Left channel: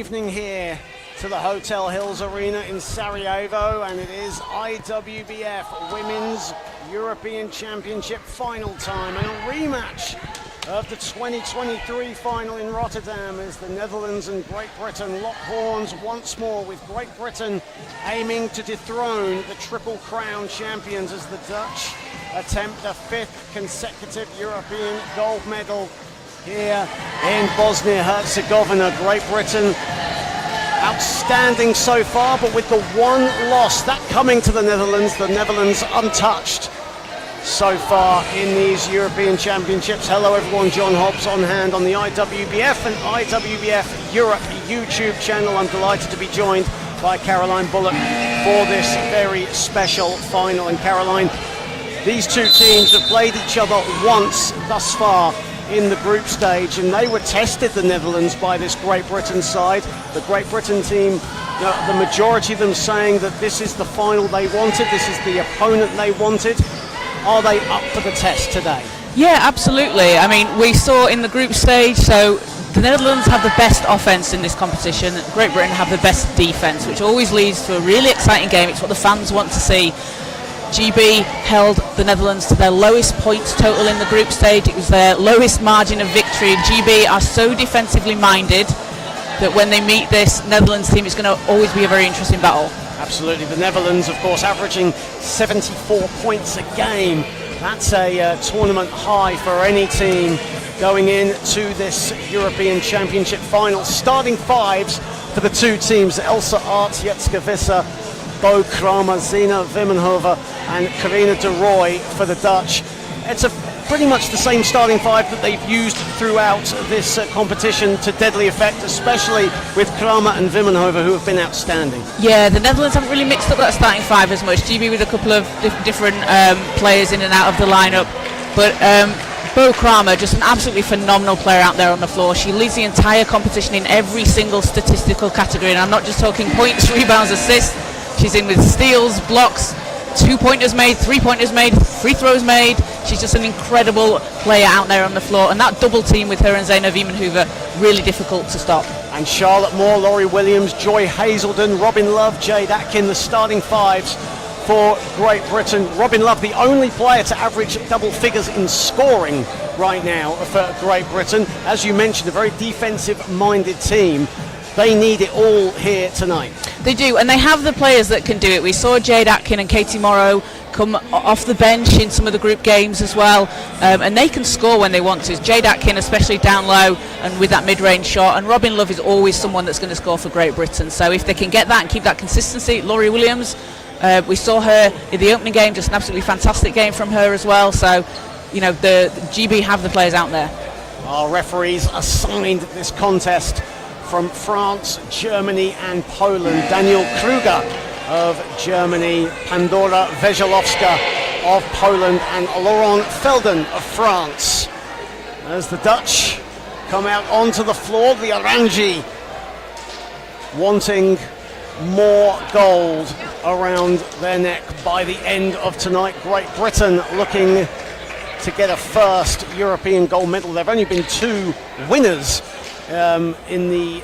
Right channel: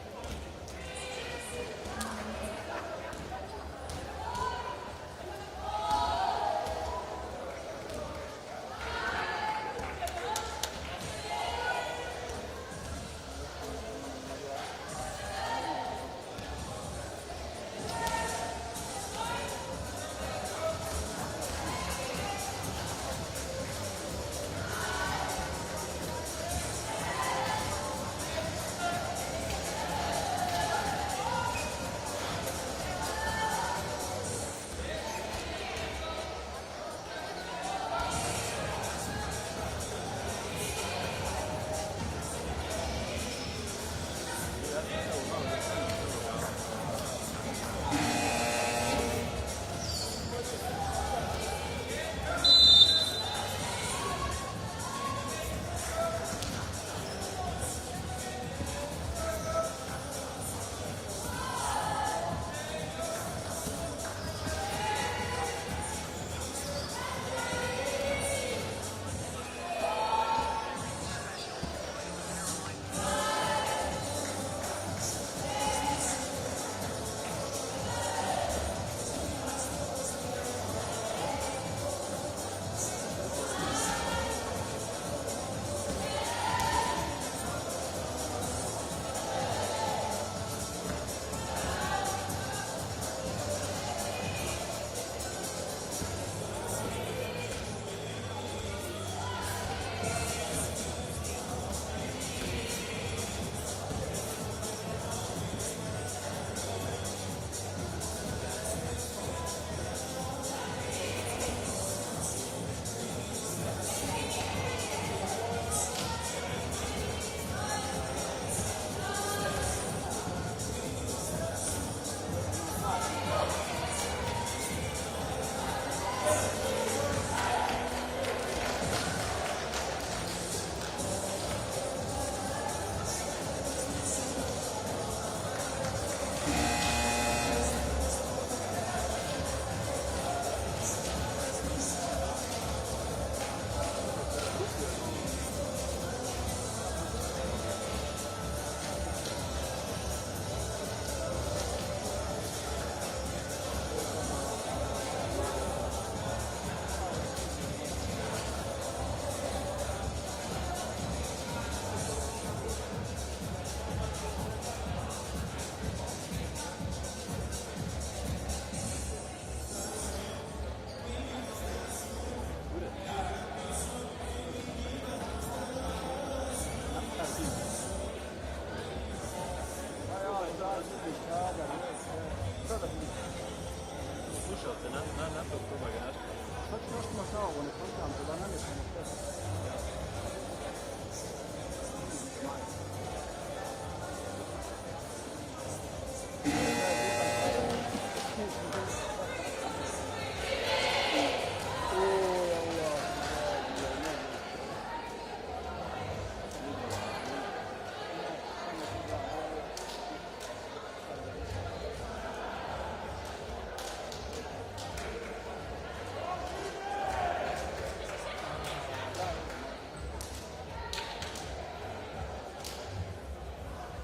evening here to the Hotel Hills Arena in Sarajevo, and it is IWBF Women's European Championship final time and a rematch of the 2023 final in Rotterdam as the Netherlands and Great Britain lock horns once more, with Great Britain aiming to dethrone the Triple Crown champions as the Dutch attempt a fifth consecutive European gold medal here in Bosnia-Herzegovina. Great Britain outstanding so far, but with the one loss, that coming to the Netherlands untouched so far in these European Championships. Hello everyone, John Hobbs on hand on the IWBF and IWBF Europe YouTube channel. I'm delighted to be joined by Caroline Bullock for this very special final. And Caroline, these two teams have played each other once thus far in the group stage, and they were tested, the Netherlands, by this Great Britain side. The Great Britain team, the majority of them saying that this is the final they wanted, this is the opponent they wanted. Are they up for the test today? Yeah, absolutely. I mean, we saw in the group stage, so the Netherlands have the best offense in this competition, Great Britain have the best defense, which always leads to a really exciting game. It's what the fans want to see. GB held the Netherlands to their lowest points total in the group stage. It was their lowest margin of victory. GB are so defensively minded that when they meet this Netherlands team, it's going to always be a very interesting battle. Absolutely. The Netherlands, of course, averaging 74 points a game. That's a tournament high for any team going into this European Championship final. Starting fives for the two teams: Elsa Arts, Jetske Visser, Bo Kramer, Zina Vimmenhoven and Carina de Roy for the Dutch. It's pretty much the same starting five that they've used throughout this competition to deadly effect, especially with Kramer and Vimmenhoven, who have been outstanding. Yeah, the Netherlands haven't really mixed up that starting five as much. GB with a couple of different players in and out of the lineup, but Bo Kramer, just an absolutely phenomenal player out there on the floor. She leads the entire competition in every single statistical category, and I'm not just talking points, rebounds, assists. She's in with steals, blocks, 2-pointers made, 3-pointers made, free throws made. She's just an incredible player out there on the floor, and that double team with her and Zina Vimmenhoven, really difficult to stop. And Charlotte Moore, Laurie Williams, Joy Hazelden, Robin Love, Jade Atkin, the starting fives for Great Britain. Robin Love, the only player to average double figures in scoring right now for Great Britain. As you mentioned, a very defensive-minded team. They need it all here tonight. They do, and they have the players that can do it. We saw Jade Atkin and Katie Morrow come off the bench in some of the group games as well, and they can score when they want to. Jade Atkin, especially down low and with that mid-range shot, and Robin Love is always someone that's going to score for Great Britain. So if they can get that and keep that consistency, Laurie Williams, we saw her in the opening game, just an absolutely fantastic game from her as well. So, you know, the GB have the players out there. Our referees assigned this contest from France, Germany and Poland. Daniel Kruger of Germany, Pandora Vejalowska of Poland and Laurent Felden of France. As the Dutch come out onto the floor, the Orangi wanting more gold around their neck by the end of tonight. Great Britain looking to get a first European gold medal. There have only been two winners in the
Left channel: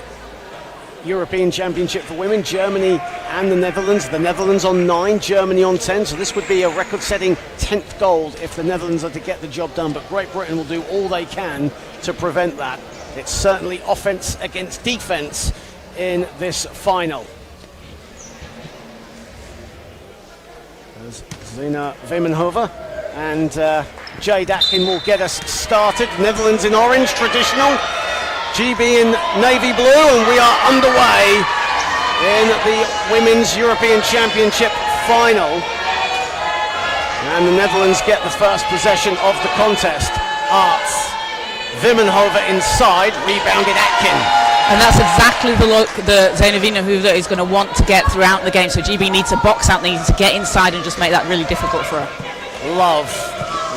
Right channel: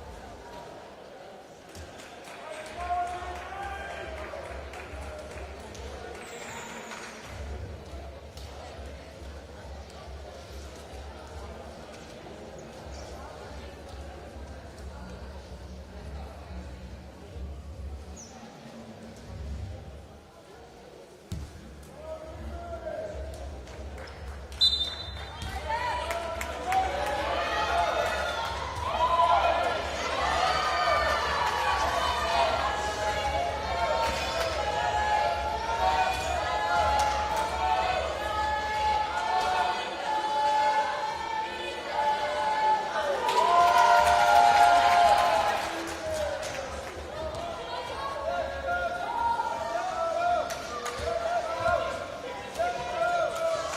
European Championship for women, Germany and the Netherlands. The Netherlands on 9, Germany on 10, so this would be a record-setting 10th gold if the Netherlands are to get the job done, but Great Britain will do all they can to prevent that. It's certainly offense against defense in this final. There's Zina Vimmenhoven and Jade Atkin will get us started. Netherlands in orange, traditional. GB in navy blue, and we are underway in the Women's European Championship final. And the Netherlands get the first possession of the contest. Arts, Vimmenhoven inside, rebounded Atkin. And that's exactly the look that Zina Vimmenhoven is going to want to get throughout the game. So GB needs to box out, needs to get inside and just make that really difficult for her. Love,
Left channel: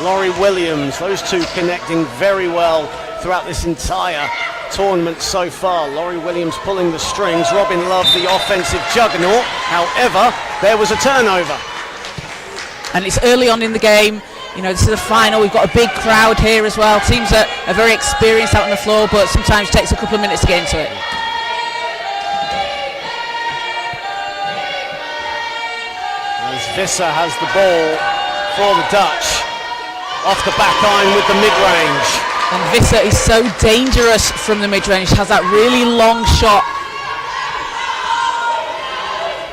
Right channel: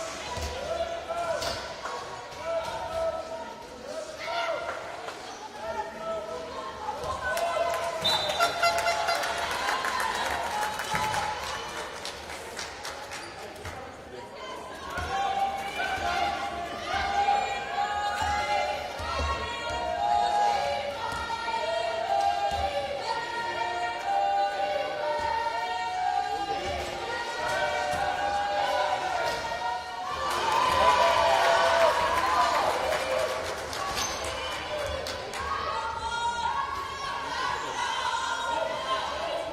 Laurie Williams, those two connecting very well throughout this entire tournament so far. Laurie Williams pulling the strings, Robin Love the offensive juggernaut. However, there was a turnover. And it's early on in the game. You know, this is the final. We've got a big crowd here as well. Teams that are very experienced out on the floor, but sometimes takes a couple of minutes to get into it. Visser has the ball for the Dutch. Off the back iron with the mid-range. And Visser is so dangerous from the mid-range, has that really long shot.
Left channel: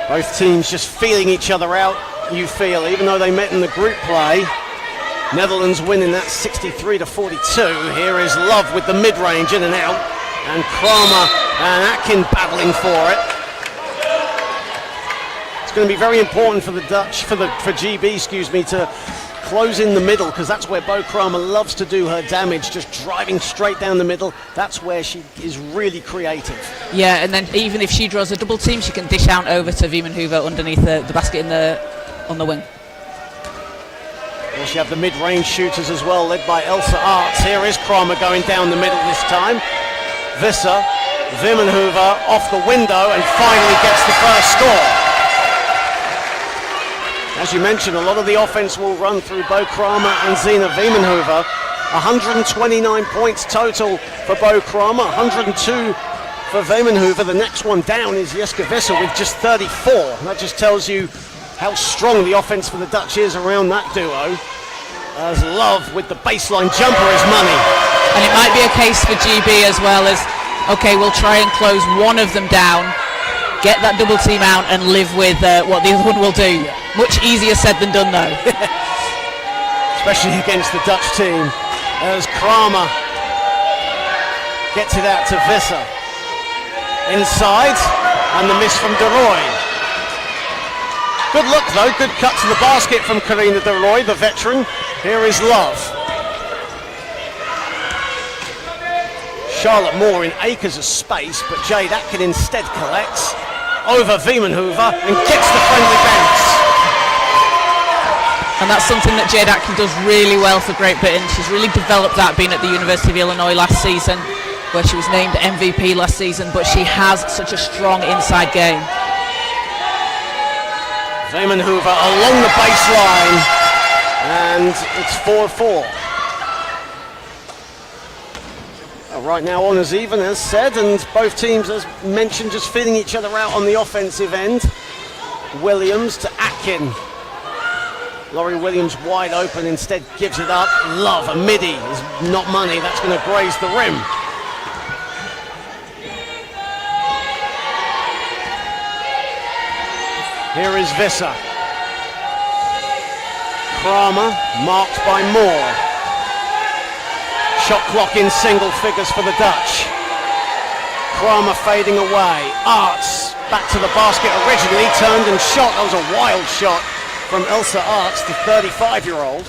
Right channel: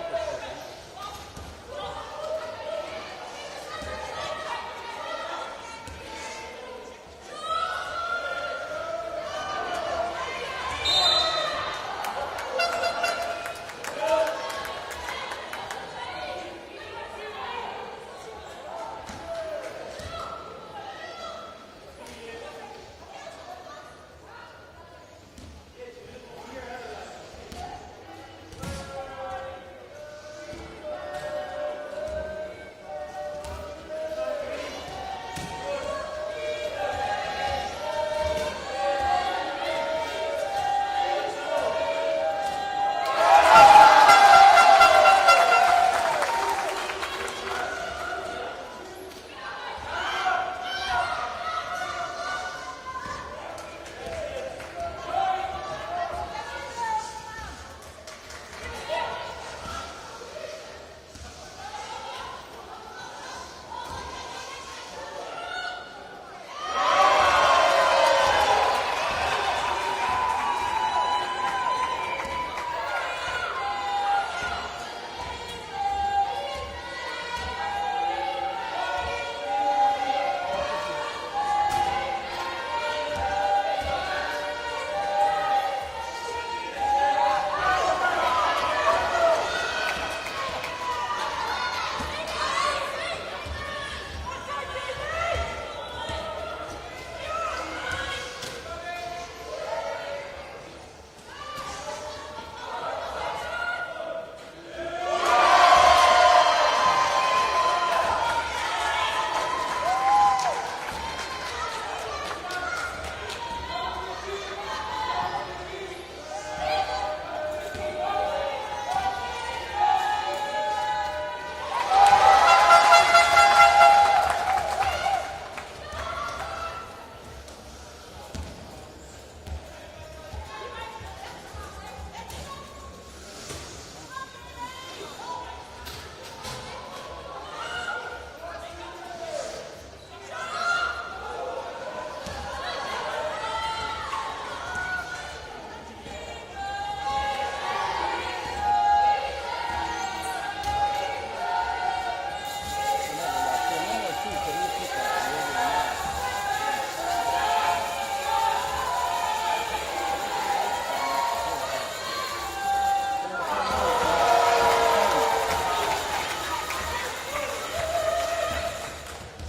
Both teams just feeling each other out, you feel, even though they met in the group play. Netherlands winning that 63-42. Here is Love with the mid-range in and out. And Kramer and Atkin battling for it. It's going to be very important for the Dutch, for GB, to close in the middle, because that's where Bo Kramer loves to do her damage, just driving straight down the middle. That's where she is really creative. Yeah, and then even if she draws a double team, she can dish out over to Viemenhoover underneath the basket on the wing. You have the mid-range shooters as well, led by Elsa Arts. Here is Kramer going down the middle this time. Visser, Viemenhoover off the window and finally gets the first score. As you mentioned, a lot of the offense will run through Bo Kramer and Zina Viemenhoover. 129 points total for Bo Kramer, 102 for Viemenhoover. The next one down is Jeske Visser with just 34. That just tells you how strong the offense for the Dutch is around that duo. As Love with the baseline jumper is money. And it might be a case for GB as well as, okay, we'll try and close one of them down, get that double team out and live with what the other one will do. Much easier said than done though. Especially against the Dutch team. As Kramer gets it out to Visser. Inside, and the miss from De Roy. Good look though, good cut to the basket from Karina De Roy, the veteran. Here is Love. Charlotte Moore in acres of space, but Jade Atkin instead collects over Viemenhoover and gets the friendly bounce. And that's something that Jade Atkin does really well for Great Britain. She's really developed that, being at the University of Illinois last season, where she was named MVP last season, but she has such a strong inside game. Viemenhoover along the baseline, and it's 4-4. Right now on as even, as said, and both teams, as mentioned, just feeling each other out on the offensive end. Williams to Atkin. Laurie Williams wide open, instead gives it up. Love, a midi, is not money, that's going to graze the rim. Here is Visser. Kramer, marked by Moore. Shot clock in single figures for the Dutch. Kramer fading away. Arts back to the basket originally, turned and shot. That was a wild shot from Elsa Arts, the 35-year-old.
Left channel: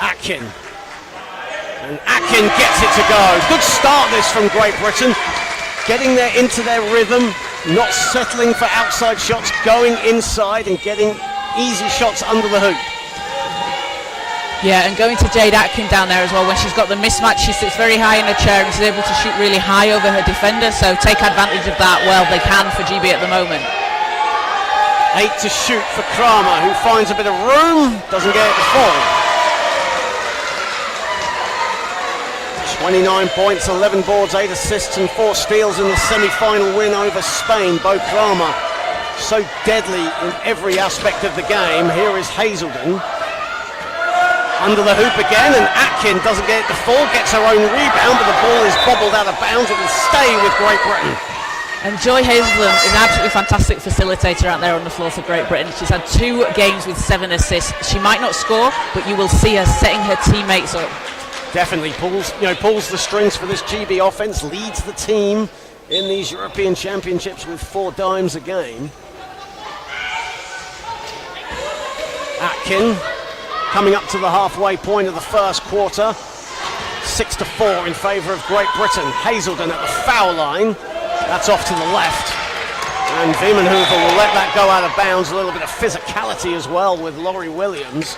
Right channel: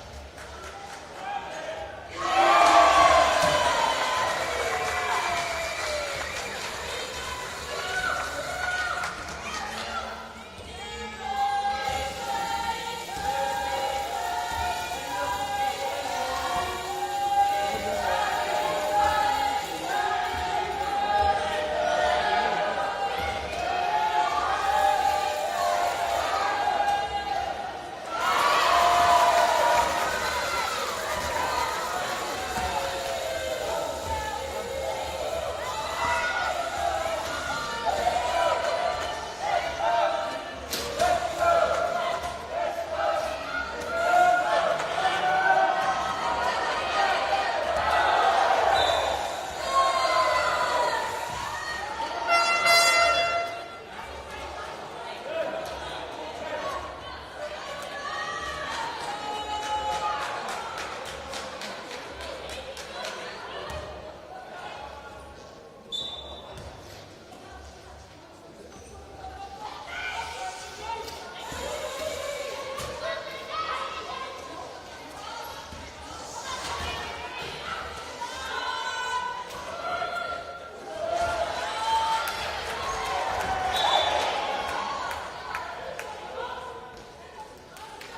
Atkin. And Atkin gets it to go. Good start this from Great Britain. Getting there into their rhythm, not settling for outside shots, going inside and getting easy shots under the hoop. Yeah, and going to Jade Atkin down there as well. When she's got the mismatch, she sits very high in her chair and she's able to shoot really high over her defender, so take advantage of that. Well, they can for GB at the moment. 8 to shoot for Kramer, who finds a bit of room, doesn't get it to fall. 29 points, 11 boards, 8 assists and 4 steals in the semi-final win over Spain. Bo Kramer, so deadly in every aspect of the game. Here is Hazelden. Under the hoop again, and Atkin doesn't get it to fall, gets her own rebound, but the ball is bobbled out of bounds. It will stay with Great Britain. And Joy Hazelden is an absolutely fantastic facilitator out there on the floor for Great Britain. She's had 2 games with 7 assists. She might not score, but you will see her setting her teammates up. Definitely pulls the strings for this GB offense, leads the team in these European Championships with 4 dimes a game. Atkin coming up to the halfway point of the first quarter. 6-4 in favour of Great Britain. Hazelden at the foul line. That's off to the left. And Viemenhoover will let that go out of bounds. A little bit of physicality as well with Laurie Williams.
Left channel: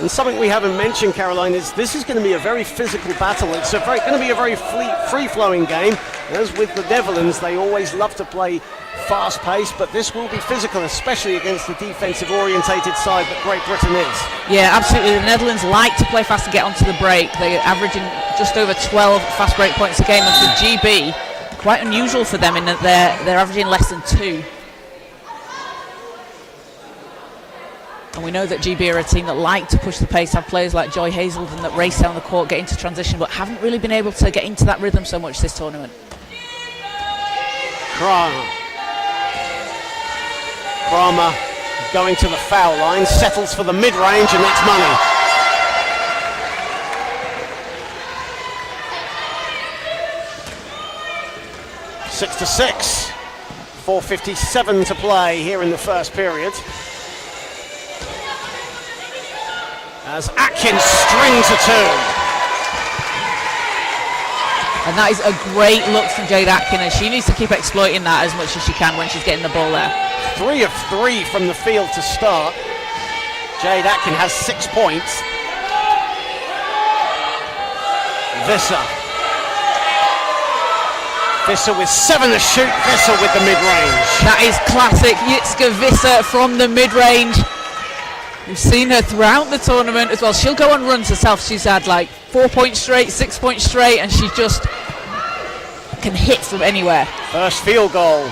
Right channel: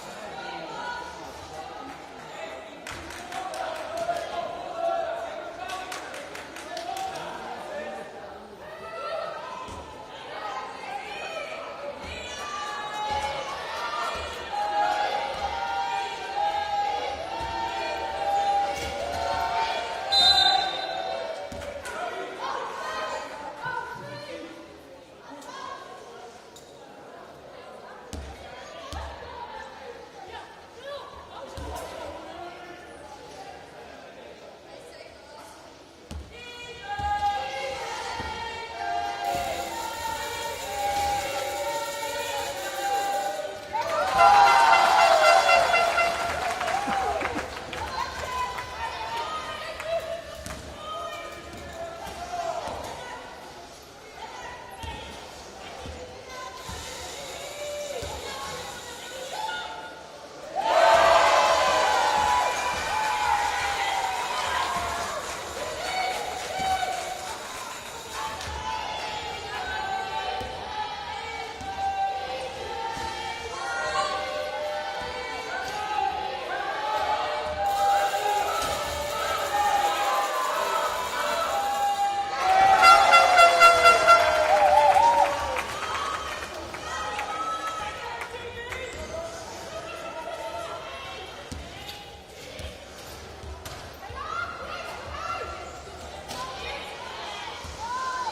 And something we haven't mentioned, Caroline, is this is going to be a very physical battle. It's going to be a very free-flowing game. As with the Netherlands, they always love to play fast-paced, but this will be physical, especially against the defensive-orientated side that Great Britain is. Yeah, absolutely. The Netherlands like to play fast and get onto the break. They're averaging just over 12 fast break points a game, and for GB, quite unusual for them in that they're averaging less than 2. And we know that GB are a team that like to push the pace, have players like Joy Hazelden that race down the court, get into transition, but haven't really been able to get into that rhythm so much this tournament. Kramer going to the foul line, settles for the mid-range, and that's money. Six to 6. 4:57 to play here in the first period. As Atkins strings a two. And that is a great look from Jade Atkins, and she needs to keep exploiting that as much as she can when she's getting the ball there. 3 of 3 from the field to start. Jade Atkins has 6 points. Visser with 7 to shoot, Visser with the mid-range. That is classic Jitske Visser from the mid-range. We've seen her throughout the tournament as well. She'll go on runs herself. She's had like 4 points straight, 6 points straight, and she just can hit from anywhere. First field goal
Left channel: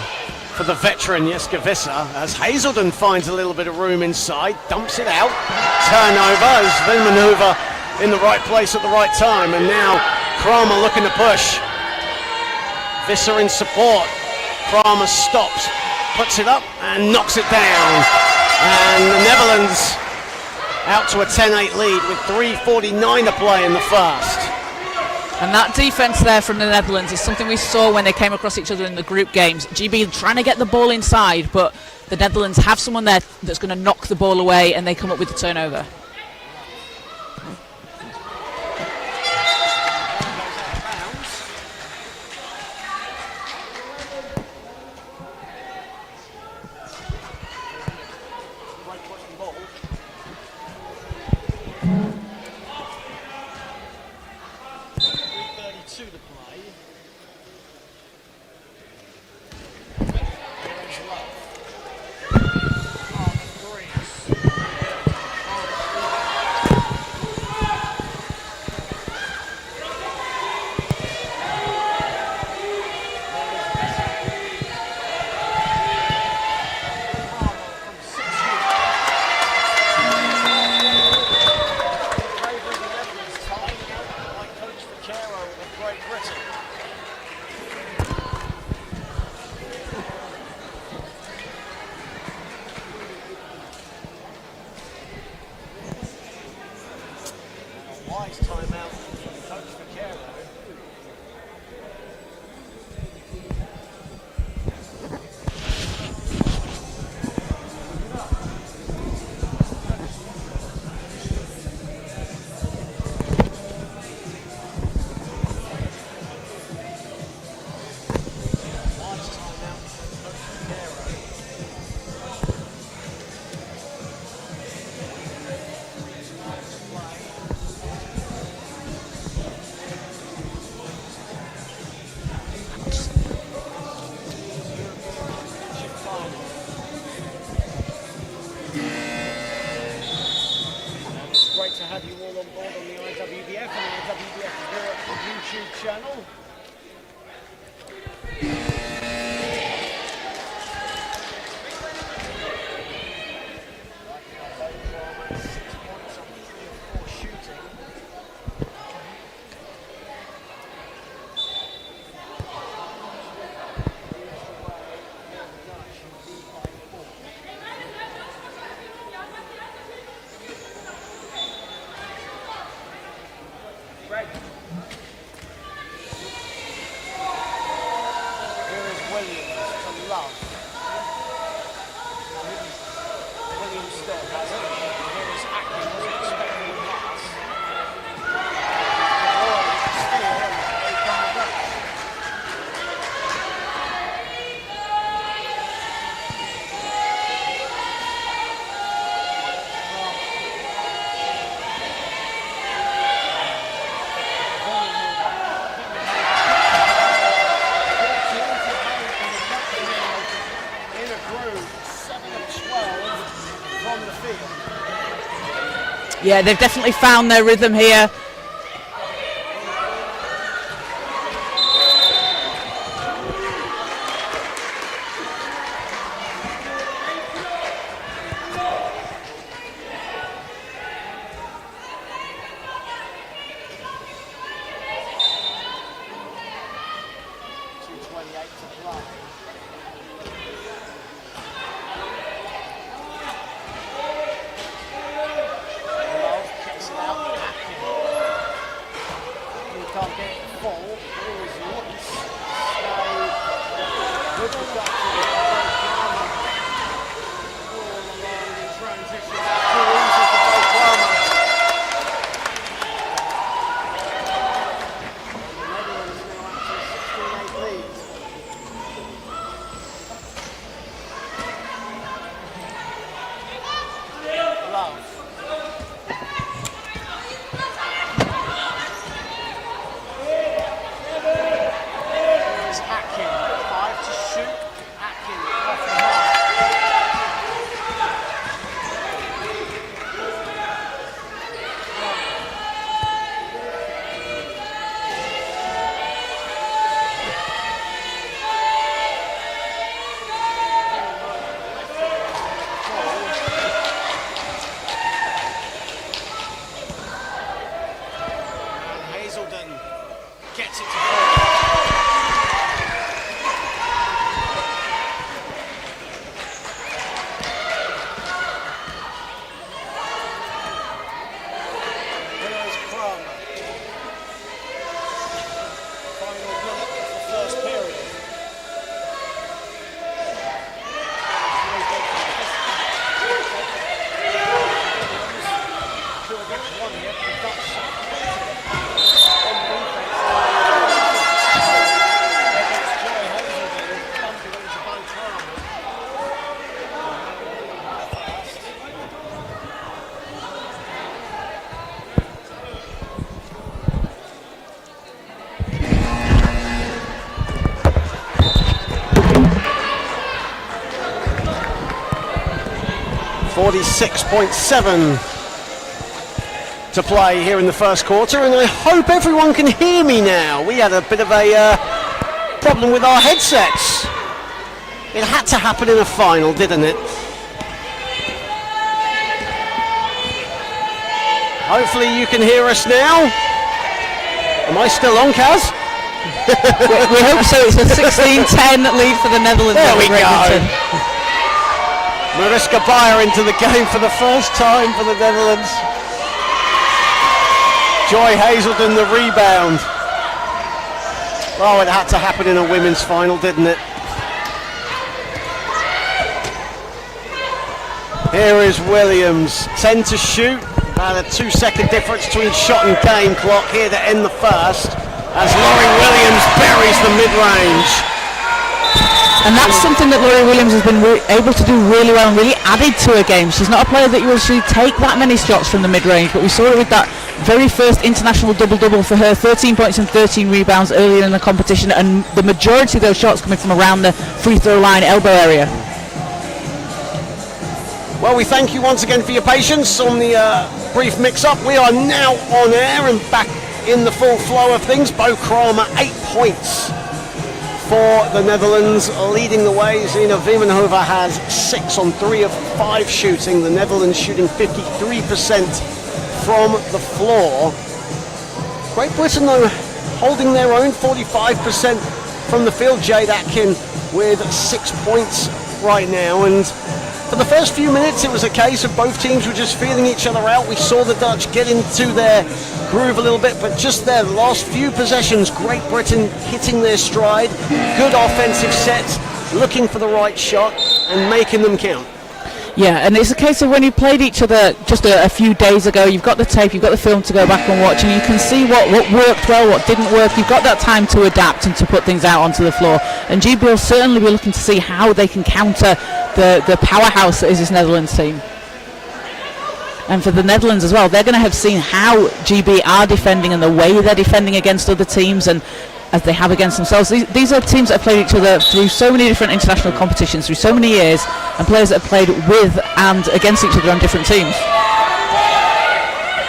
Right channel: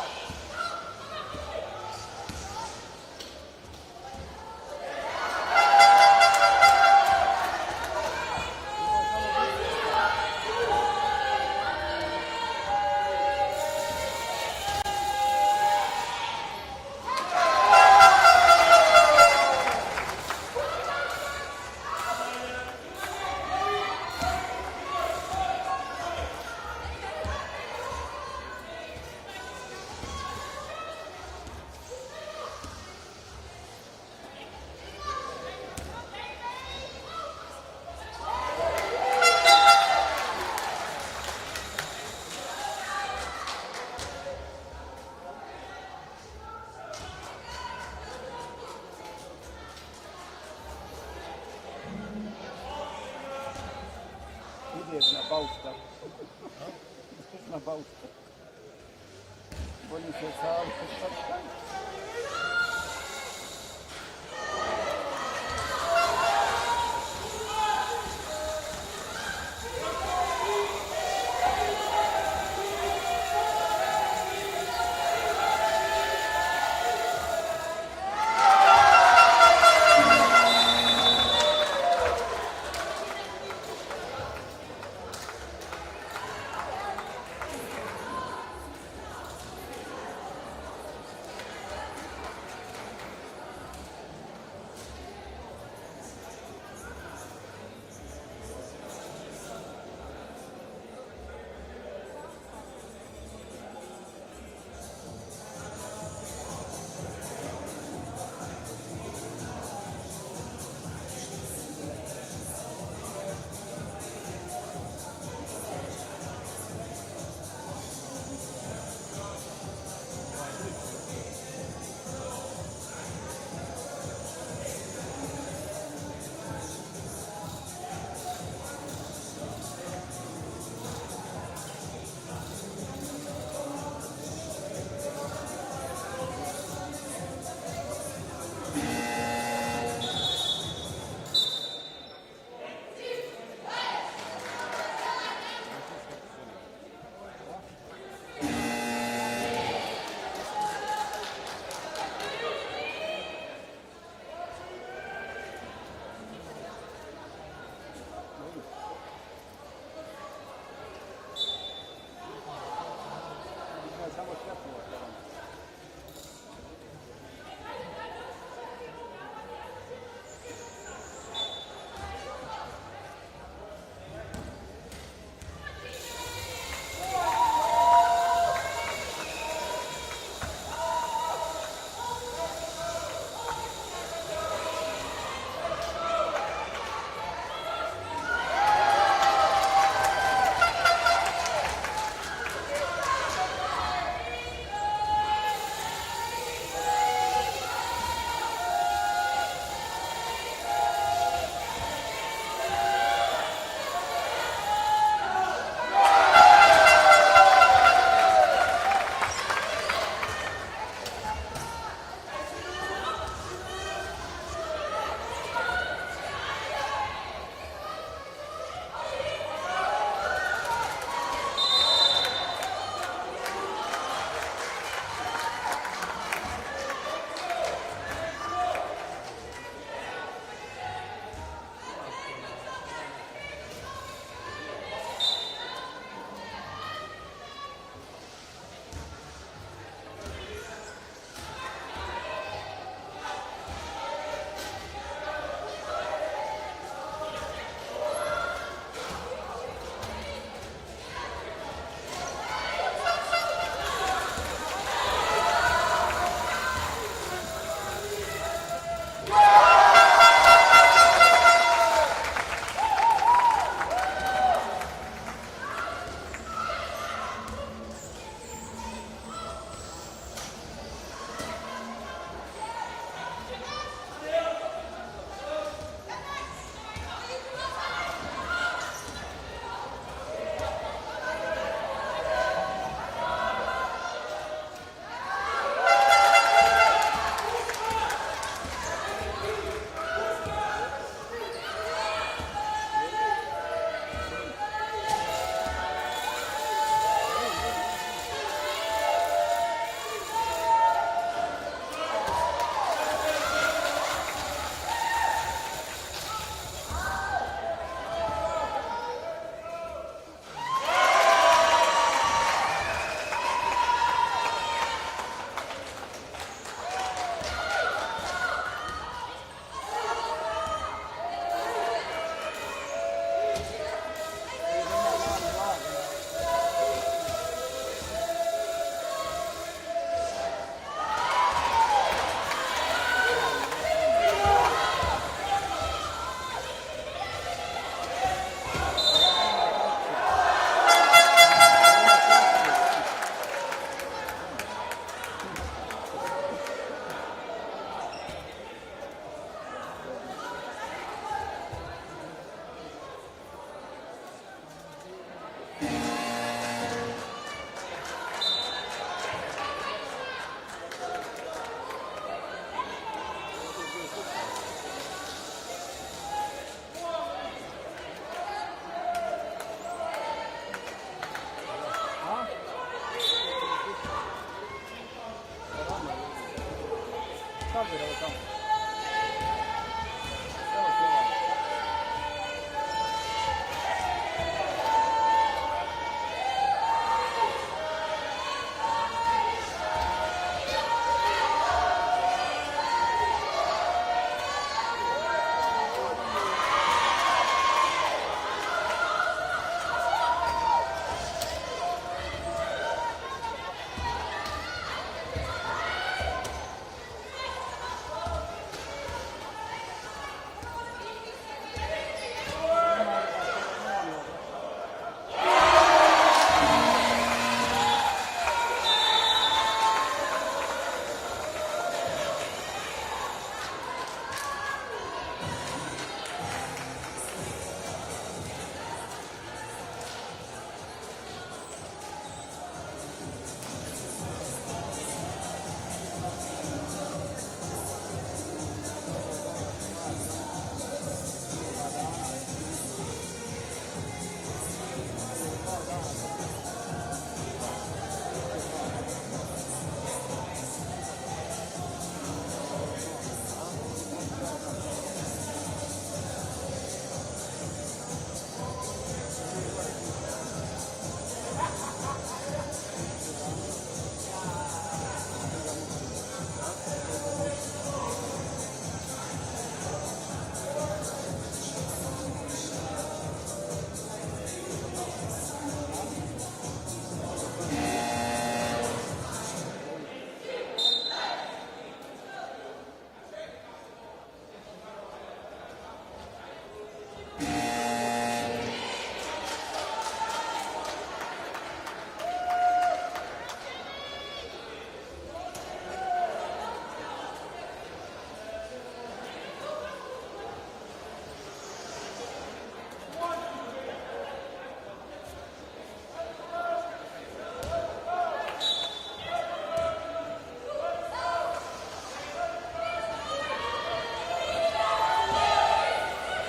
for the veteran Jitske Visser as Hazelden finds a little bit of room inside, dumps it out. Turnover, as the maneuver in the right place at the right time, and now Kramer looking to push. Visser in support. Kramer stops, puts it up and knocks it down. And the Netherlands out to a 10-8 lead with 3:49 to play in the first. And that defense there from the Netherlands is something we saw when they came across each other in the group games. GB trying to get the ball inside, but the Netherlands have someone there that's going to knock the ball away, and they come up with the turnover. Yeah, they've definitely found their rhythm here. 46.7 to play here in the first quarter, and I hope everyone can hear me now. We had a bit of a problem with our headsets. It had to happen in a final, didn't it? Hopefully you can hear us now. Am I still on, Kaz? we hope so. It's a 16-10 lead for the Netherlands. There we go. Mariska Bayer into the game for the first time for the Netherlands. Joy Hazelden the rebound. Oh, it had to happen in a women's final, didn't it? Here is Williams, 10 to shoot. About a 2-second difference between shot and game clock here to end the first, as Laurie Williams buries the mid-range. And that's something that Laurie Williams has been able to do really well and really added to her game. She's not a player that you usually take that many shots from the mid-range, but we saw it with that very first international double-double for her, 13 points and 13 rebounds earlier in the competition, and the majority of those shots coming from around the free throw line elbow area. Well, we thank you once again for your patience on the brief mix-up. We are now on air and back in the full flow of things. Bo Kramer, 8 points for the Netherlands, leading the way. Zina Wiemenhover has 6 on 3 of 5 shooting. The Netherlands shooting 53% from the floor. Great Britain, though, holding their own, 45% from the field. Jade Atkin with 6 points right now, and for the first few minutes, it was a case of both teams were just feeling each other out. We saw the Dutch get into their groove a little bit, but just there, the last few possessions, Great Britain hitting their stride, good offensive sets, looking for the right shot and making them count. Yeah, and it's a case of when you played each other just a few days ago, you've got the tape, you've got the film to go back and watch, and you can see what worked well, what didn't work. You've got that time to adapt and to put things out onto the floor. And GB will certainly be looking to see how they can counter the powerhouse that is this Netherlands team. And for the Netherlands as well, they're going to have seen how GB are defending and the way they're defending against other teams, and as they have against themselves. These are teams that have played each other through so many different international competitions, through so many years, and players that have played with and against each other on different teams.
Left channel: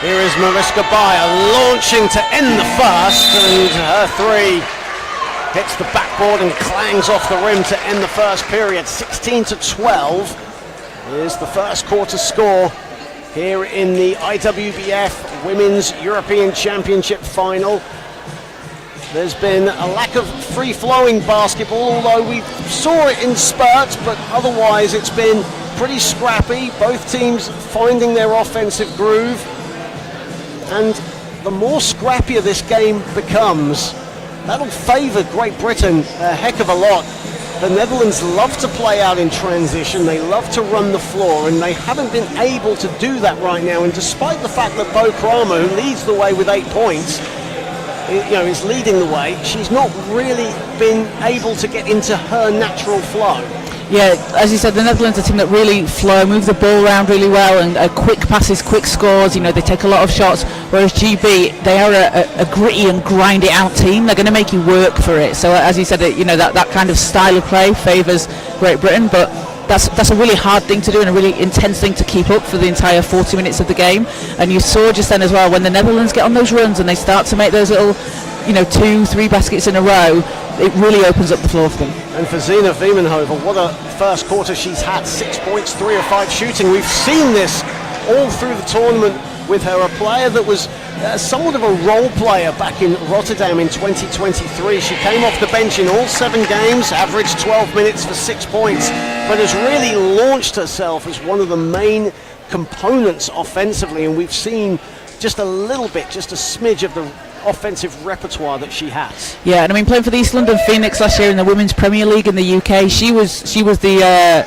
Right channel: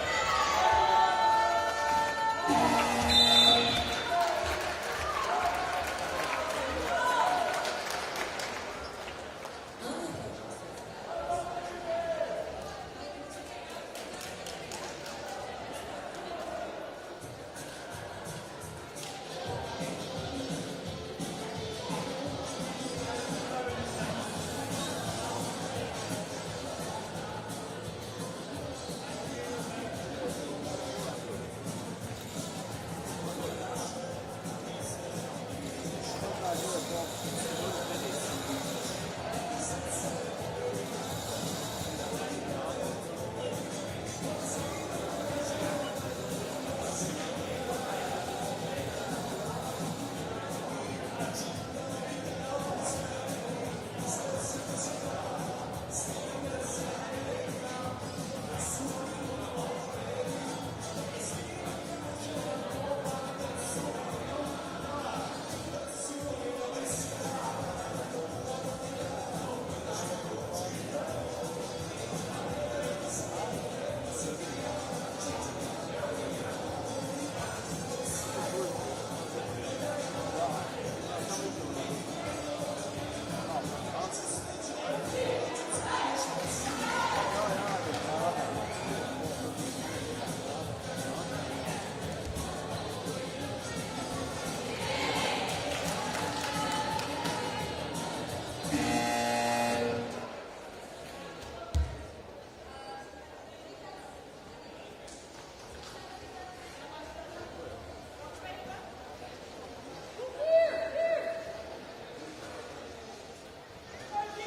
Here is Mariska Bayer launching to end the first, and her three hits the backboard and clangs off the rim to end the first period. 16-12 is the first quarter score here in the IWBF Women's European Championship final. There's been a lack of free-flowing basketball, although we saw it in spurts, but otherwise it's been pretty scrappy. Both teams finding their offensive groove. And the more scrappier this game becomes, that'll favour Great Britain a heck of a lot. The Netherlands love to play out in transition, they love to run the floor, and they haven't been able to do that right now. And despite the fact that Bo Kramer, who leads the way with 8 points, is leading the way, she's not really been able to get into her natural flow. Yeah, as you said, the Netherlands are a team that really flow, move the ball around really well, and quick passes, quick scores. They take a lot of shots, whereas GB, they are a gritty and grind it out team. They're going to make you work for it. So as you said, that kind of style of play favours Great Britain, but that's a really hard thing to do and a really intense thing to keep up for the entire 40 minutes of the game. And you saw just then as well, when the Netherlands get on those runs and they start to make those little 2-3 baskets in a row, it really opens up the floor for them. And for Zina Wiemenhover, what a first quarter she's had. 6 points, 3 of 5 shooting. We've seen this all through the tournament with her, a player that was somewhat of a role player back in Rotterdam in 2023. She came off the bench in all 7 games, averaged 12 minutes for 6 points, but has really launched herself as one of the main components offensively, and we've seen just a little bit, just a smidge of the offensive repertoire that she has. Yeah, and playing for the East London Phoenix last year in the Women's Premier League in the UK, she was the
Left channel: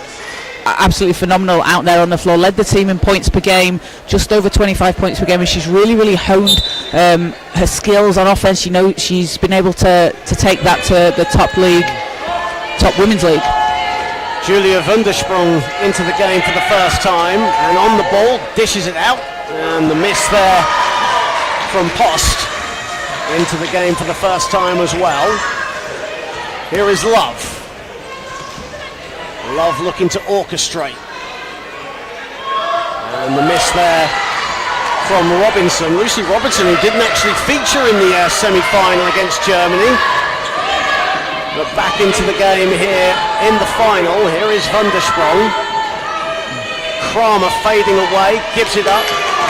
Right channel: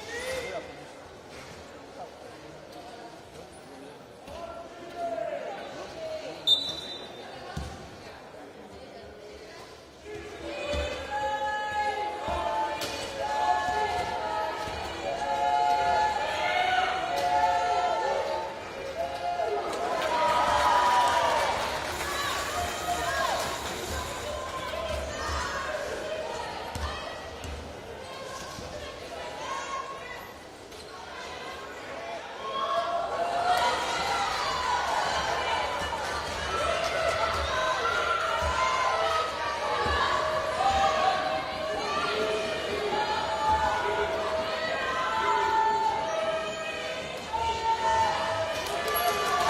absolutely phenomenal out there on the floor, led the team in points per game, just over 25 points per game, and she's really honed her skills on offense. She's been able to take that to the top women's league. Julia Wundersprung into the game for the first time, and on the ball, dishes it out, and the miss there from Post into the game for the first time as well. Here is Love. Love looking to orchestrate. there from Robinson. Lucy Robinson, who didn't actually feature in the semi-final against Germany, but back into the game here in the final. Here is van der Sprong. Kramer fading away, gives it up.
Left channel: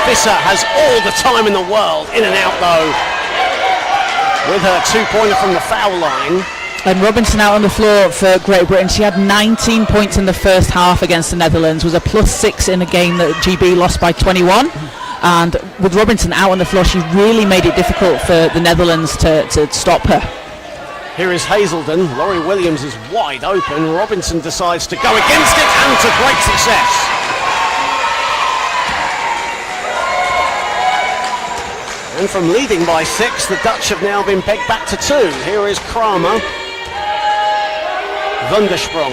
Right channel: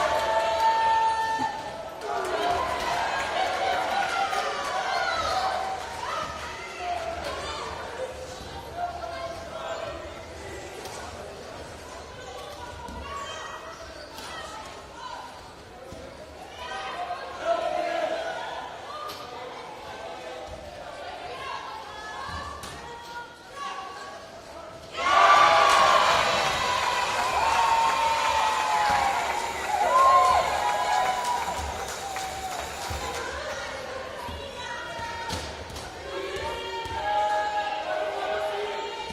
Visser has all the time in the world. In and out though, with her two-pointer from the foul line. And Robinson out on the floor for Great Britain. She had 19 points in the first half against the Netherlands, was a +6 in a game that GB lost by 21. And with Robinson out on the floor, she really made it difficult for the Netherlands to stop her. Here is Hazelden. Laurie Williams is wide open. Robinson decides to go against it, and to great success. And from leading by 6, the Dutch have now been pegged back to 2. Here is Kramer. Van der Sprong.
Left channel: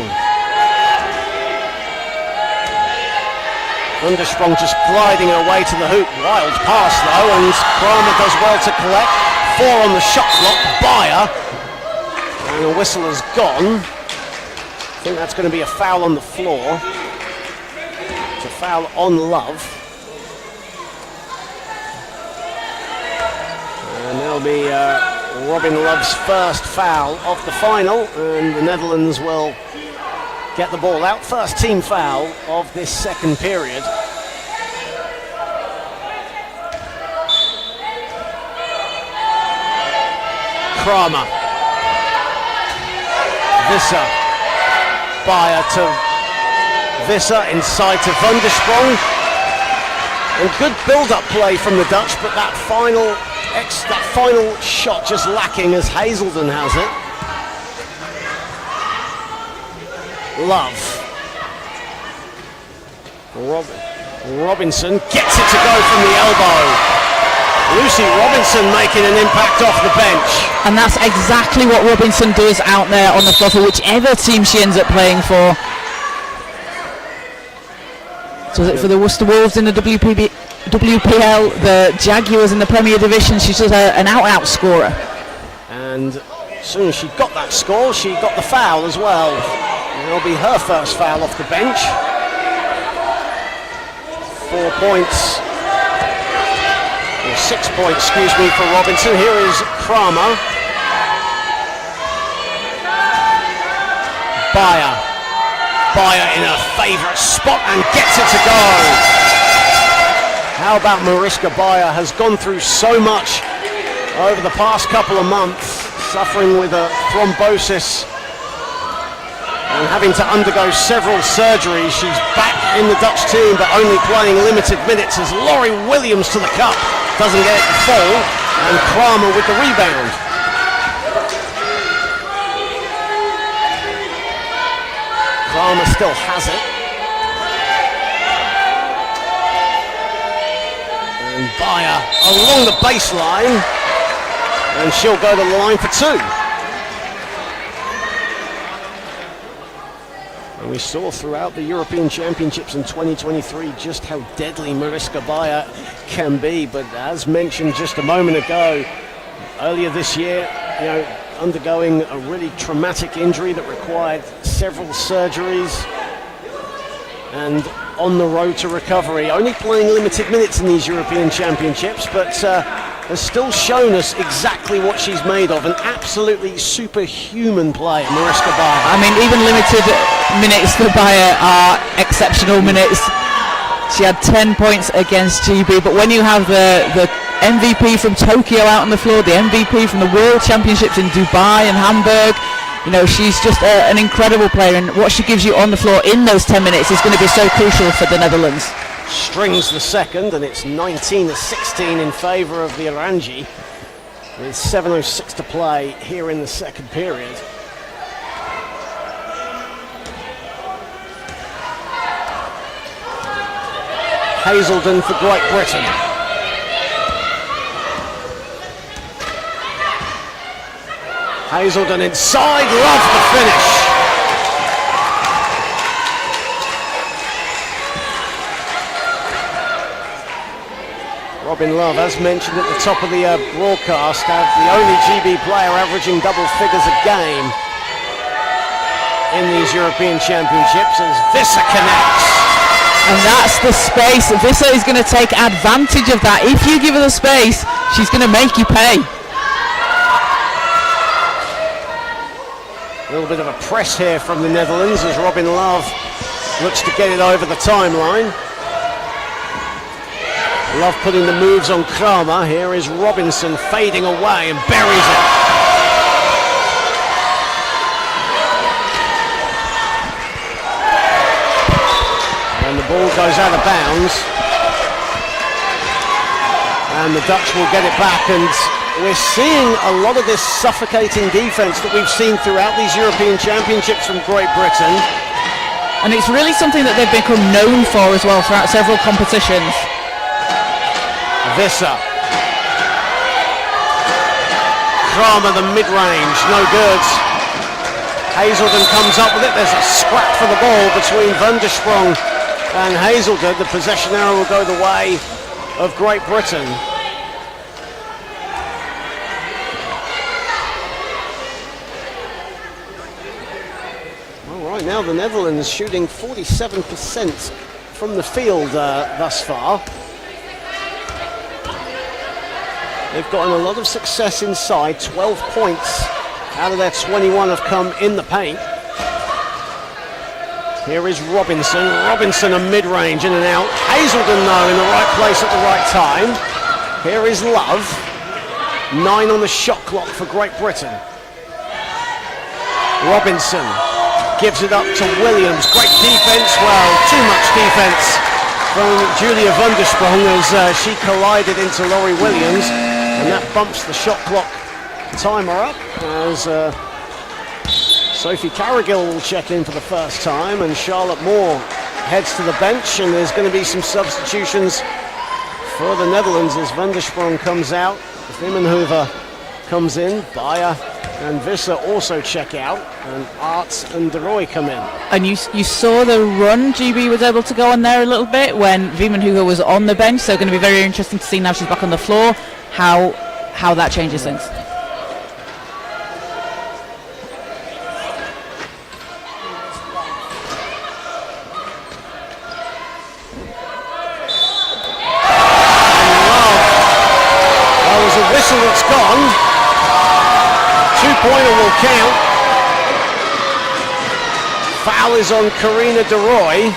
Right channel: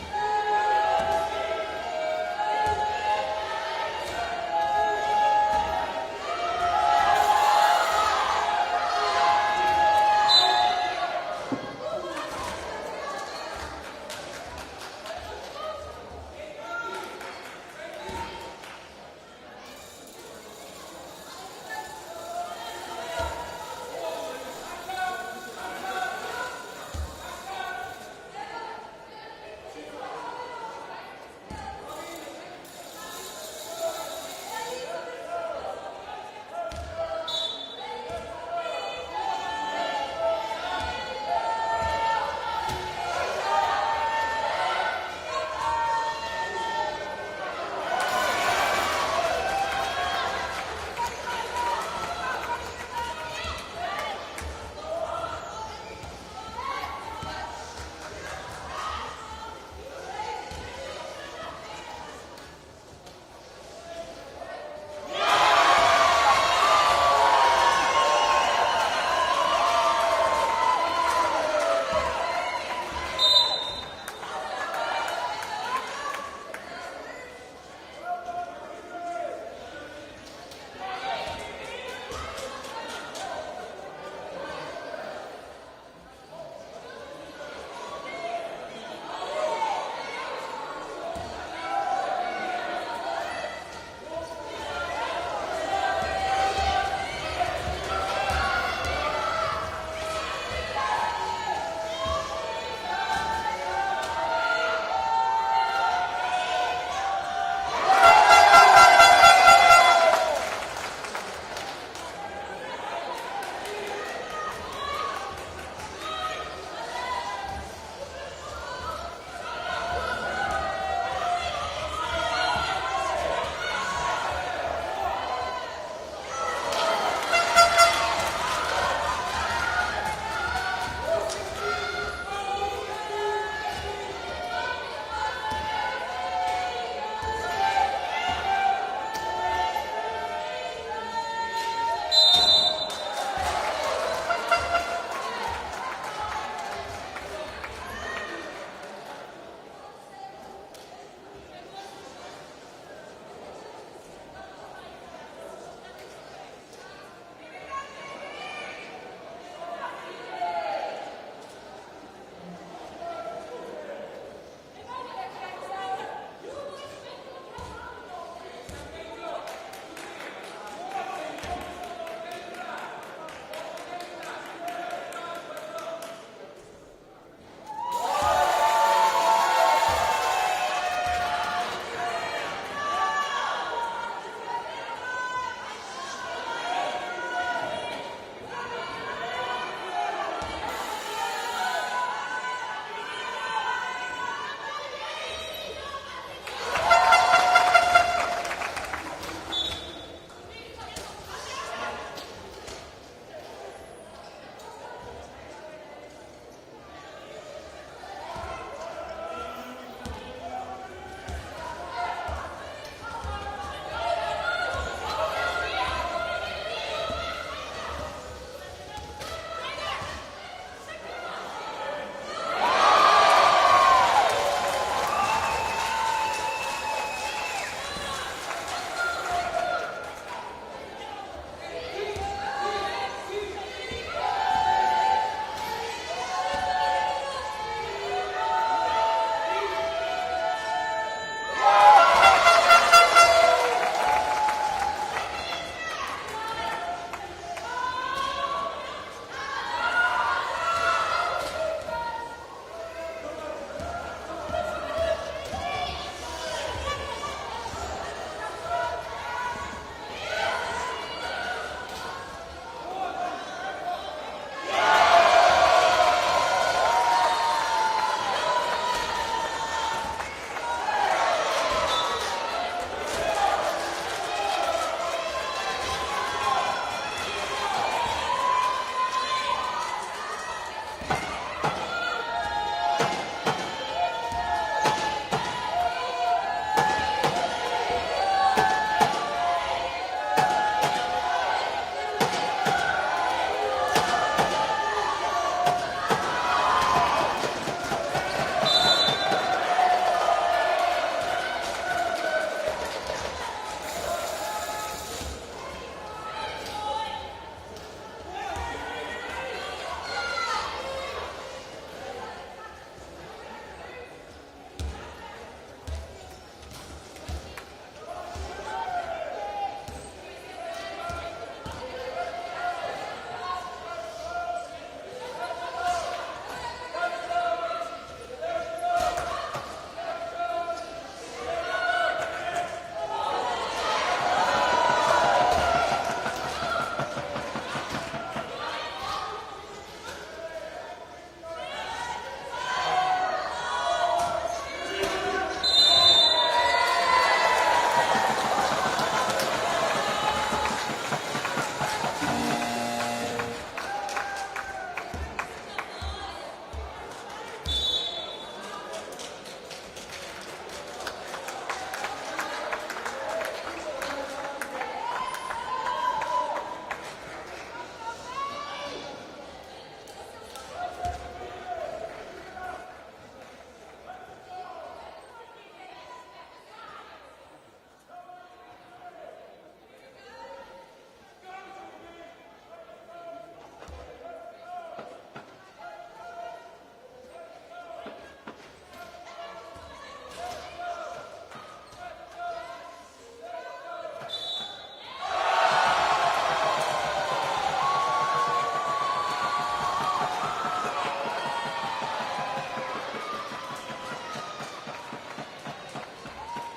Van der Sprong just gliding her way to the hoop. Wild pass though, and Kramer does well to collect. 4 on the shot clock. Beyer. And the whistle has gone. I think that's going to be a foul on the floor. It's a foul on Love. And there'll be Robin Love's first foul of the final, and the Netherlands will get the ball out. First team foul of this second period. Kramer. Visser. Beyer to Visser, inside to van der Sprong. And good build-up play from the Dutch, but that final shot just lacking as Hazelden has it. Love. Robinson gets it to go from the elbow. Lucy Robinson making an impact off the bench. And that's exactly what Robinson does out there on the floor for whichever team she ends up playing for. So is it for the Worcester Wolves in the WPL, the Jaguars in the Premier Division? She's just an out-and-out scorer. And as soon as she got that score, she got the foul as well. It'll be her first foul off the bench. 4 points. Or 6 points, excuse me, for Robinson. Here is Kramer. Beyer in her favourite spot and gets it to go. How about Mariska Beyer has gone through so much over the past couple of months, suffering with a thrombosis and having to undergo several surgeries. She's back in the Dutch team, but only playing limited minutes as Laurie Williams to the cup. Doesn't get it to fall, and Kramer with the rebound. Kramer still has it. And Beyer along the baseline, and she'll go to the line for 2. And we saw throughout the European Championships in 2023 just how deadly Mariska Beyer can be. But as mentioned just a moment ago, earlier this year, undergoing a really traumatic injury that required several surgeries and on the road to recovery. Only playing limited minutes in these European Championships, but has still shown us exactly what she's made of. An absolutely superhuman player, Mariska Beyer. I mean, even limited minutes for Beyer are exceptional minutes. She had 10 points against GB, but when you have the MVP from Tokyo out on the floor, the MVP from the World Championships in Dubai and Hamburg, she's just an incredible player, and what she gives you on the floor in those 10 minutes is going to be so crucial for the Netherlands. Strings the second, and it's 19-16 in favour of the Orangi, with 7:06 to play here in the second period. Hazelden for Great Britain. Hazelden inside, Love the finish. Robin Love, as mentioned at the top of the broadcast, the only GB player averaging double figures a game in these European Championships, as Visser connects. And that's the space. Visser is going to take advantage of that. If you give her the space, she's going to make you pay. A little bit of a press here from the Netherlands as Robin Love looks to get it over the timeline. Love putting the moves on Kramer. Here is Robinson fading away and buries it. And the ball goes out of bounds. And the Dutch will get it back, and we're seeing a lot of this suffocating defense that we've seen throughout these European Championships from Great Britain. And it's really something that they've become known for as well throughout several competitions. Visser. Kramer, the mid-range, no good. Hazelden comes up with it. There's a scrap for the ball between Van der Sprong and Hazelden. The possession arrow will go the way of Great Britain. All right, now the Netherlands shooting 47% from the field thus far. They've gotten a lot of success inside. 12 points out of their 21 have come in the paint. Here is Robinson. Robinson a mid-range, in and out. Hazelden though in the right place at the right time. Here is Love. 9 on the shot clock for Great Britain. Robinson gives it up to Williams. Great defense. Well, too much defense from Julia van der Sprong as she collided into Laurie Williams. And that bumps the shot clock timer up as Sophie Carrigill will check in for the first time, and Charlotte Moore heads to the bench, and there's going to be some substitutions for the Netherlands as Van der Sprong comes out, Vimmenhoever comes in, Bayer and Visser also check out, and Arts and De Roy come in. And you saw the run GB was able to go on there a little bit when Vimmenhoever was on the bench, so going to be very interesting to see now she's back on the floor how that changes things. There's a whistle that's gone. 2-pointer will count. Foul is on Karina De Roy.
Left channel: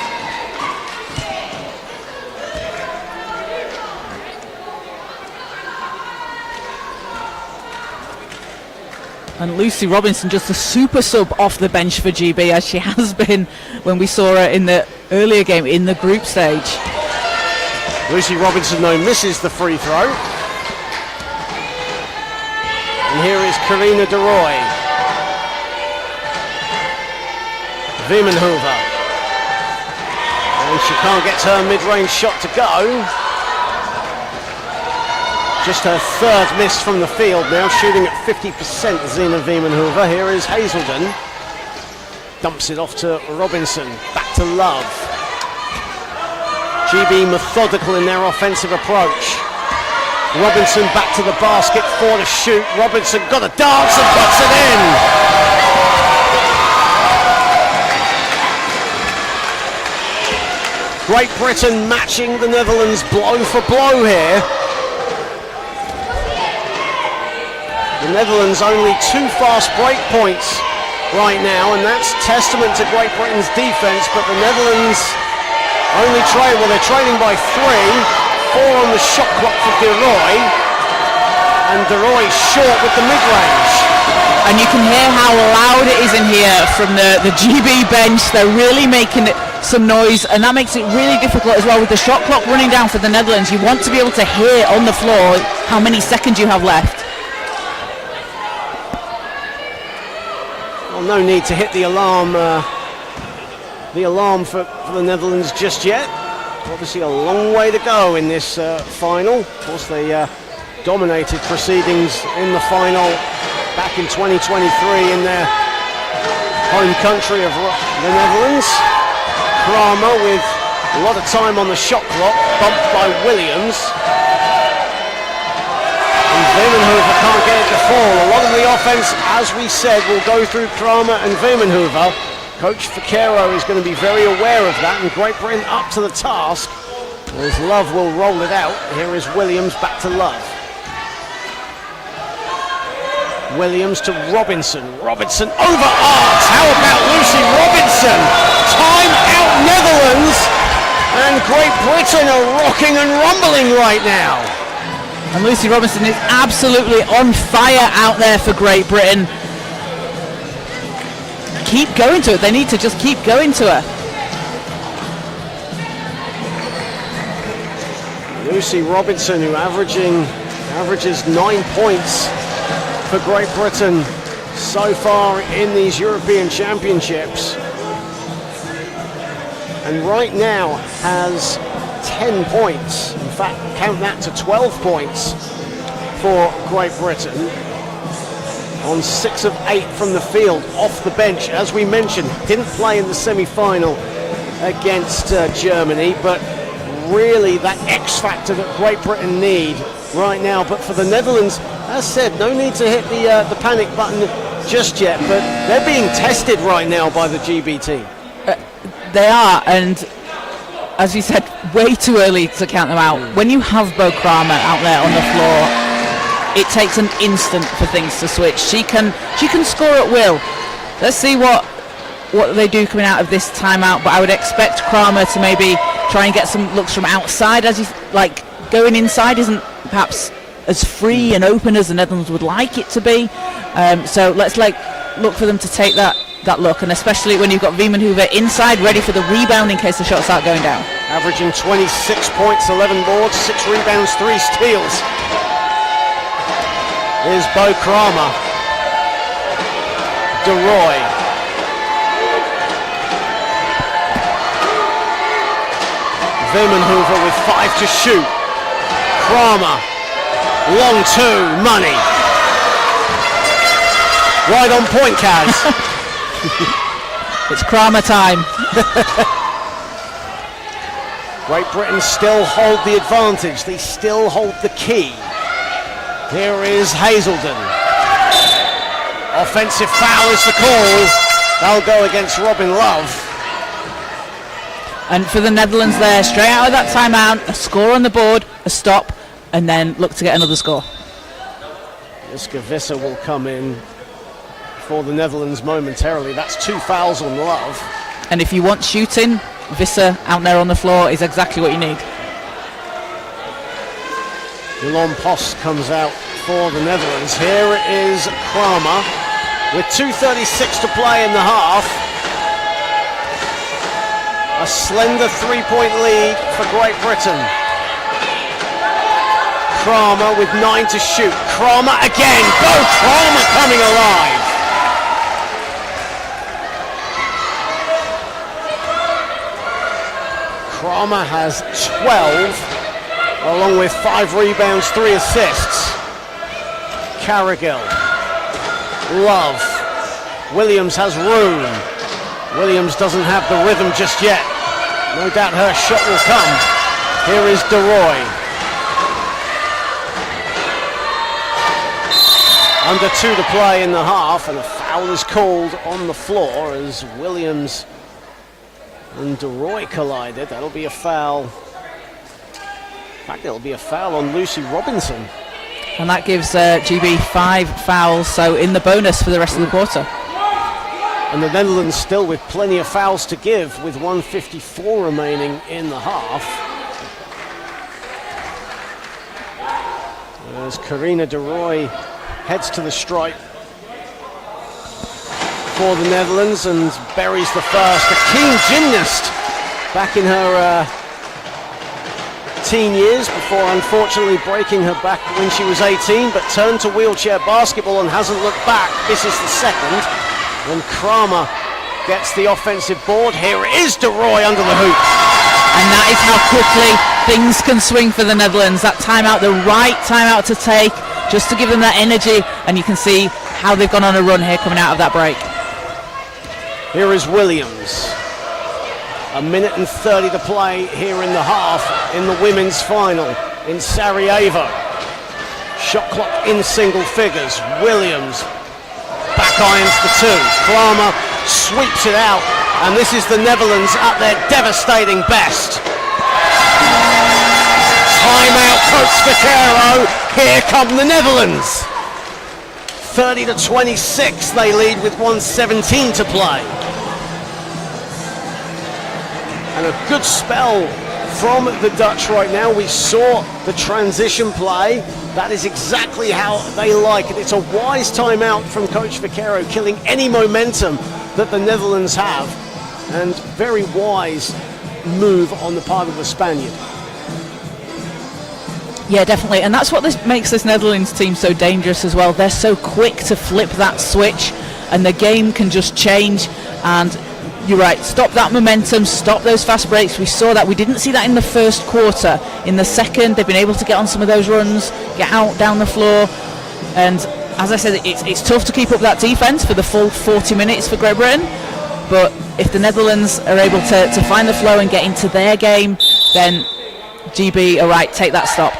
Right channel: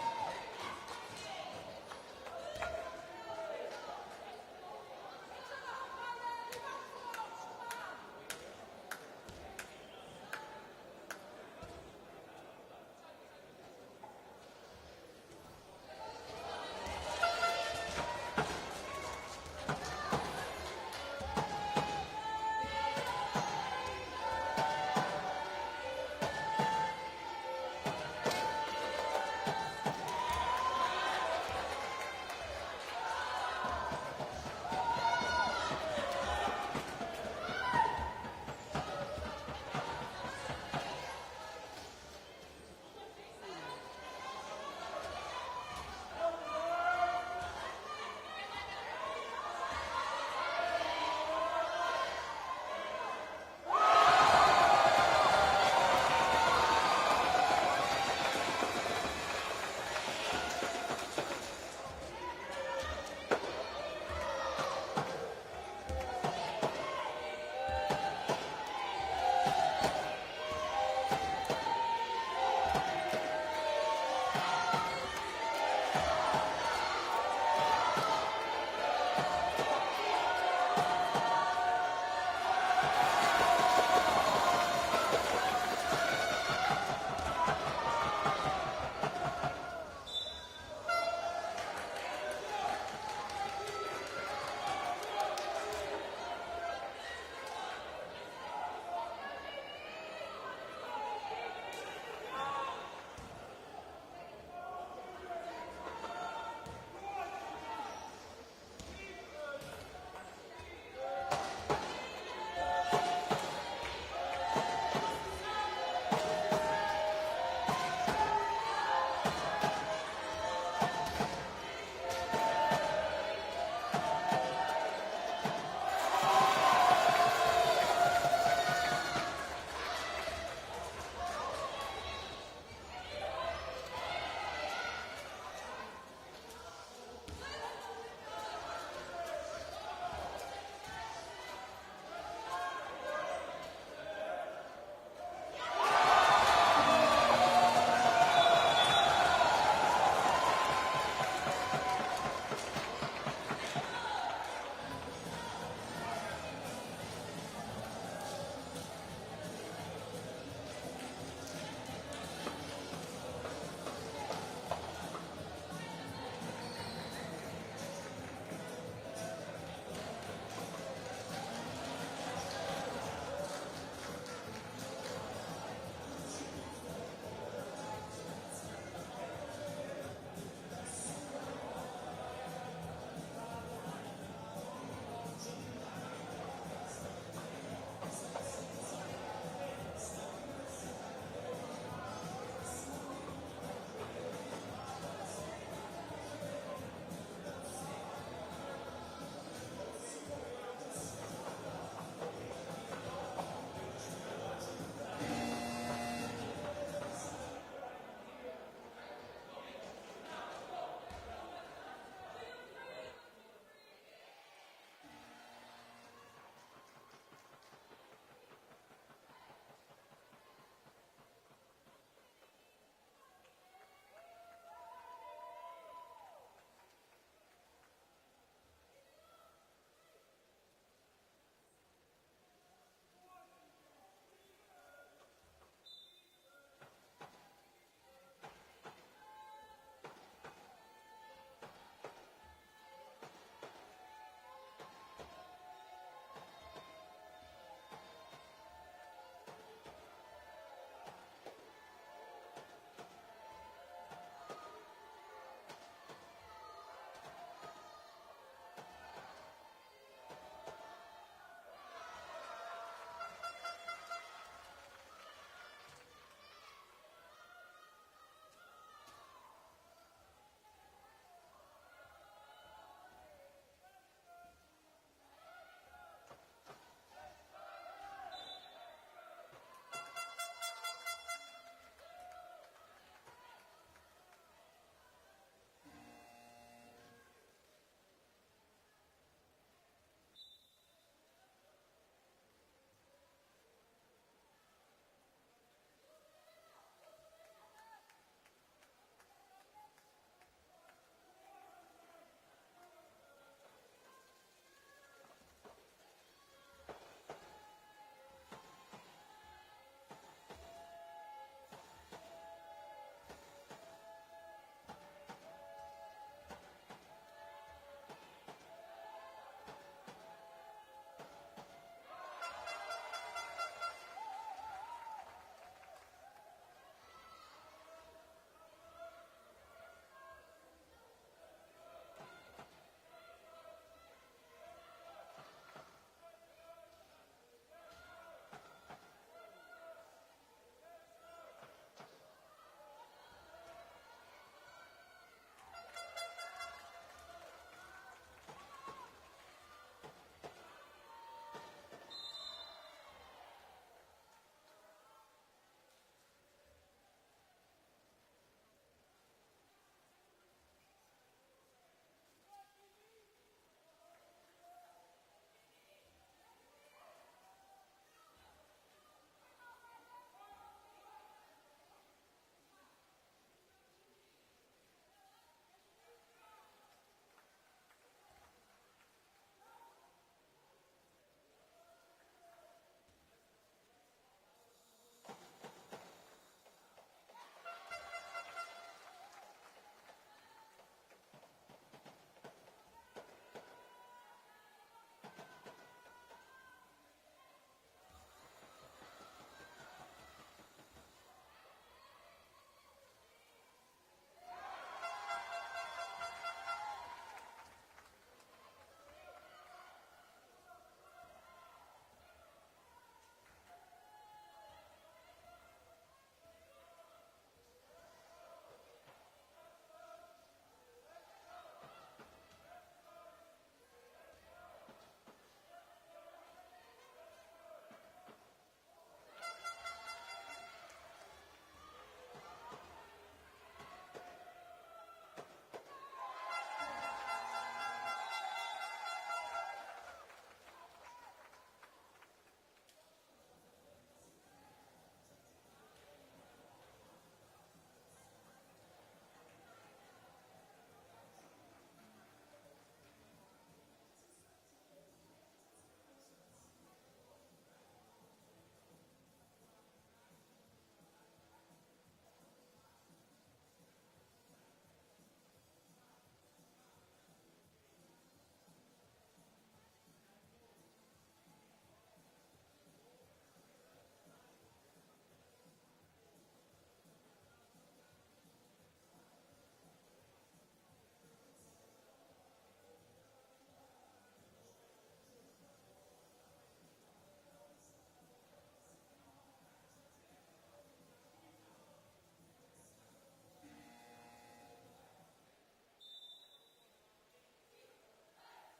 And Lucy Robinson, just a super sub off the bench for GB, as she has been when we saw her in the earlier game in the group stage. Lucy Robinson, though, misses the free throw. And here is Karina De Roy. Vimmenhoever. And she can't get her mid-range shot to go. Just her third miss from the field now, shooting at 50%, Zina Vimmenhoever. Here is Hazelden. Dumps it off to Robinson. Back to Love. GB methodical in their offensive approach. Robinson back to the basket for the shoot. Robinson got a dance and puts it in. Great Britain matching the Netherlands blow for blow here. The Netherlands only 2 fast break points right now, and that's testament to Great Britain's defense, but the Netherlands only they're trailing by 3, 4 on the shot clock for De Roy, and De Roy short with the mid-range. And you can hear how loud it is in here from the GB bench. They're really making some noise, and that makes it really difficult as well with the shot clock running down for the Netherlands. You want to be able to hear on the floor how many seconds you have left. Well, no need to hit the alarm for the Netherlands just yet. Obviously a long way to go in this final. Of course, they dominated proceedings in the final back in 2023 in their home country of the Netherlands. Kramer with a lot of time on the shot clock, bumped by Williams. And Vimmenhoever can't get it to fall. A lot of the offense, as we said, will go through Kramer and Vimmenhoever. Coach Vaquero is going to be very aware of that, and Great Britain up to the task as Love will roll it out. Here is Williams back to Love. Williams to Robinson. Robinson over arcs. How about Lucy Robinson? Time out Netherlands. And Great Britain are rocking and rumbling right now. And Lucy Robinson is absolutely on fire out there for Great Britain. Keep going to it. They need to just keep going to her. Lucy Robinson, who averages 9 points for Great Britain so far in these European Championships, and right now has 10 points. In fact, count that to 12 points for Great Britain on 6 of 8 from the field off the bench. As we mentioned, didn't play in the semi-final against Germany, but really that X factor that Great Britain need right now. But for the Netherlands, as said, no need to hit the panic button just yet, but they're being tested right now by the GBT. They are, and as you said, way too early to count them out. When you have Bo Kramer out there on the floor, it takes an instant for things to switch. She can score at will. Let's see what they do coming out of this timeout, but I would expect Kramer to maybe try and get some looks from outside, as you like. Going inside isn't perhaps as free and open as the Netherlands would like it to be. So let's look for them to take that look, and especially when you've got Viemenhoever inside ready for the rebound in case the shots start going down. Averaging 26 points, 11 boards, 6 rebounds, 3 steals. Here's Bo Kramer. DeRoy. Viemenhoever with 5 to shoot. Kramer. Long 2, money. Right on point, Kaz. It's Kramer time. Great Britain still hold the advantage. They still hold the key. Here is Hazelden. Offensive foul is the call. That'll go against Robin Love. And for the Netherlands there, straight out of that timeout, a score on the board, a stop, and then look to get another score. Iska Visser will come in for the Netherlands momentarily. That's 2 fouls on Love. And if you want shooting, Visser out there on the floor is exactly what you need. Delon Post comes out for the Netherlands. Here is Kramer with 2:36 to play in the half. A slender 3-point lead for Great Britain. Kramer with 9 to shoot. Kramer again. Bo Kramer coming alive. Kramer has 12, along with 5 rebounds, 3 assists. Carrigill. Love. Williams has room. Williams doesn't have the rhythm just yet. No doubt her shot will come. Here is DeRoy. Under 2 to play in the half, and a foul is called on the floor as Williams and DeRoy collided. That'll be a foul. In fact, it'll be a foul on Lucy Robinson. And that gives GB 5 fouls, so in the bonus for the rest of the quarter. And the Netherlands still with plenty of fouls to give, with 1:54 remaining in the half. As Karina DeRoy heads to the stripe for the Netherlands and buries the first. A keen gymnast back in her teen years before unfortunately breaking her back when she was 18, but turned to wheelchair basketball and hasn't looked back. This is the second. And Kramer gets the offensive board. Here it is, DeRoy under the hoop. And that is how quickly things can swing for the Netherlands. That timeout, the right timeout to take, just to give them that energy. And you can see how they've gone on a run here coming out of that break. Here is Williams. 1:30 to play here in the half in the women's final in Sarajevo. Shot clock in single figures. Williams back irons the 2. Kramer sweeps it out, and this is the Netherlands at their devastating best. Timeout, Coach Vaquero. Here come the Netherlands. 30-26, they lead with 1:17 to play. And a good spell from the Dutch right now. We saw the transition play. That is exactly how they like it. It's a wise timeout from Coach Vaquero, killing any momentum that the Netherlands have. And very wise move on the part of the Spaniard. Yeah, definitely, and that's what makes this Netherlands team so dangerous as well. They're so quick to flip that switch, and the game can just change. And you're right, stop that momentum, stop those fast breaks. We saw that. We didn't see that in the first quarter. In the second, they've been able to get on some of those runs, get out down the floor, and as I said, it's tough to keep up that defense for the full 40 minutes for Great Britain. But if the Netherlands are able to find the flow and get into their game, then GB are right, take that stop.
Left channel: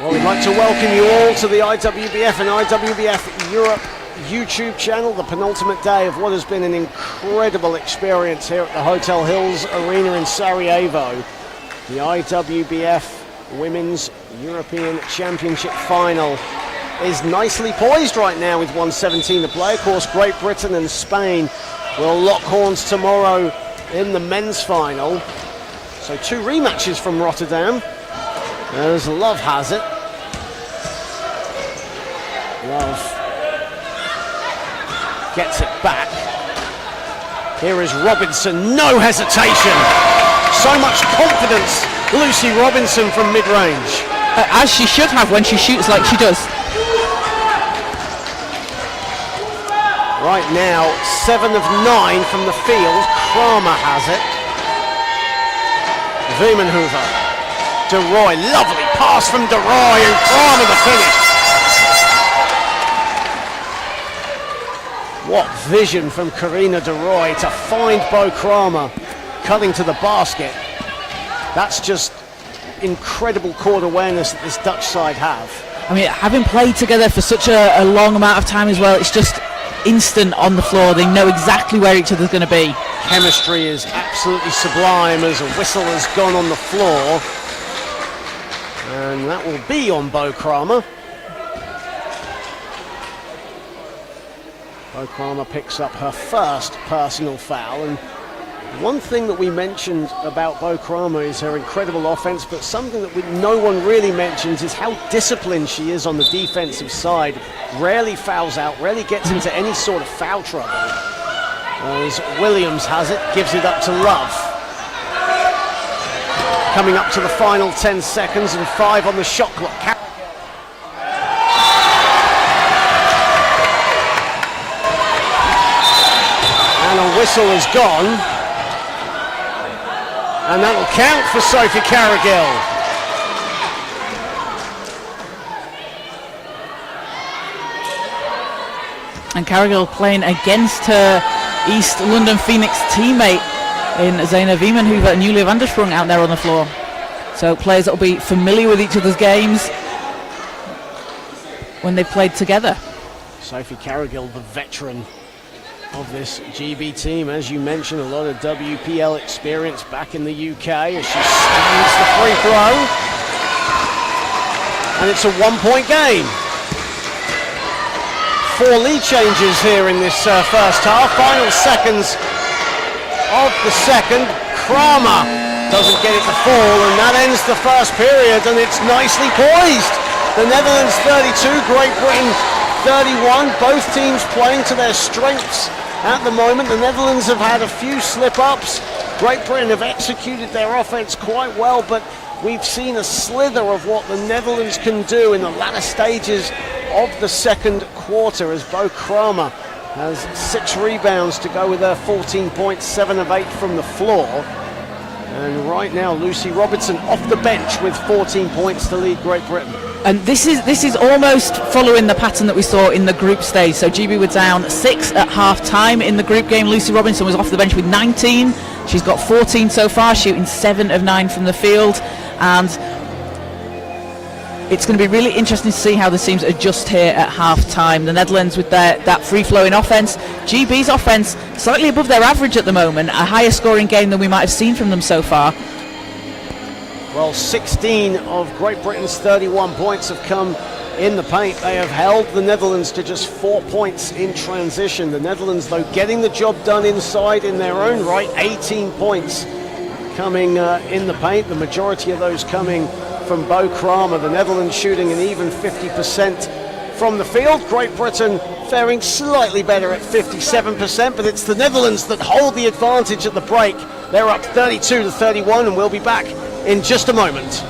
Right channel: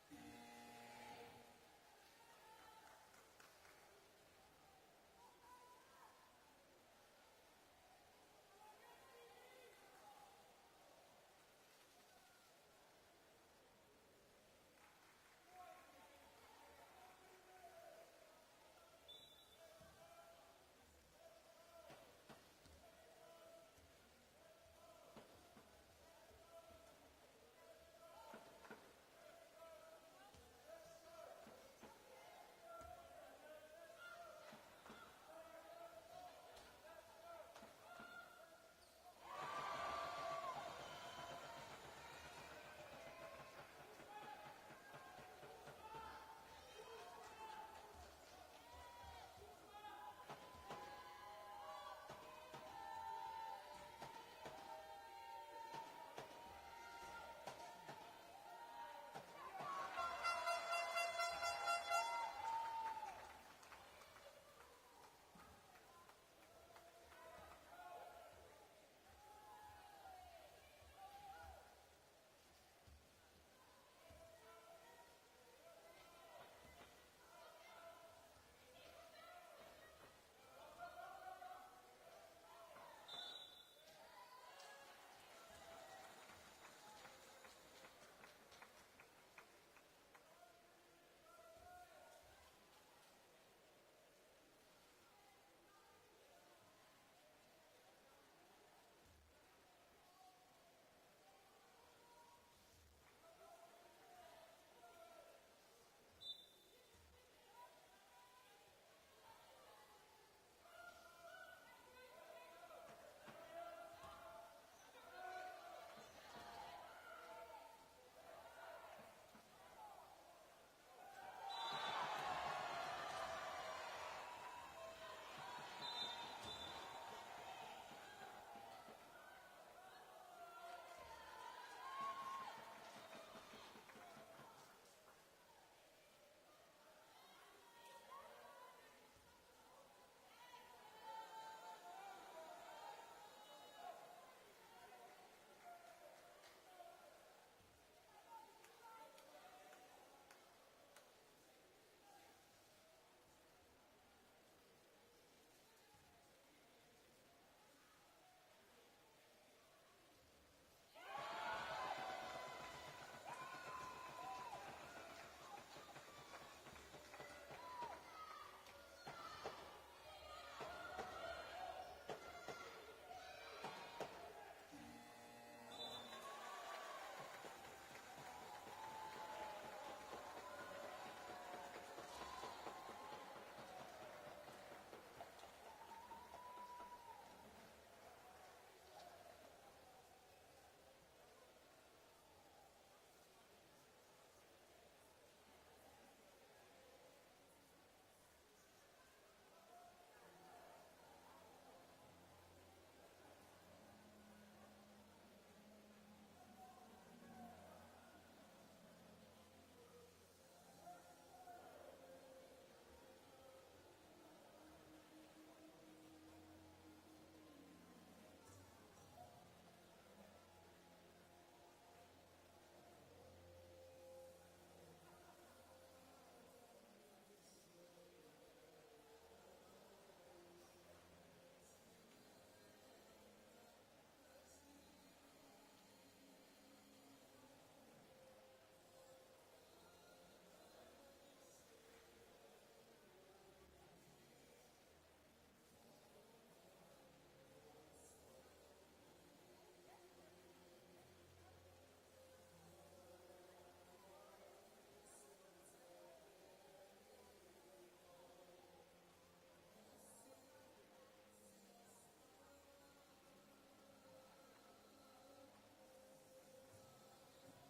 Well, we'd like to welcome you all to the IWBF and IWBF Europe YouTube channel, the penultimate day of what has been an incredible experience here at the Hotel Hills Arena in Sarajevo. The IWBF Women's European Championship final is nicely poised right now with 1:17 to play. Of course, Great Britain and Spain will lock horns tomorrow in the men's final. So 2 rematches from Rotterdam, as Love has it. Love gets it back. Here is Robinson, no hesitation. So much confidence, Lucy Robinson from mid-range. As she should have when she shoots like she does. Right now, 7 of 9 from the field. Kramer has it. Wiemenhoever. De Roy, lovely pass from De Roy, and Kramer the finish. What vision from Karina De Roy to find Bo Kramer cutting to the basket. That's just incredible court awareness that this Dutch side have. I mean, having played together for such a long amount of time as well, it's just instant on the floor. They know exactly where each other's going to be. Chemistry is absolutely sublime as a whistle has gone on the floor. And that will be on Bo Kramer. Bo Kramer picks up her first personal foul. And one thing that we mentioned about Bo Kramer is her incredible offense, but something that no one really mentions is how disciplined she is on the defensive side. Rarely fouls out, rarely gets into any sort of foul trouble. As Williams has it, gives it up to Love. Coming up to the final 10 seconds and 5 on the shot clock. And a whistle is gone. And that will count for Sophie Carrigill. And Carrigill playing against her East London Phoenix teammate in Zeina Wiemenhoever and Julia van der Sprung out there on the floor. So players that will be familiar with each other's games when they played together. Sophie Carrigill, the veteran of this GB team. As you mentioned, a lot of WPL experience back in the UK as she stands the free throw. And it's a 1-point game. 4 lead changes here in this first half. Final seconds of the second. Kramer doesn't get it to fall, and that ends the first period, and it's nicely poised. The Netherlands 32, Great Britain 31, both teams playing to their strengths at the moment. The Netherlands have had a few slip-ups. Great Britain have executed their offense quite well, but we've seen a slither of what the Netherlands can do in the latter stages of the second quarter as Bo Kramer has 6 rebounds to go with her 14 points, 7 of 8 from the floor. And right now, Lucy Robinson off the bench with 14 points to lead Great Britain. And this is almost following the pattern that we saw in the group stage. So GB were down 6 at half-time in the group game. Lucy Robinson was off the bench with 19. She's got 14 so far, shooting 7 of 9 from the field. And it's going to be really interesting to see how the teams adjust here at half-time. The Netherlands with that free-flowing offence. GB's offence slightly above their average at the moment, a higher scoring game than we might have seen from them so far. Well, 16 of Great Britain's 31 points have come in the paint. They have held the Netherlands to just 4 points in transition. The Netherlands, though, getting the job done inside in their own right. 18 points coming in the paint, the majority of those coming from Bo Kramer. The Netherlands shooting an even 50% from the field. Great Britain faring slightly better at 57%, but it's the Netherlands that hold the advantage at the break. They're up 32-31, and we'll be back in just a moment.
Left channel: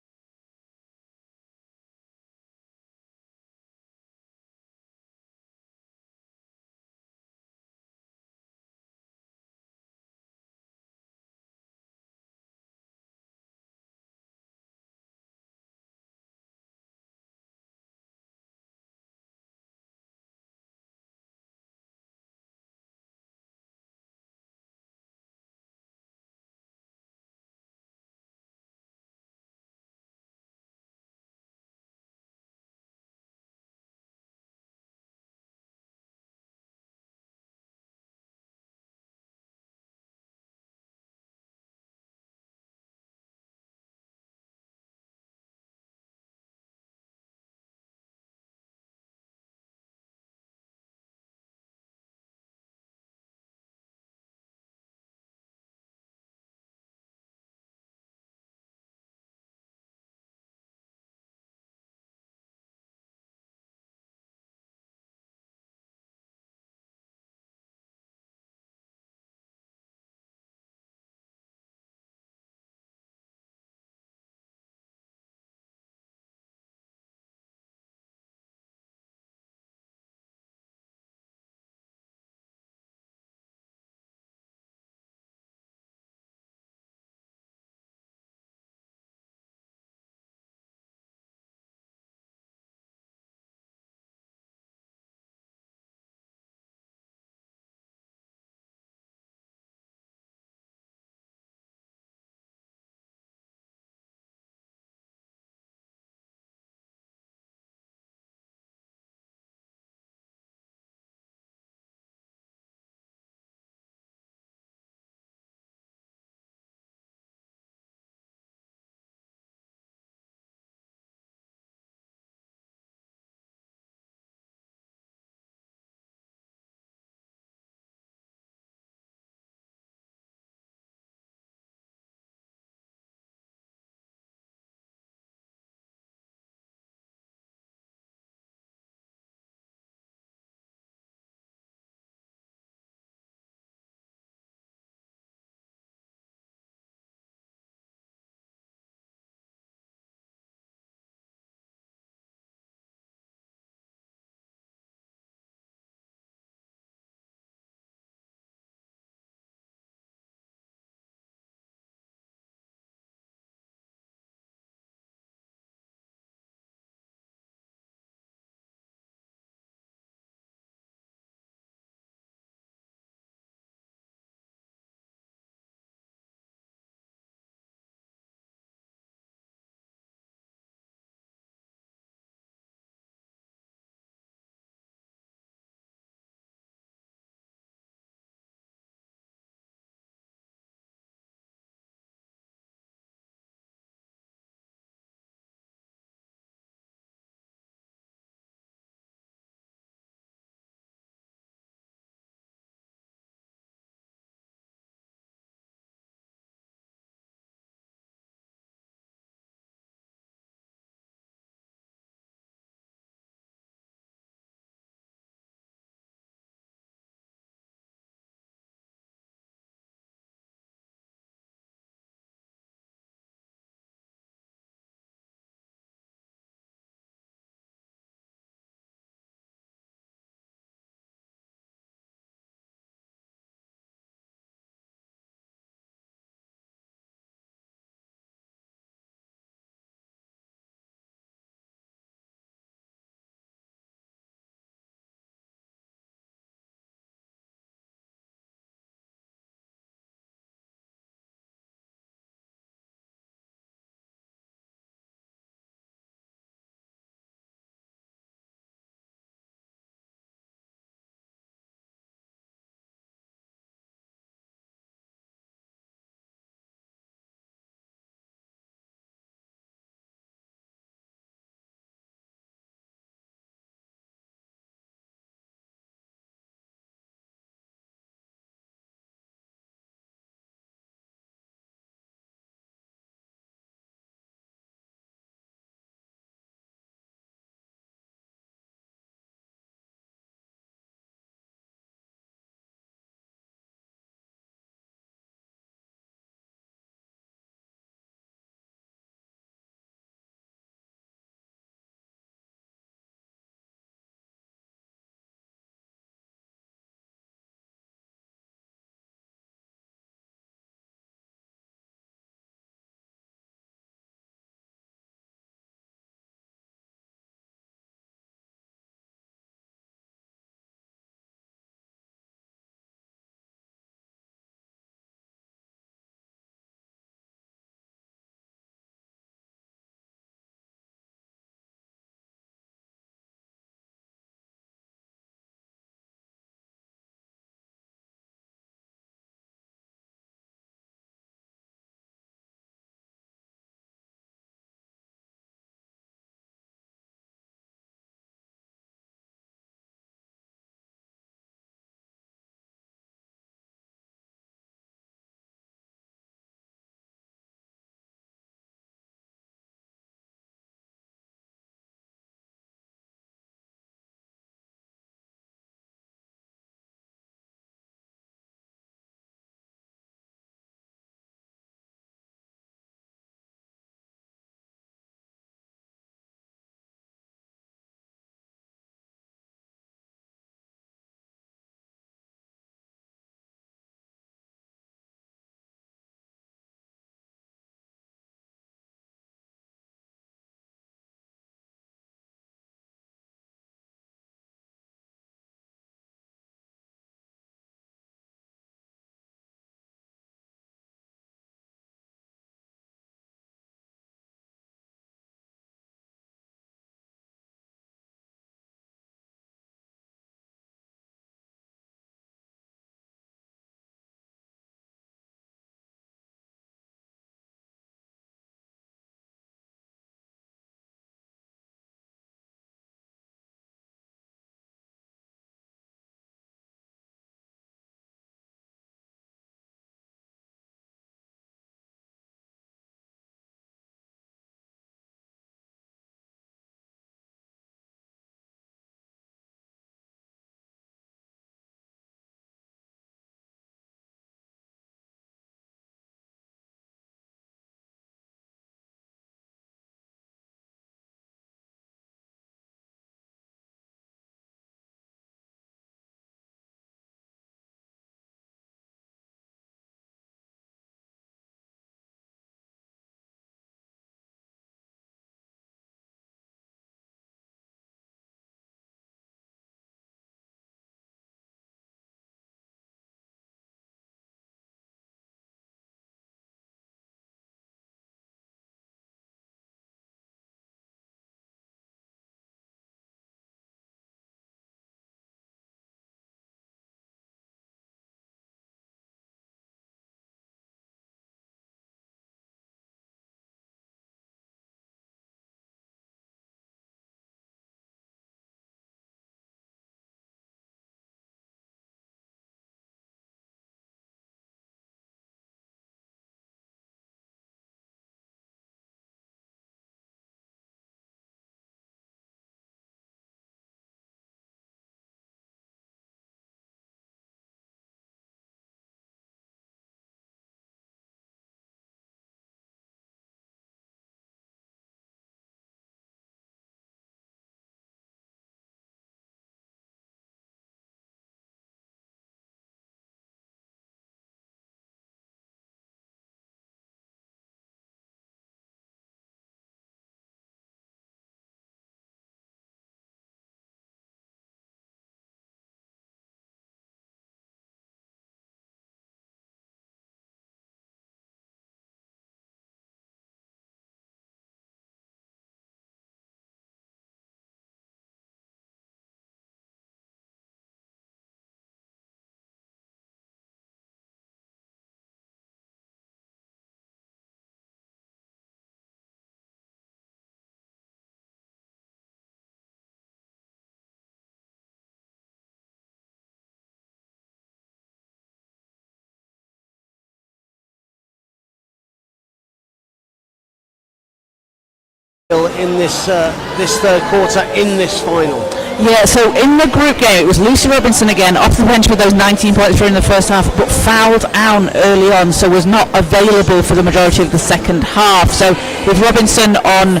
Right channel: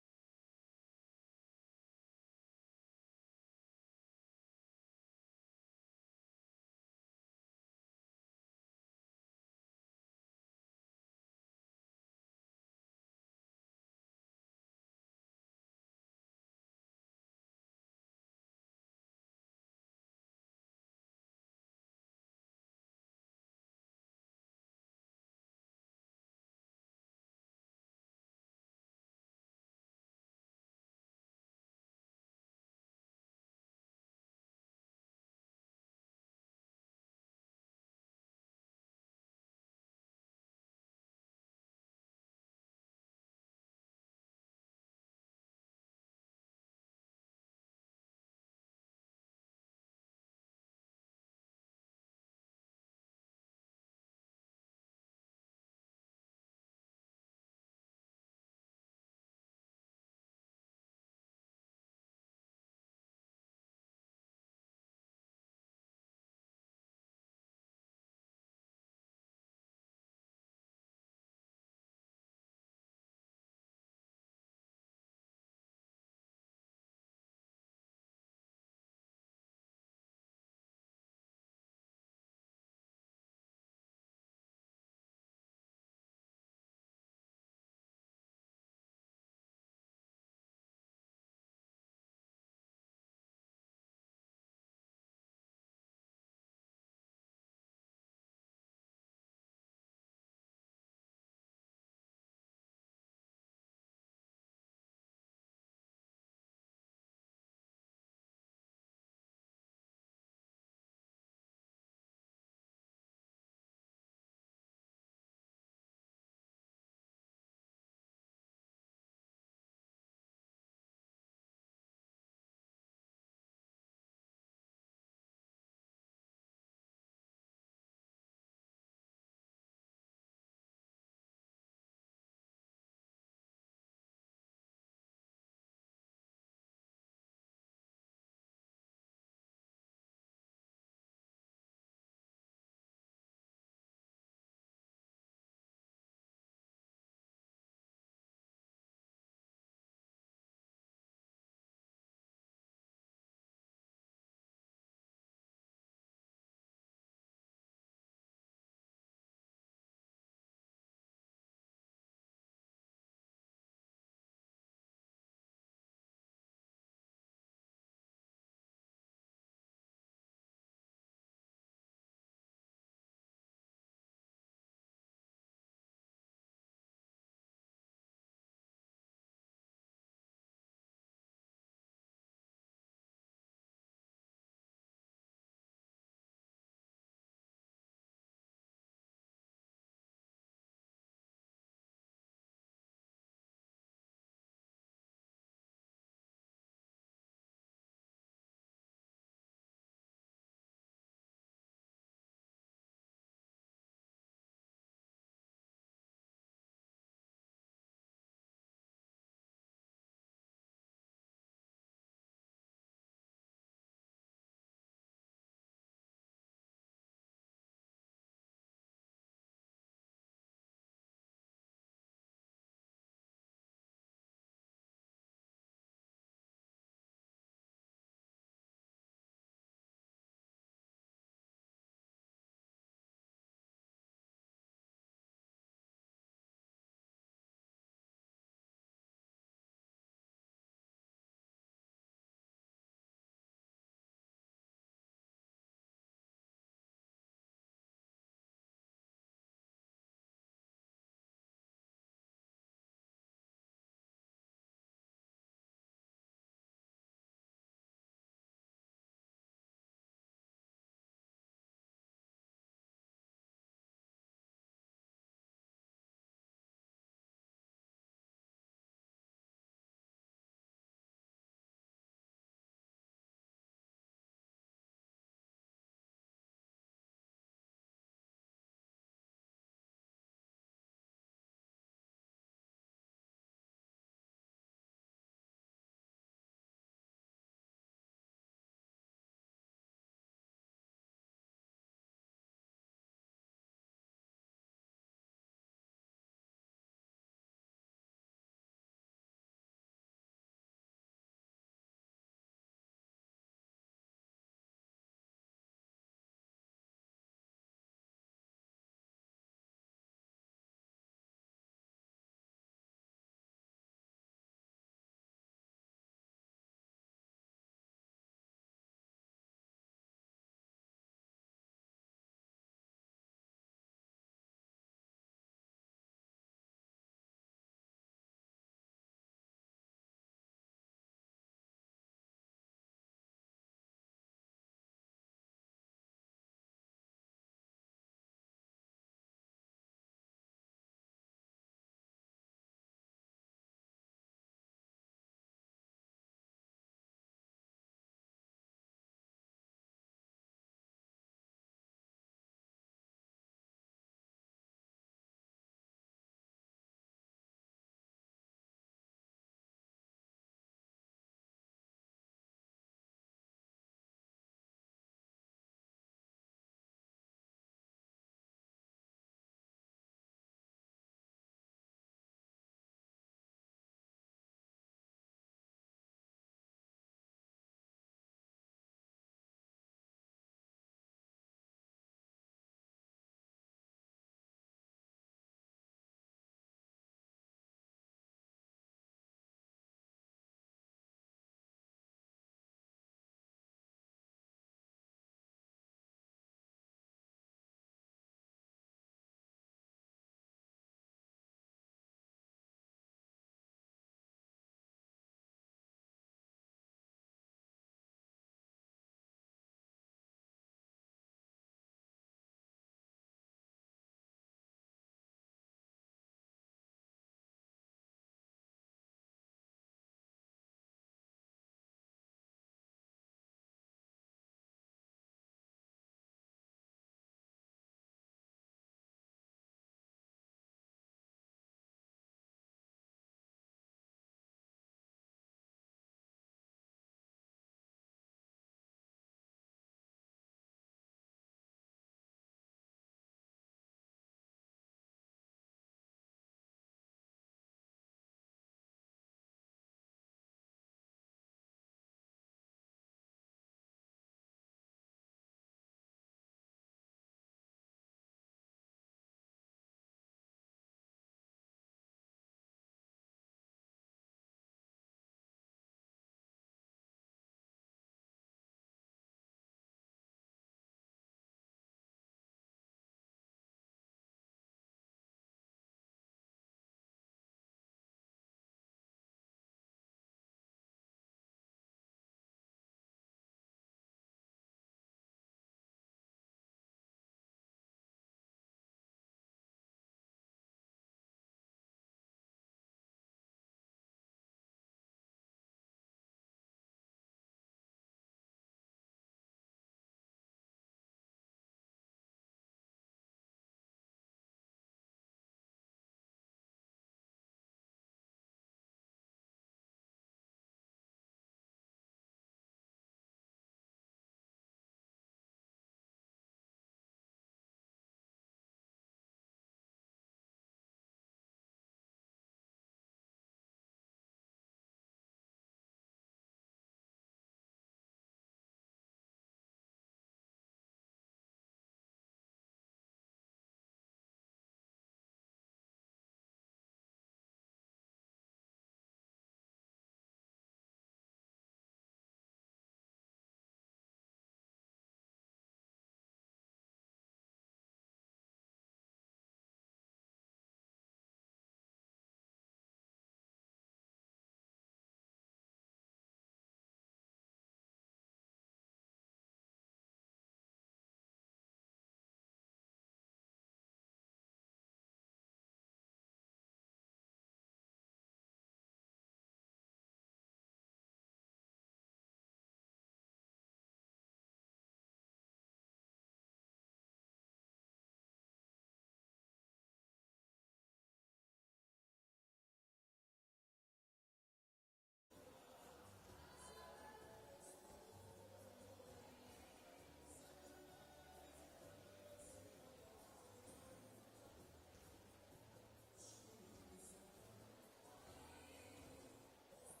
in this third quarter in this final. Yeah, so in the group game, it was Lucy Robinson again, off the bench with those 19 points through in the first half, but fouled out early on, so was not available for the majority of the second half. So with Robinson on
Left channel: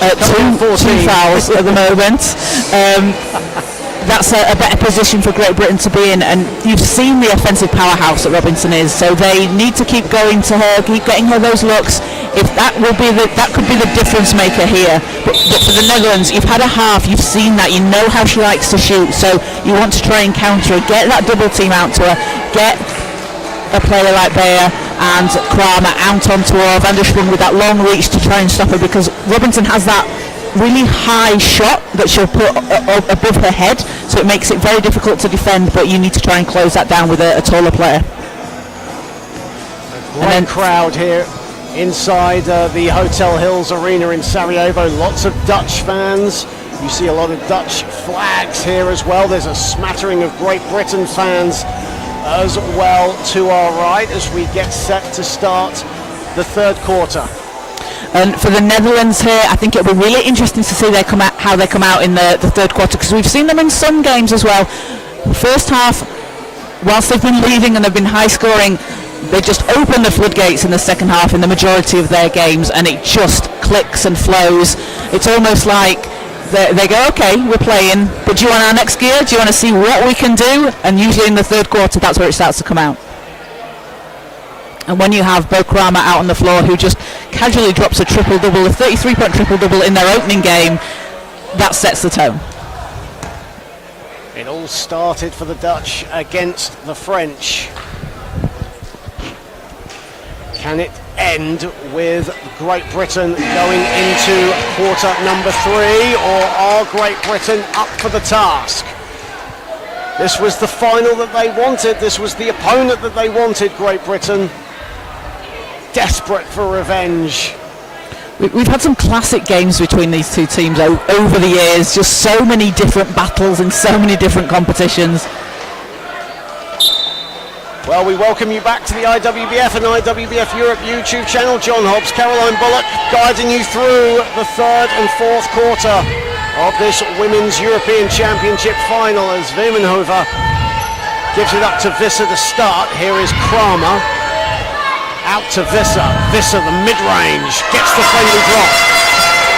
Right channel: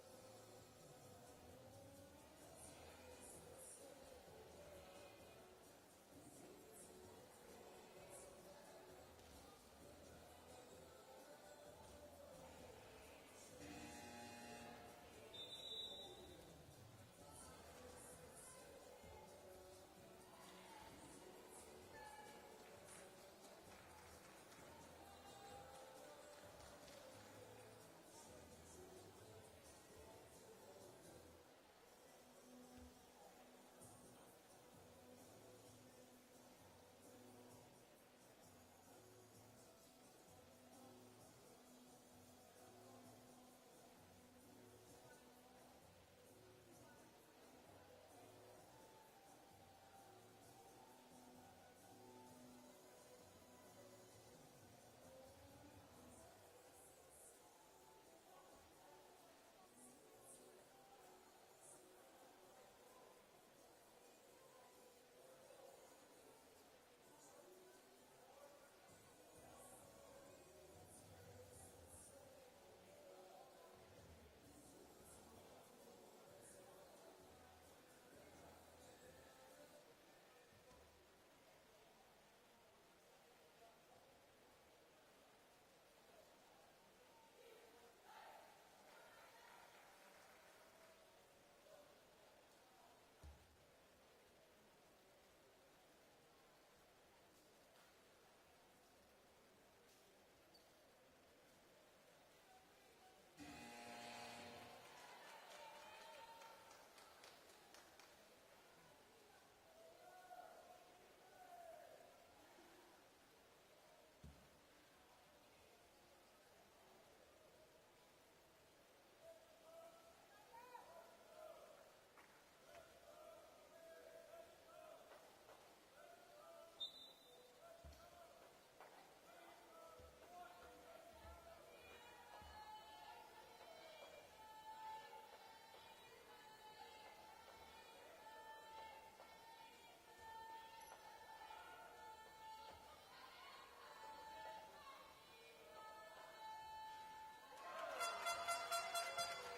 two fouls at the moment, that's a better position for Great Britain to be in, and you've seen the offensive powerhouse that Robinson is, so they need to keep going to her, keep getting her those looks. If that could be the difference maker here. But for the Netherlands, you've had a half, you've seen that, you know how she likes to shoot, so you want to try and counter her, get that double team out to her, get a player like Beyer and Kramer out onto her, Van der Sprung with that long reach to try and stop her, because Robinson has that really high shot that she'll put above her head, so it makes it very difficult to defend, but you need to try and close that down with a taller player. A great crowd here inside the Hotel Hills Arena in Sarajevo. Lots of Dutch fans. You see a lot of Dutch flags here as well. There's a smattering of Great Britain fans as well to our right as we get set to start the third quarter. And for the Netherlands here, I think it'll be really interesting to see how they come out in the third quarter, because we've seen them in some games as well. First half, whilst they've been leading and they've been high scoring, they just open the floodgates in the second half in the majority of their games, and it just clicks and flows. It's almost like they go, okay, we're playing, but do you want our next gear? Do you want to see what we can do? And usually in the third quarter, that's where it starts to come out. And when you have Bo Kramer out on the floor, who just casually drops a triple-double, a 33-point triple-double in their opening game, that sets the tone. It all started for the Dutch against the French. Can it end with Great Britain going into quarter number 3, or are Great Britain up for the task? This was the final that they wanted. This was the opponent that they wanted, Great Britain. Desperate for revenge. We've had some classic games between these two teams over the years, just so many different battles in so many different competitions. Well, we welcome you back to the IWBF and IWBF Europe YouTube channel. John Hobbs, Caroline Bullock, guiding you through the third and fourth quarter of this Women's European Championship final as Wemenhoever gives it up to Visser to start. Here is Kramer. Out to Visser. Visser, the mid-range, gets the friendly drop.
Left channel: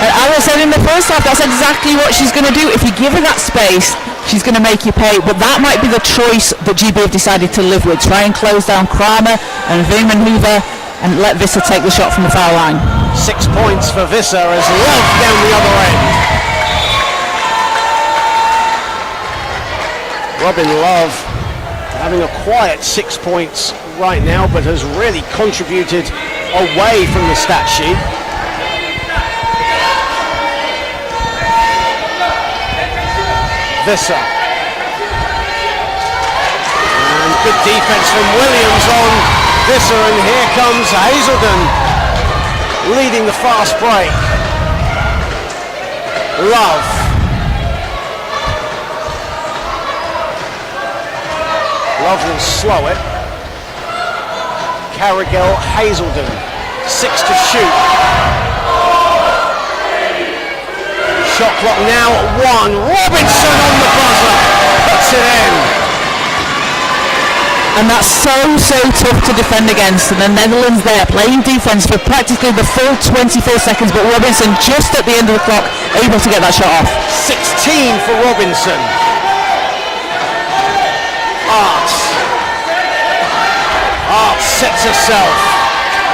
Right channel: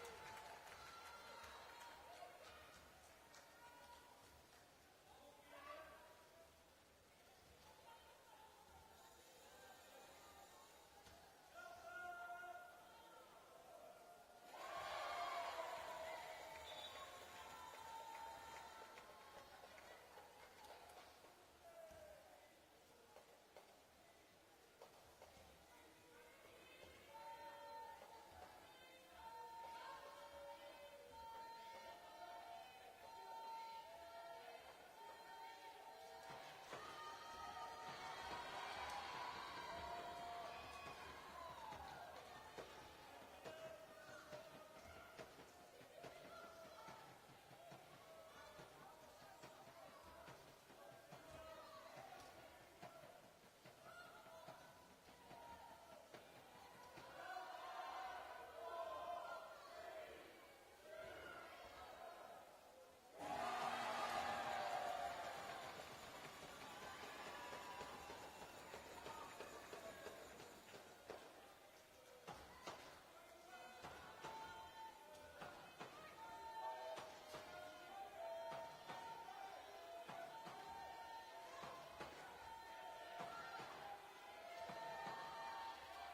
As I said in the first half, that's exactly what she's going to do. If you give her that space, she's going to make you pay. But that might be the choice that GB have decided to live with. Try and close down Kramer and Wemenhoever and let Visser take the shot from the foul line. 6 points for Visser as Love down the other end. Robin Love having a quiet 6 points right now, but has really contributed away from the stat sheet. Visser. And good defense from Williams on Visser, and here comes Hazelden leading the fast break. Love. Love will slow it. Carrigal, Hazelden, 6 to shoot. Shot clock now at 1. Robinson on the buzzer, puts it in. And that's so tough to defend against. And the Netherlands there playing defense for practically the full 24 seconds, but Robinson just at the end of the clock able to get that shot off. 16 for Robinson. Arts sets herself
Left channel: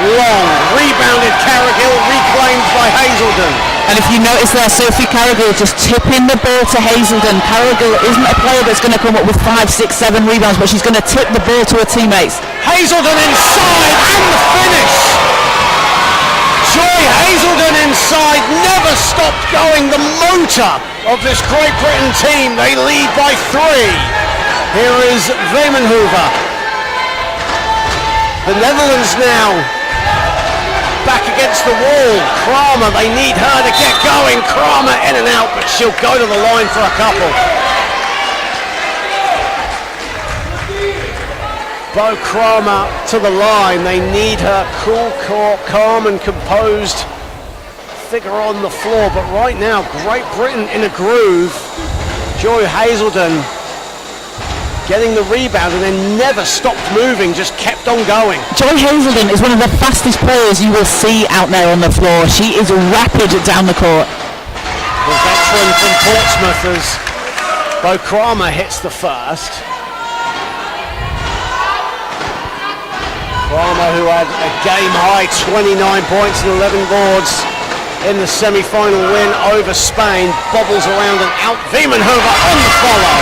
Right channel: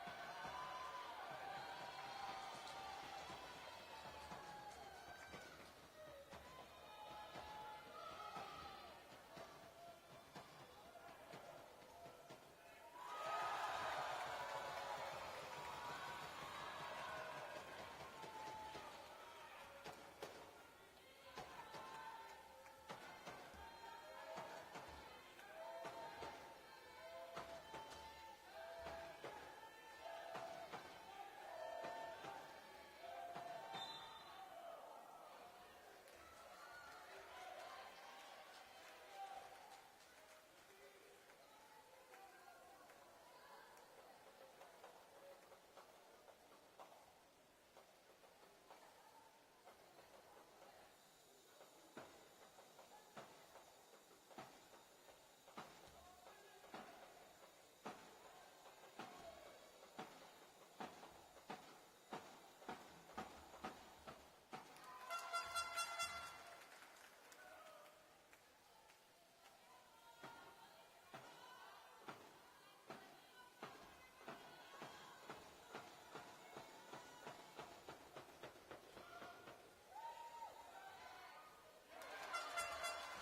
long, rebounded Carrigal, reclaimed by Hazelden. And if you notice there, Sophie Carrigal just tipping the ball to Hazelden. Carrigal isn't a player that's going to come up with 5, 6, 7 rebounds, but she's going to tip the ball to her teammates. Hazelden inside and the finish. Joy Hazelden inside, never stopped going. The motor of this Great Britain team, they lead by 3. Here is Wemenhoever. The Netherlands now back against the wall. Kramer, they need her to get going. Kramer in and out, but she'll go to the line for a couple. Bo Kramer to the line. They need her cool, calm and composed figure on the floor, but right now, Great Britain in a groove. Joy Hazelden getting the rebound and then never stopped moving, just kept on going. Joy Hazelden is one of the fastest players you will see out there on the floor. She is rapid down the court. The veteran from Portsmouth as Bo Kramer hits the first. Kramer, who had a game-high 29 points and 11 boards in the semi-final win over Spain, bobbles around and out. Wiemenhover on the follow.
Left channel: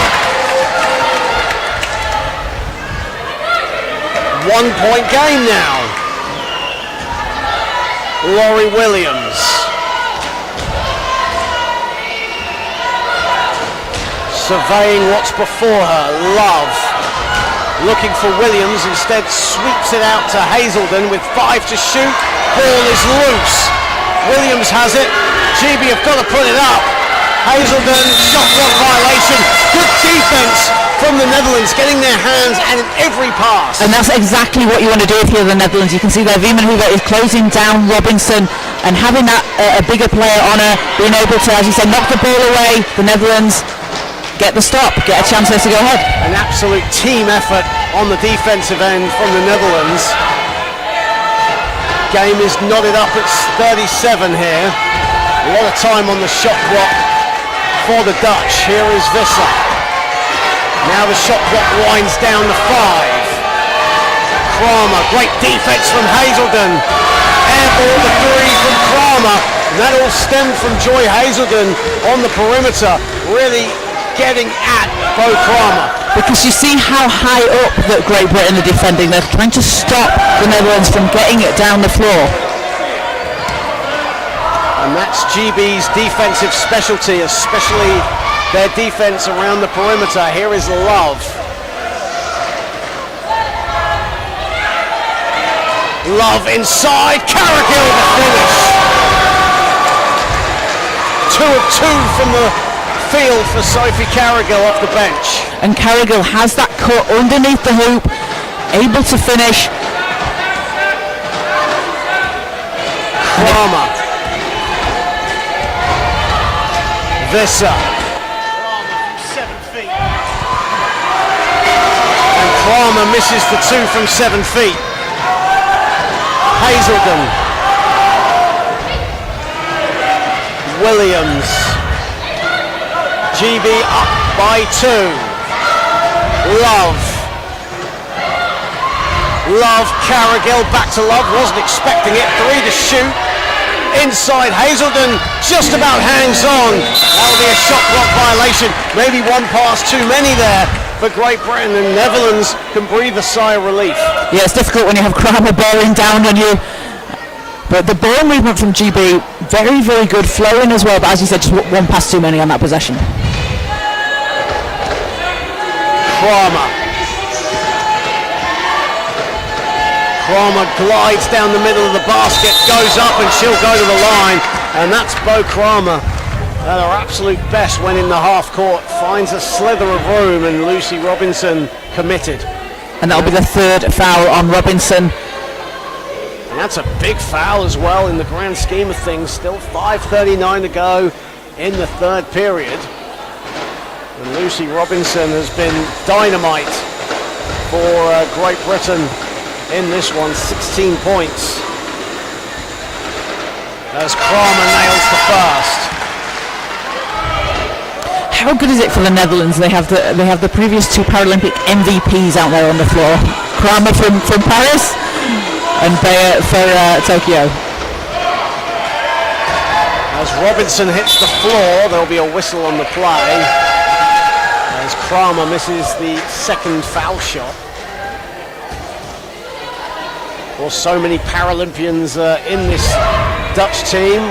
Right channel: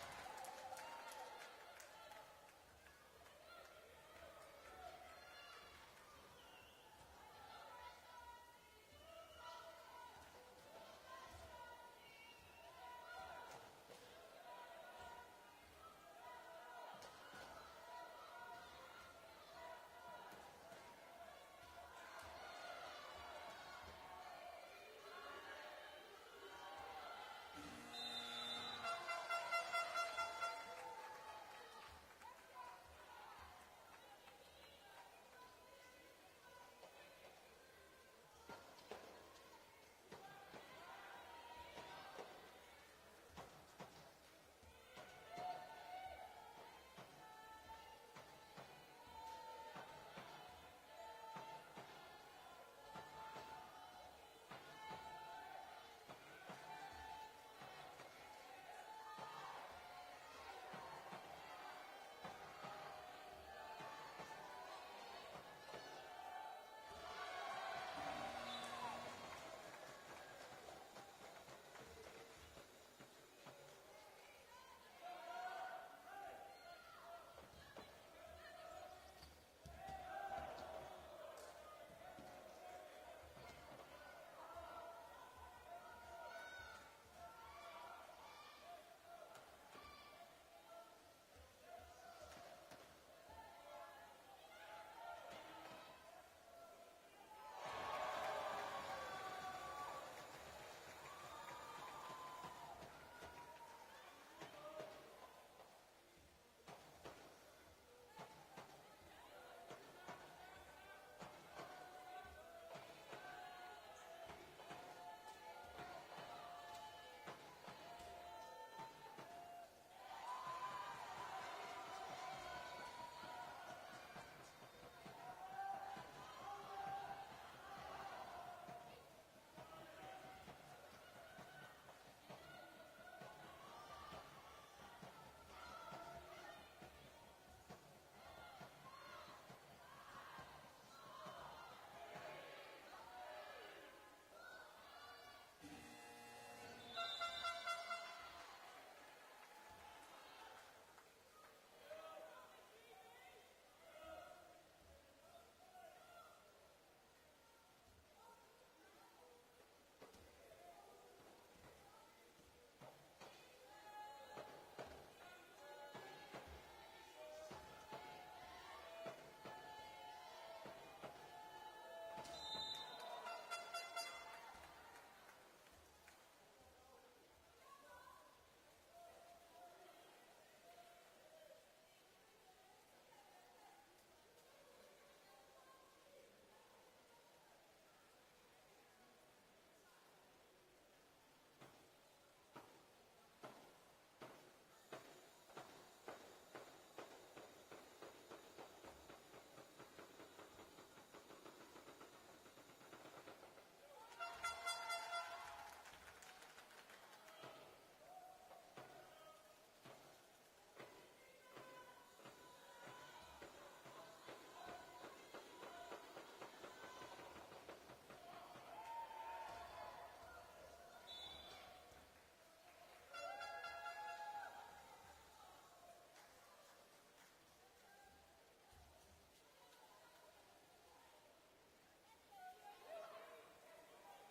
1 point game now. Laurie Williams. Surveying what's before her. Love. Looking for Williams, instead sweeps it out to Hazelden with 5 to shoot. Ball is loose. Williams has it. GB have got to put it up. Hazelden, shot clock violation. Good defense from the Netherlands, getting their hands at every pass. And that's exactly what you want to do if you're the Netherlands. You can see there Wiemenhover is closing down Robinson and having that a bigger player on her, being able to, as you said, knock the ball away. The Netherlands get the stop, get a chance there to go ahead. An absolute team effort on the defensive end from the Netherlands. Game is knotted up at 37 here. A lot of time on the shot clock for the Dutch. Here is Visser. Now the shot clock winds down to 5. Kramer, great defense from Hazelden. Airball the 3 from Kramer. And that all stemmed from Joy Hazelden on the perimeter, really getting at Bo Kramer. Because you see how high up that Great Britain are defending. They're trying to stop the Netherlands from getting it down the floor. And that's GB's defensive specialty, especially their defense around the perimeter. Here is Love. Love inside, Carrigill the finish. 2 of 2 from the field for Sophie Carrigill off the bench. And Carrigill has that cut underneath the hoop, able to finish. Kramer. Visser. 7 feet. And Kramer misses the 2 from 7 feet. Hazelden. Williams. GB up by 2. Love. Love, Carrigill back to Love, wasn't expecting it. 3 to shoot. Inside, Hazelden just about hangs on. That'll be a shot clock violation. Maybe one pass too many there for Great Britain, and Netherlands can breathe a sigh of relief. Yeah, it's difficult when you have Kramer bearing down on you. But the ball movement from GB, very, very good, flowing as well. But as you said, just one pass too many on that possession. Kramer. Kramer glides down the middle of the basket, goes up and she'll go to the line. And that's Bo Kramer at her absolute best when in the half court. Finds a slither of room and Lucy Robinson committed. And that'll be the 3rd foul on Robinson. And that's a big foul as well in the grand scheme of things. Still 5:39 to go in the 3rd period. And Lucy Robinson has been dynamite for Great Britain in this one. 16 points as Kramer nails the first. How good is it for the Netherlands? They have the previous 2 Paralympic MVPs out there on the floor. Kramer from Paris and Beyer for Tokyo. As Robinson hits the floor, there'll be a whistle on the play as Kramer misses the 2nd foul shot. Of course, so many Paralympians in this Dutch team.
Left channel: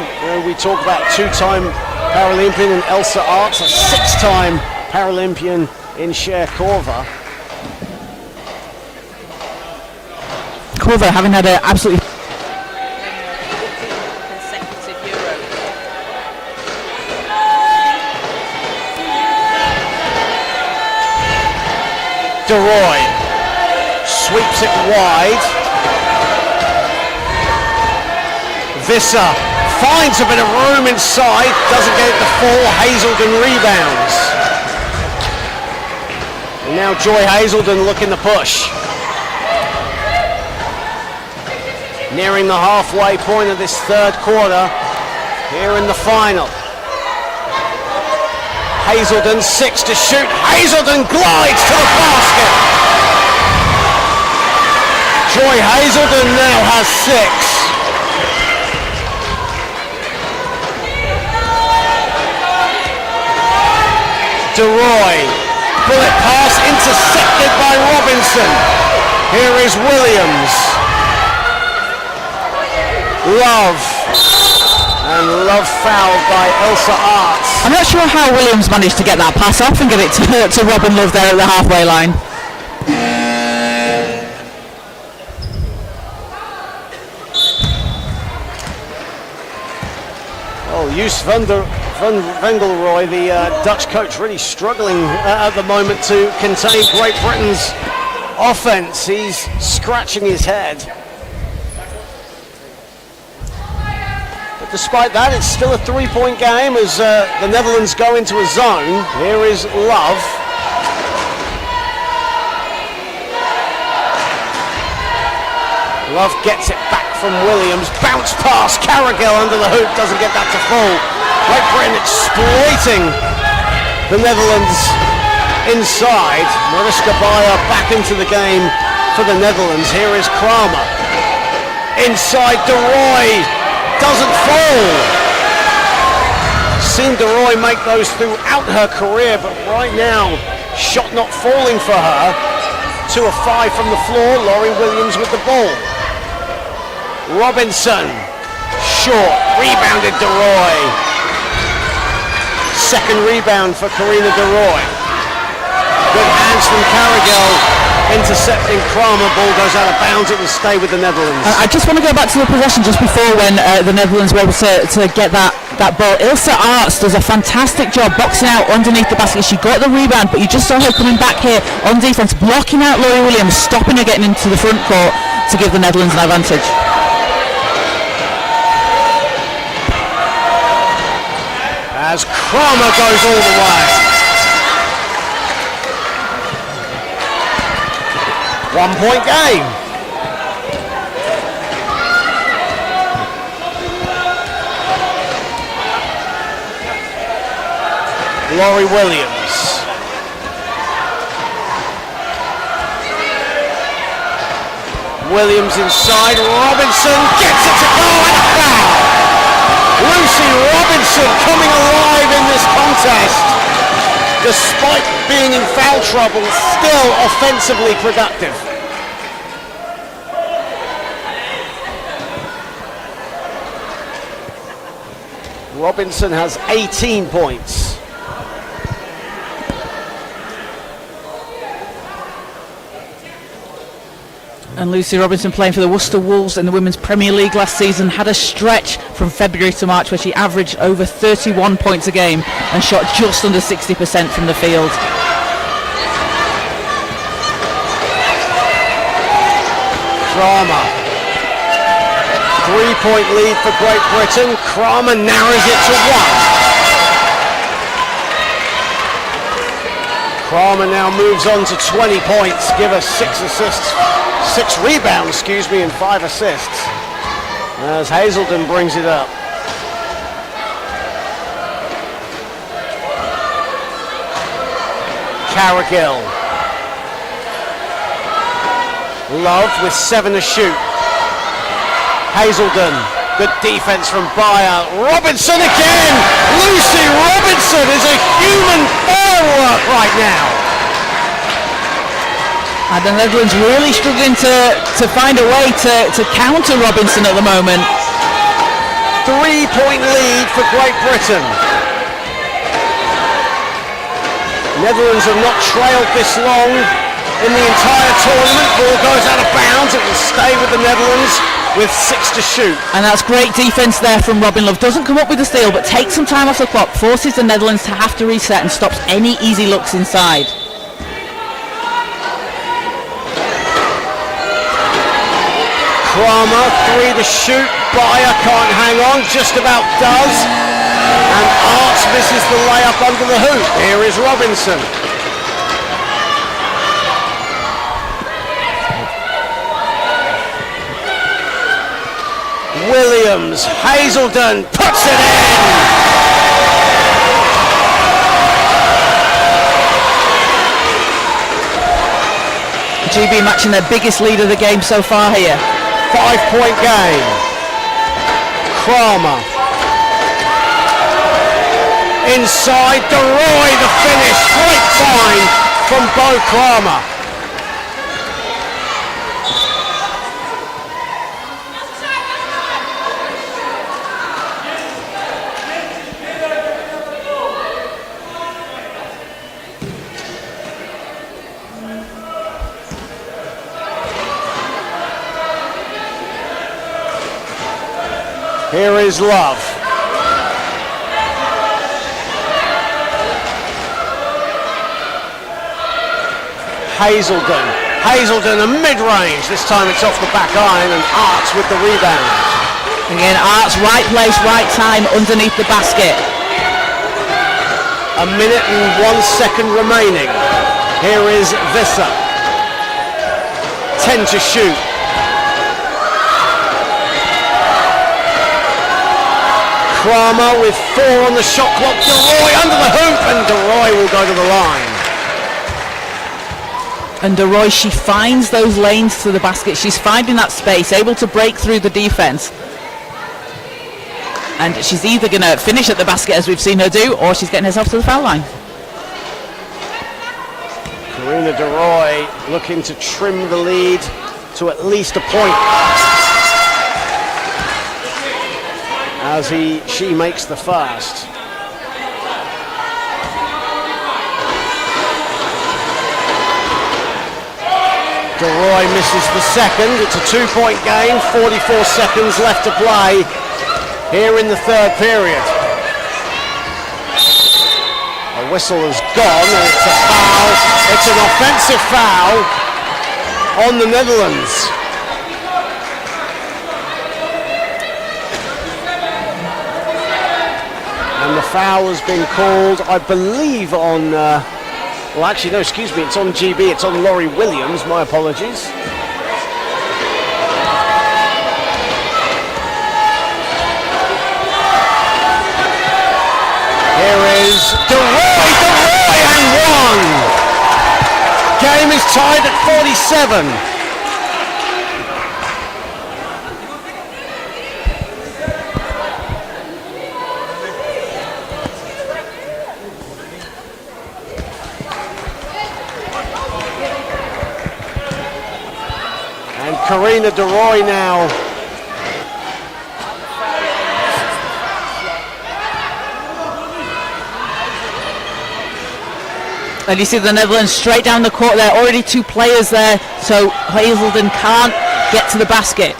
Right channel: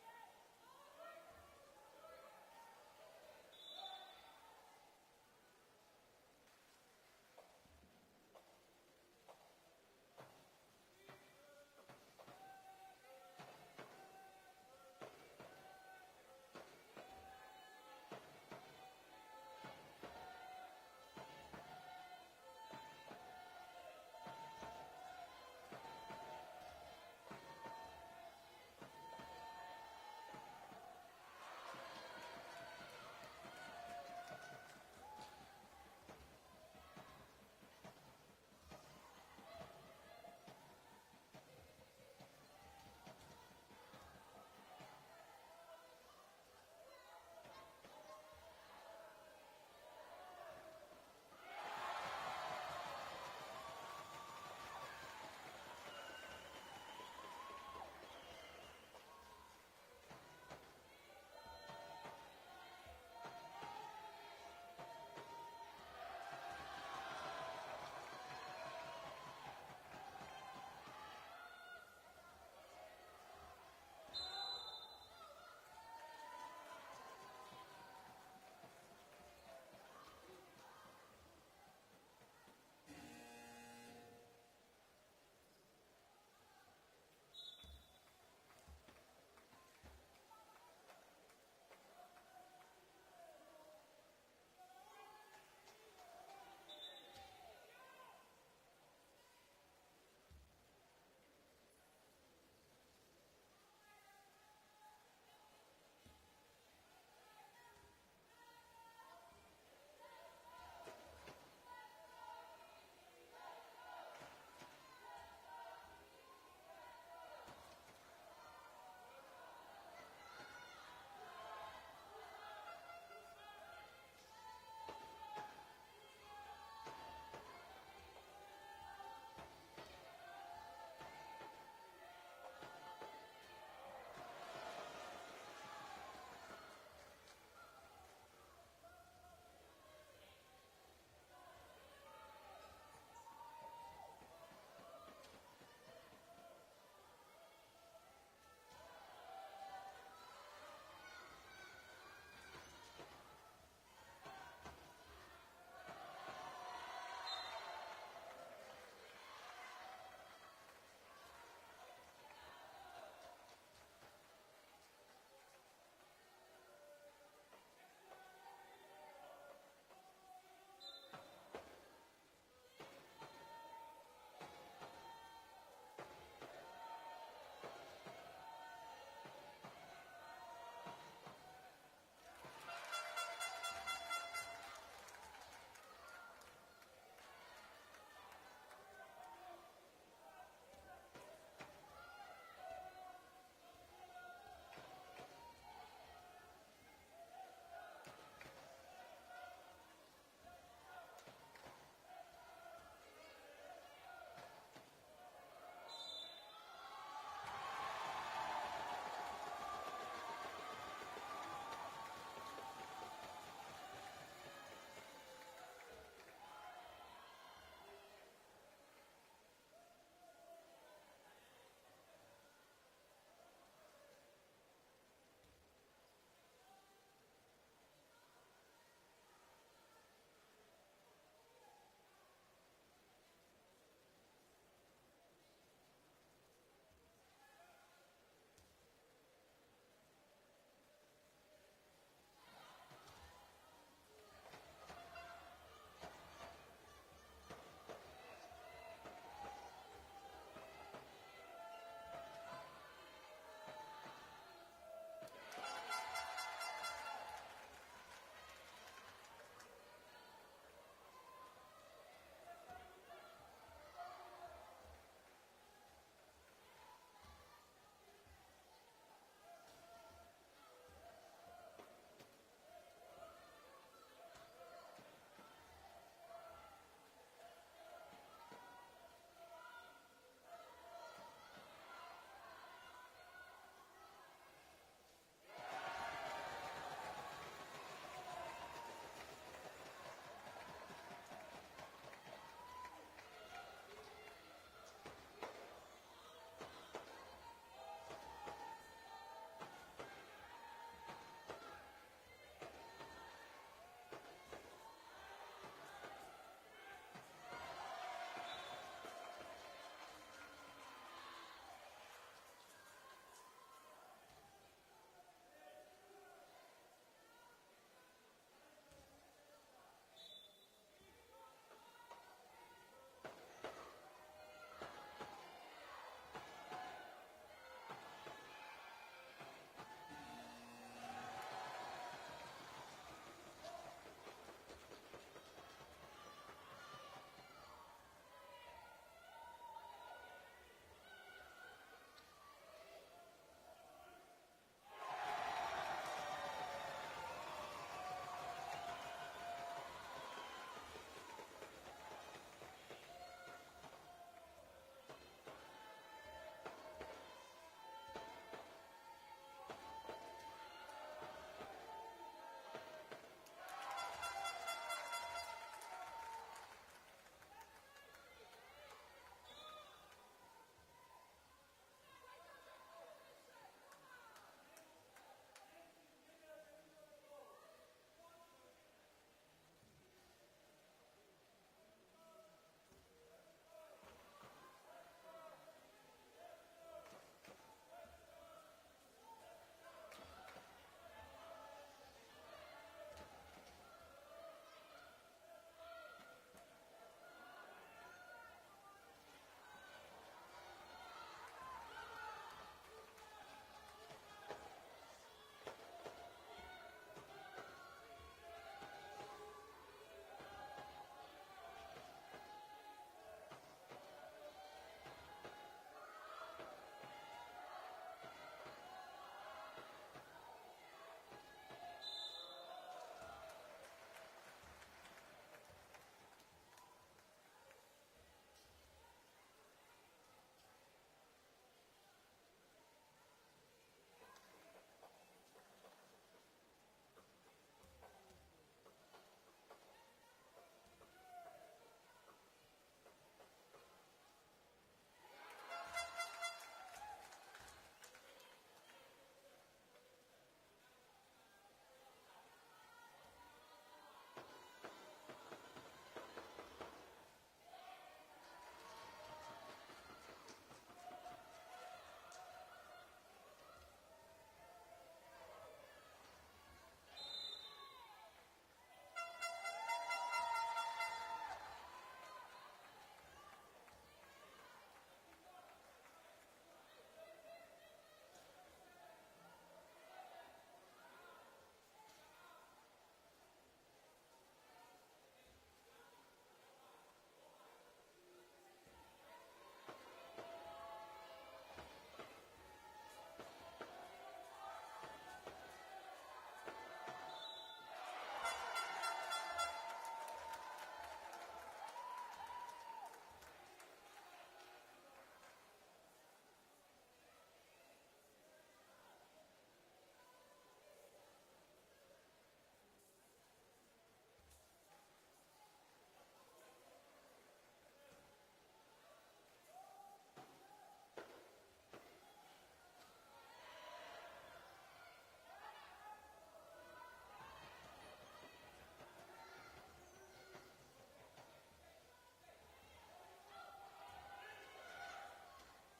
We talk about 2-time Paralympian in Elsa Arts, a 6-time Paralympian in Cher Korver. Korver having had an absolutely DeRoy sweeps it wide. Visser finds a bit of room inside, doesn't get it to fall. Hazelden rebounds. And now Joy Hazelden looking to push. Nearing the halfway point of this third quarter here in the final. Hazelden, 6 to shoot. Hazelden glides to the basket. Joy Hazelden now has 6. DeRoy, bullet pass intercepted by Robinson. Here is Williams. Love. And Love fouled by Elsa Arts. I'm not sure how Williams managed to get that pass off and get it to Robin Love there at the halfway line. Oh, Joos van Vengelrooy, the Dutch coach, really struggling at the moment to contain Great Britain's offense. He's scratching his head. But despite that, it's still a 3-point game as the Netherlands go into a zone. Here is Love. Love gets it back from Williams. Bounce pass, Carrigill under the hoop, doesn't get that to fall. Great Britain exploiting the Netherlands inside. Mariska Bayer back into the game for the Netherlands. Here is Kramer. Inside DeRoy, doesn't fall. Seen DeRoy make those throughout her career, but right now, shot not falling for her. 2 of 5 from the floor, Laurie Williams with the ball. Robinson, short, rebounded DeRoy. Second rebound for Karina DeRoy. Good hands from Carrigill, intercepting Kramer, ball goes out of bounds, it will stay with the Netherlands. I just want to go back to the possession just before when the Netherlands were able to get that ball. Ilsa Arts does a fantastic job boxing out underneath the basket. She got the rebound, but you just saw her coming back here on defense, blocking out Laurie Williams, stopping her getting into the front court to give the Netherlands an advantage. As Kramer goes all the way. 1-point game. Laurie Williams. Williams inside, Robinson gets it to go and a foul. Lucy Robinson coming alive in this contest. Despite being in foul trouble, still offensively productive. Robinson has 18 points. And Lucy Robinson, playing for the Worcester Wolves in the Women's Premier League last season, had a stretch from February to March where she averaged over 31 points a game and shot just under 60% from the field. Kramer. 3-point lead for Great Britain. Kramer narrows it to 1. Kramer now moves on to 20 points, give us 6 rebounds, and 5 assists. As Hazelden brings it up. Carrigill. Love with 7 to shoot. Hazelden, good defense from Bayer. Robinson again! Lucy Robinson is a human firework right now. And the Netherlands really struggling to find a way to counter Robinson at the moment. 3-point lead for Great Britain. Netherlands have not trailed this long in the entire tournament. Ball goes out of bounds. It will stay with the Netherlands with 6 to shoot. And that's great defense there from Robin Love. Doesn't come up with the steal, but takes some time off the clock, forces the Netherlands to have to reset and stops any easy looks inside. Kramer, 3 to shoot. Bayer can't hang on, just about does. And Arts misses the layup under the hoop. Here is Robinson. Williams, Hazelden puts it in. GB matching their biggest lead of the game so far here. 5-point game. Kramer. Inside, DeRoy the finish. Great find from Bo Kramer. Here is Love. Hazelden a mid-range. This time it's off the back iron and Arts with the rebound. Again, Arts, right place, right time underneath the basket. A minute and 1 second remaining. Here is Visser. 10 to shoot. Kramer with 4 on the shot clock. DeRoy under the hoop, and DeRoy will go to the line. And DeRoy, she finds those lanes to the basket. She's finding that space, able to break through the defense. And she's either going to finish at the basket, as we've seen her do, or she's getting herself to the foul line. Karina DeRoy looking to trim the lead to at least a point. As she makes the first. DeRoy misses the second. It's a 2-point game, 44 seconds left to play here in the third period. A whistle has gone and it's a foul. It's an offensive foul on the Netherlands. And the foul has been called, I believe, on, well actually no, excuse me, it's on GB, it's on Laurie Williams, my apologies. Here is DeRoy and 1! Game is tied at 47. Karina DeRoy now. And you see the Netherlands straight down the court there, already 2 players there, so Hazelden can't get to the basket.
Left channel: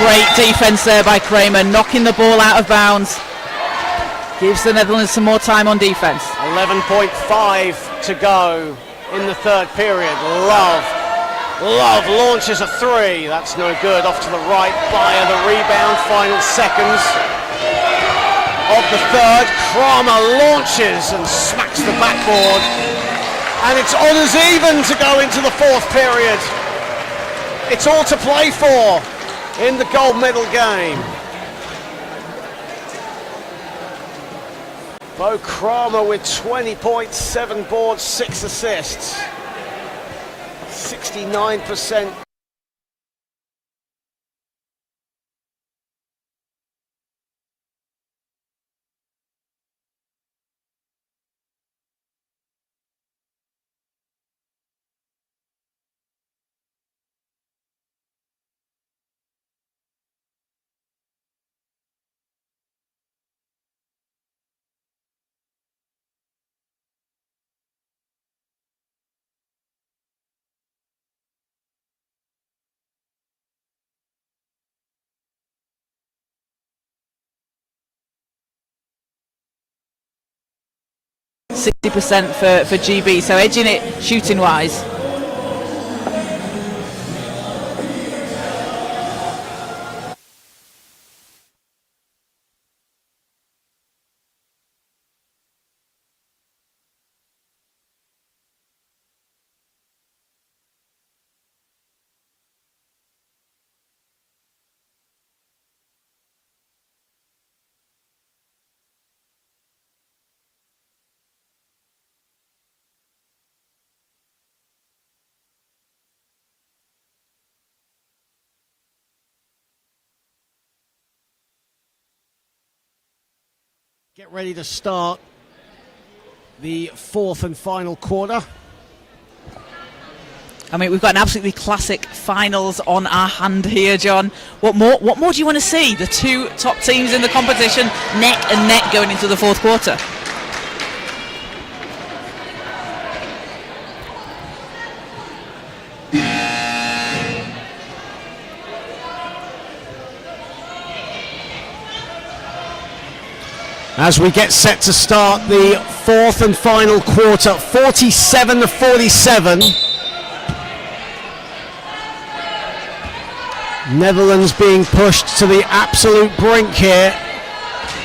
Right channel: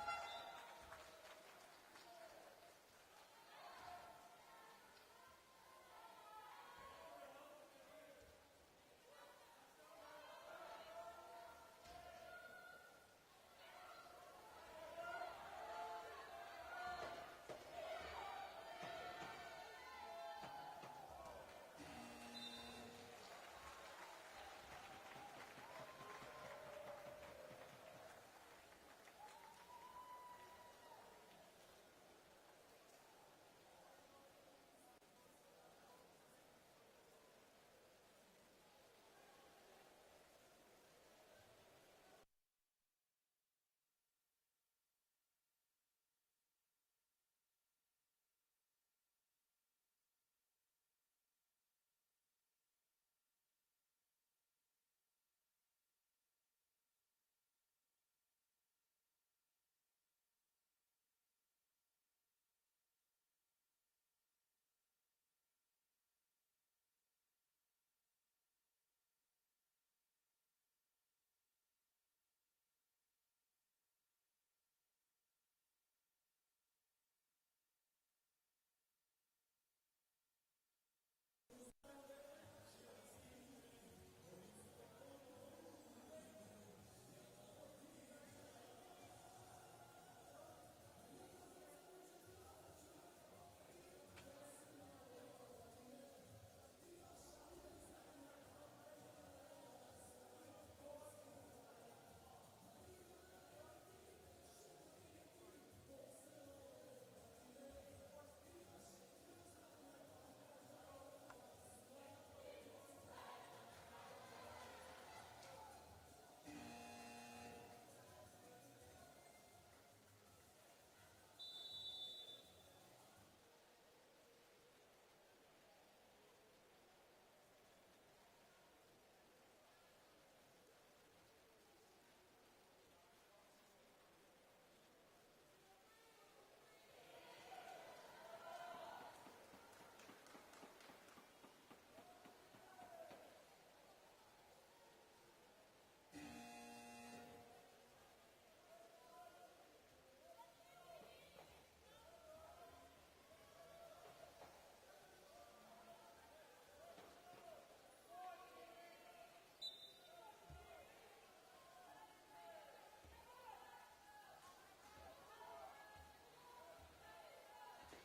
Great defense there by Kramer, knocking the ball out of bounds. Gives the Netherlands some more time on defense. 11.5 to go in the third period. Love launches a 3. That's no good. Off to the right. Bayer the rebound. Final seconds of the third. Kramer launches and smacks the backboard. And it's on as even to go into the fourth period. It's all to play for in the gold medal game. Bo Kramer with 20 points, 7 boards, 6 assists. 69% 60% for GB, so edging it shooting wise. Get ready to start the fourth and final quarter. I mean, we've got an absolutely classic finals on our hand here, John. What more do you want to see? The two top teams in the competition, neck and neck going into the fourth quarter. As we get set to start the fourth and final quarter, 47-47. Netherlands being pushed to the absolute brink here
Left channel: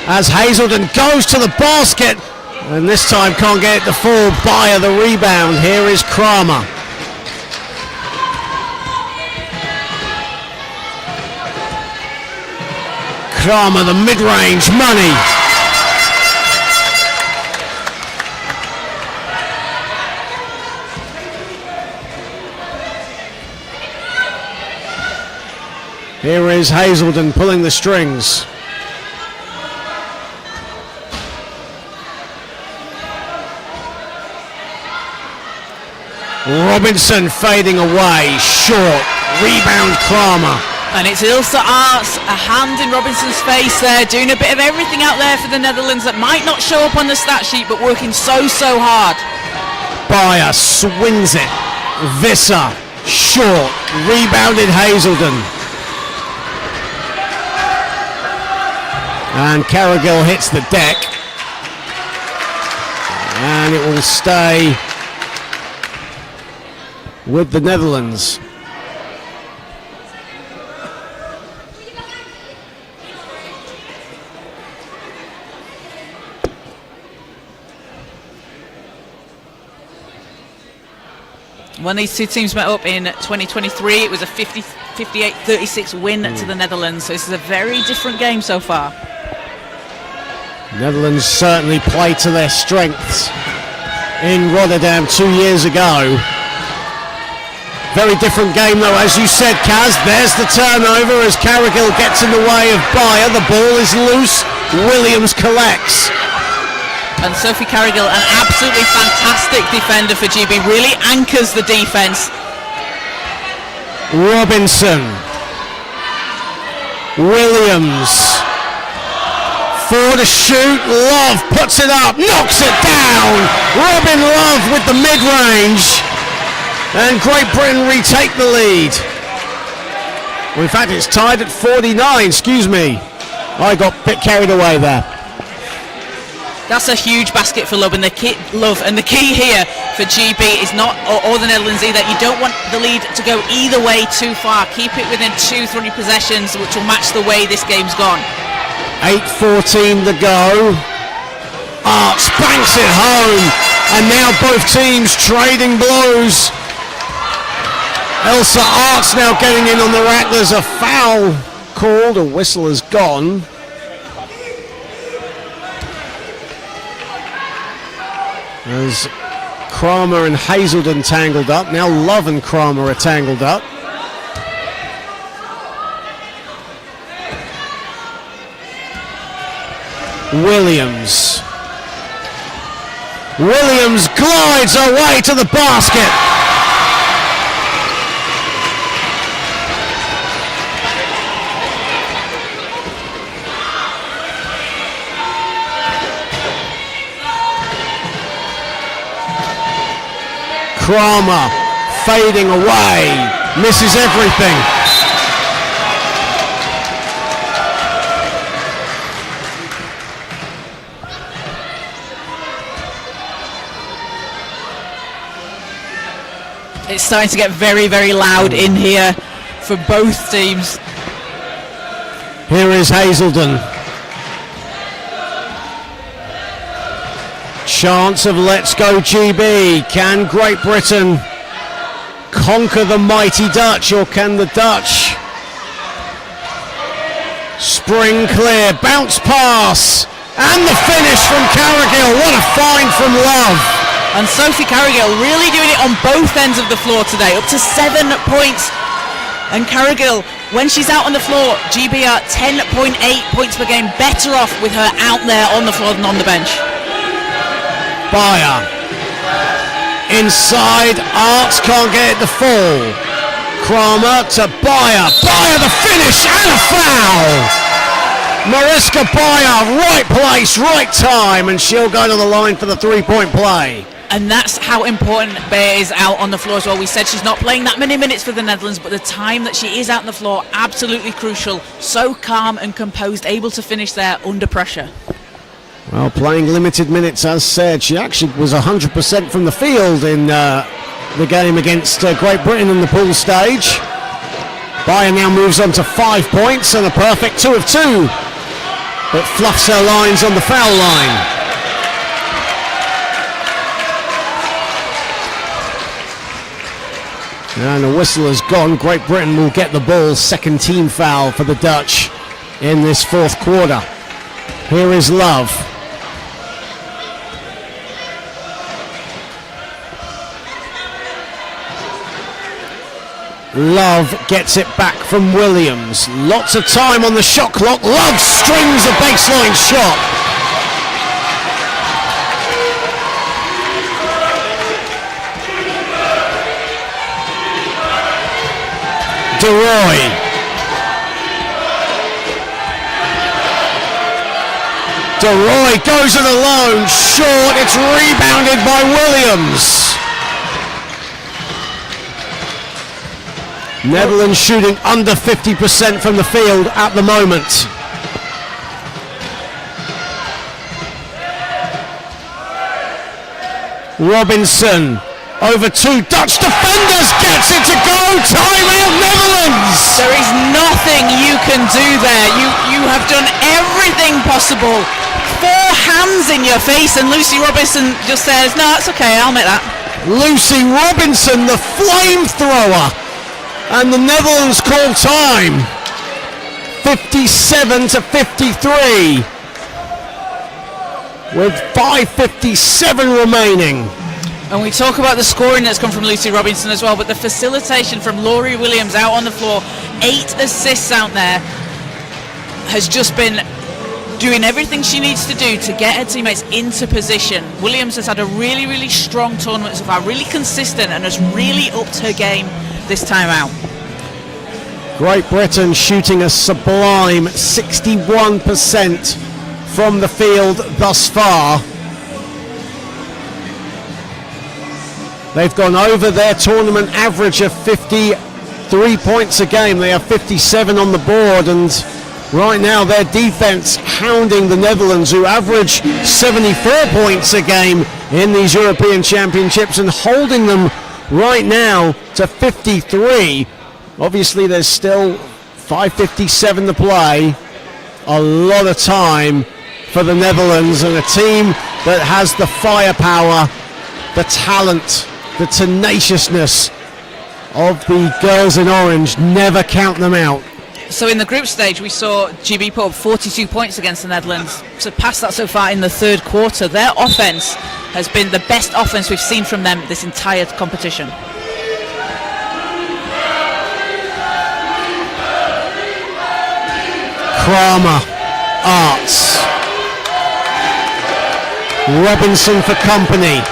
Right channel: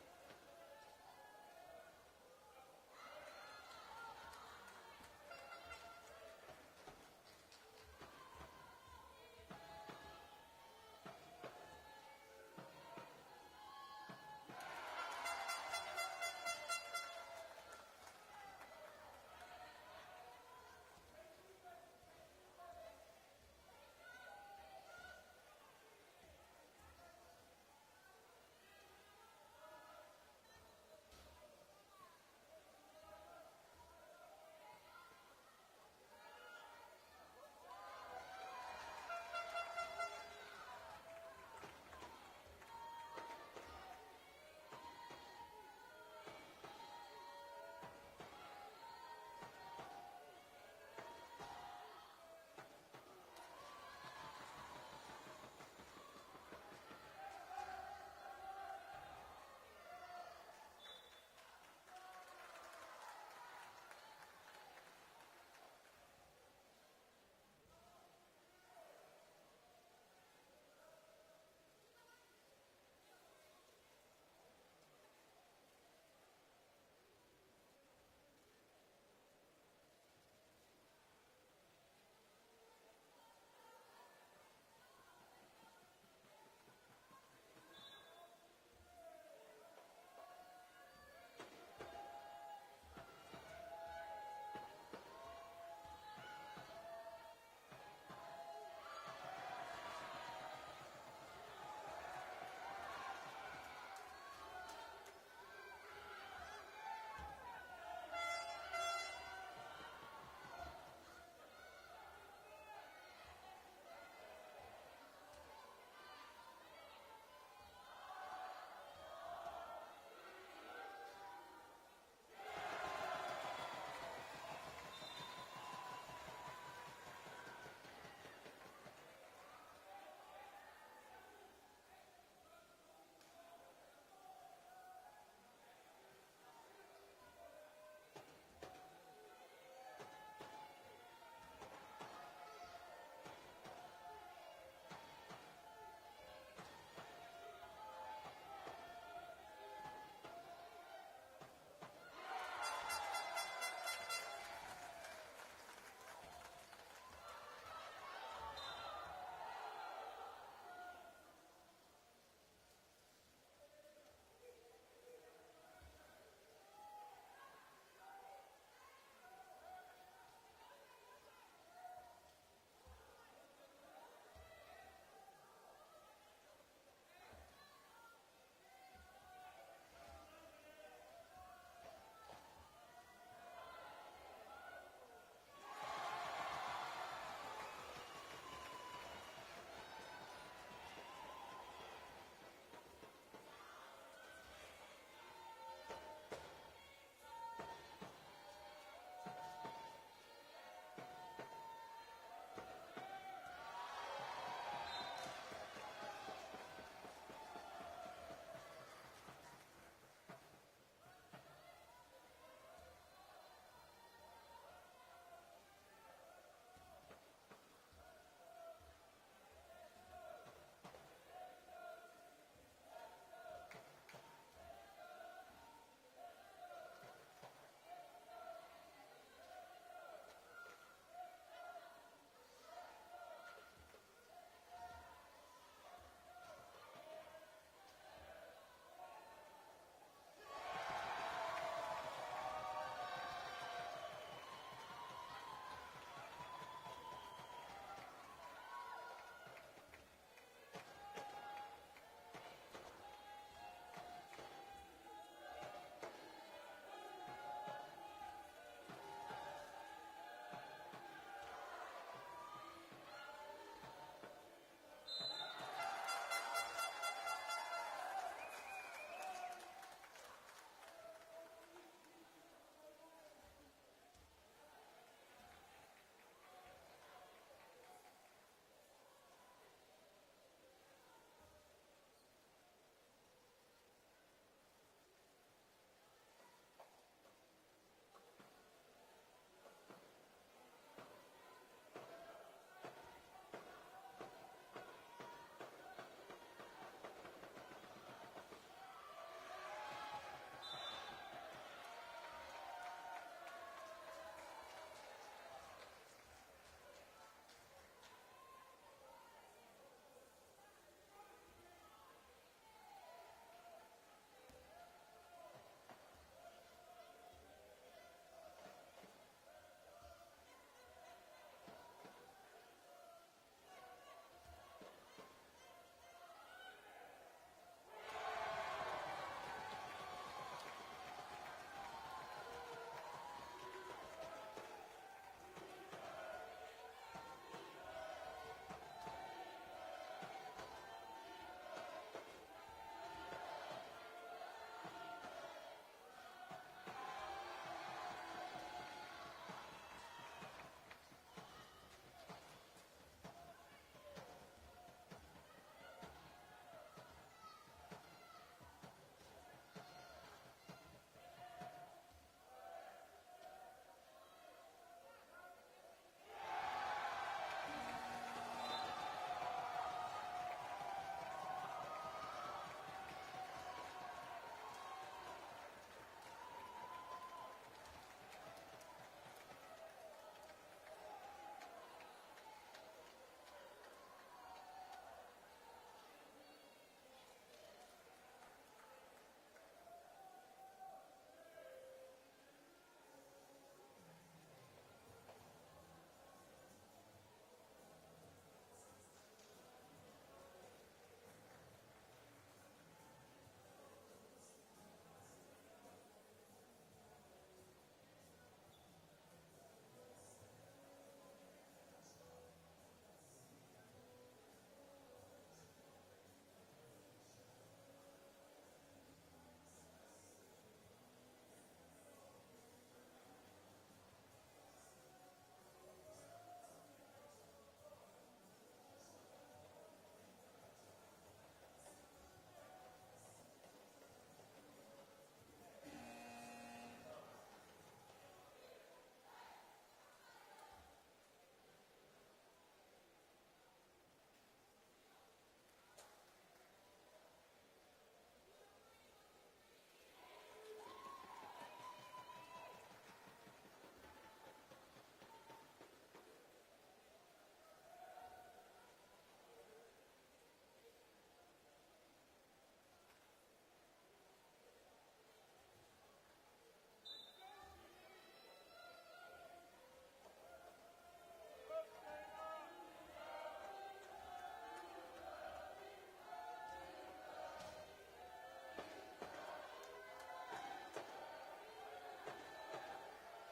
as Hazelden goes to the basket and this time can't get it to fall. Beyer the rebound. Here is Kramer. Kramer the mid-range money. Here is Hazelden pulling the strings. Robinson fading away, short, rebound Kramer. And it's Ilse Arts, a hand in Robinson's face there, doing a bit of everything out there for the Netherlands that might not show up on the stat sheet, but working so hard. Beyer swings it, Visser, short, rebounded Hazelden. And Carrigill hits the deck. And it will stay with the Netherlands. When these two teams met up in 2023, it was a 58-36 win to the Netherlands. So this is a very different game so far. Netherlands certainly play to their strengths in Rotterdam 2 years ago. Very different game though, as you said, Kaz. There's the turnover as Carrigill gets in the way of Beyer. The ball is loose. Williams collects. And Sophie Carrigill, an absolutely fantastic defender for GB, really anchors the defense. Robinson. Williams. For the shoot, Love puts it up, knocks it down. Robin Love with the mid-range. And Great Britain retake the lead. Well, in fact, it's tied at 49, excuse me. I got a bit carried away there. That's a huge basket for Love, and the key here for GB is not, or the Netherlands either, you don't want the lead to go either way too far. Keep it within 2-3 possessions, which will match the way this game's gone. 8:14 to go. Arts banks it home, and now both teams trading blows. Elsa Arts now getting in on the rack. There's a foul called, a whistle has gone. As Kramer and Hazelden tangled up. Now Love and Kramer are tangled up. Williams glides away to the basket. Kramer fading away, misses everything. It's starting to get very, very loud in here for both teams. Here is Hazelden. Chance of Let's Go GB. Can Great Britain conquer the mighty Dutch, or can the Dutch spring clear? Bounce pass, and the finish from Carrigill. What a find from Love. And Sophie Carrigill really doing it on both ends of the floor today, up to 7 points. And Carrigill, when she's out on the floor, GB are 10.8 points per game better off with her out there on the floor than on the bench. Beyer inside, Arts can't get it to fall. Kramer to Beyer. Beyer the finish and a foul. Mariska Beyer, right place, right time, and she'll go to the line for the 3-point play. And that's how important Beyer is out on the floor as well. We said she's not playing that many minutes for the Netherlands, but the time that she is out on the floor, absolutely crucial. So calm and composed, able to finish there under pressure. Well, playing limited minutes, as said. She actually was 100% from the field in the game against Great Britain in the pool stage. Beyer now moves on to 5 points and a perfect 2 of 2. But fluffs her lines on the foul line. And the whistle has gone. Great Britain will get the ball. Second team foul for the Dutch in this fourth quarter. Here is Love. Love gets it back from Williams. Lots of time on the shot clock. Love strings a baseline shot. DeRoy. DeRoy goes it alone. Short. It's rebounded by Williams. Netherlands shooting under 50% from the field at the moment. Robinson over 2 Dutch defenders, gets it to go. Timeout Netherlands. There is nothing you can do there. You have done everything possible. 4 hands in your face, and Lucy Robinson just says, no, it's okay, I'll make that. Lucy Robinson, the flamethrower. And the Netherlands call time. 57 to 53. With 5:57 remaining. And we talk about the scoring that's come from Lucy Robinson as well, but the facilitation from Laurie Williams out on the floor, 8 assists out there, has just been doing everything she needs to do to get her teammates into position. Williams has had a really, really strong tournament so far, really consistent, and has really upped her game this time out. Great Britain shooting a sublime 61% from the field thus far. They've gone over their tournament average of 53 points a game. They have 57 on the board, and right now their defense hounding the Netherlands, who average 74 points a game in these European Championships, and holding them right now to 53. Obviously there's still 5:57 to play. A lot of time for the Netherlands, and a team that has the firepower, the talent, the tenaciousness of the girls in orange. Never count them out. So in the group stage, we saw GB put up 42 points against the Netherlands. Surpassed that so far in the third quarter. Their offense has been the best offense we've seen from them this entire competition. Kramer, Arts, Robinson for company,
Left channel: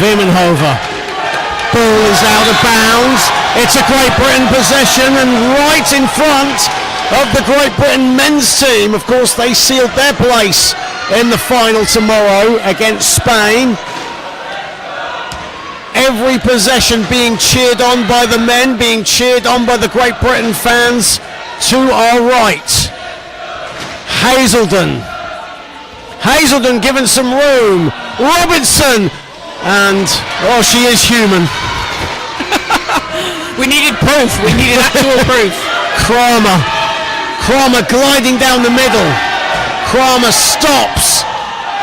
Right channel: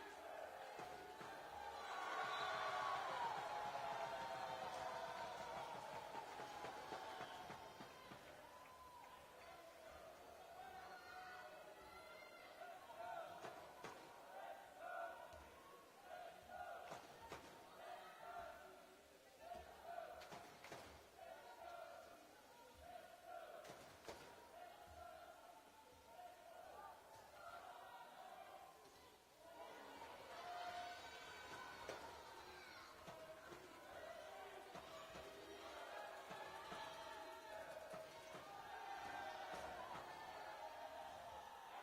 Vimmenhoven, ball is out of bounds. It's a Great Britain possession, and right in front of the Great Britain men's team. Of course, they sealed their place in the final tomorrow against Spain. Every possession being cheered on by the men, being cheered on by the Great Britain fans. To our right, Hazelden given some room. Robinson, and oh, she is human. We needed proof. We needed actual proof. Kramer gliding down the middle. Kramer stops.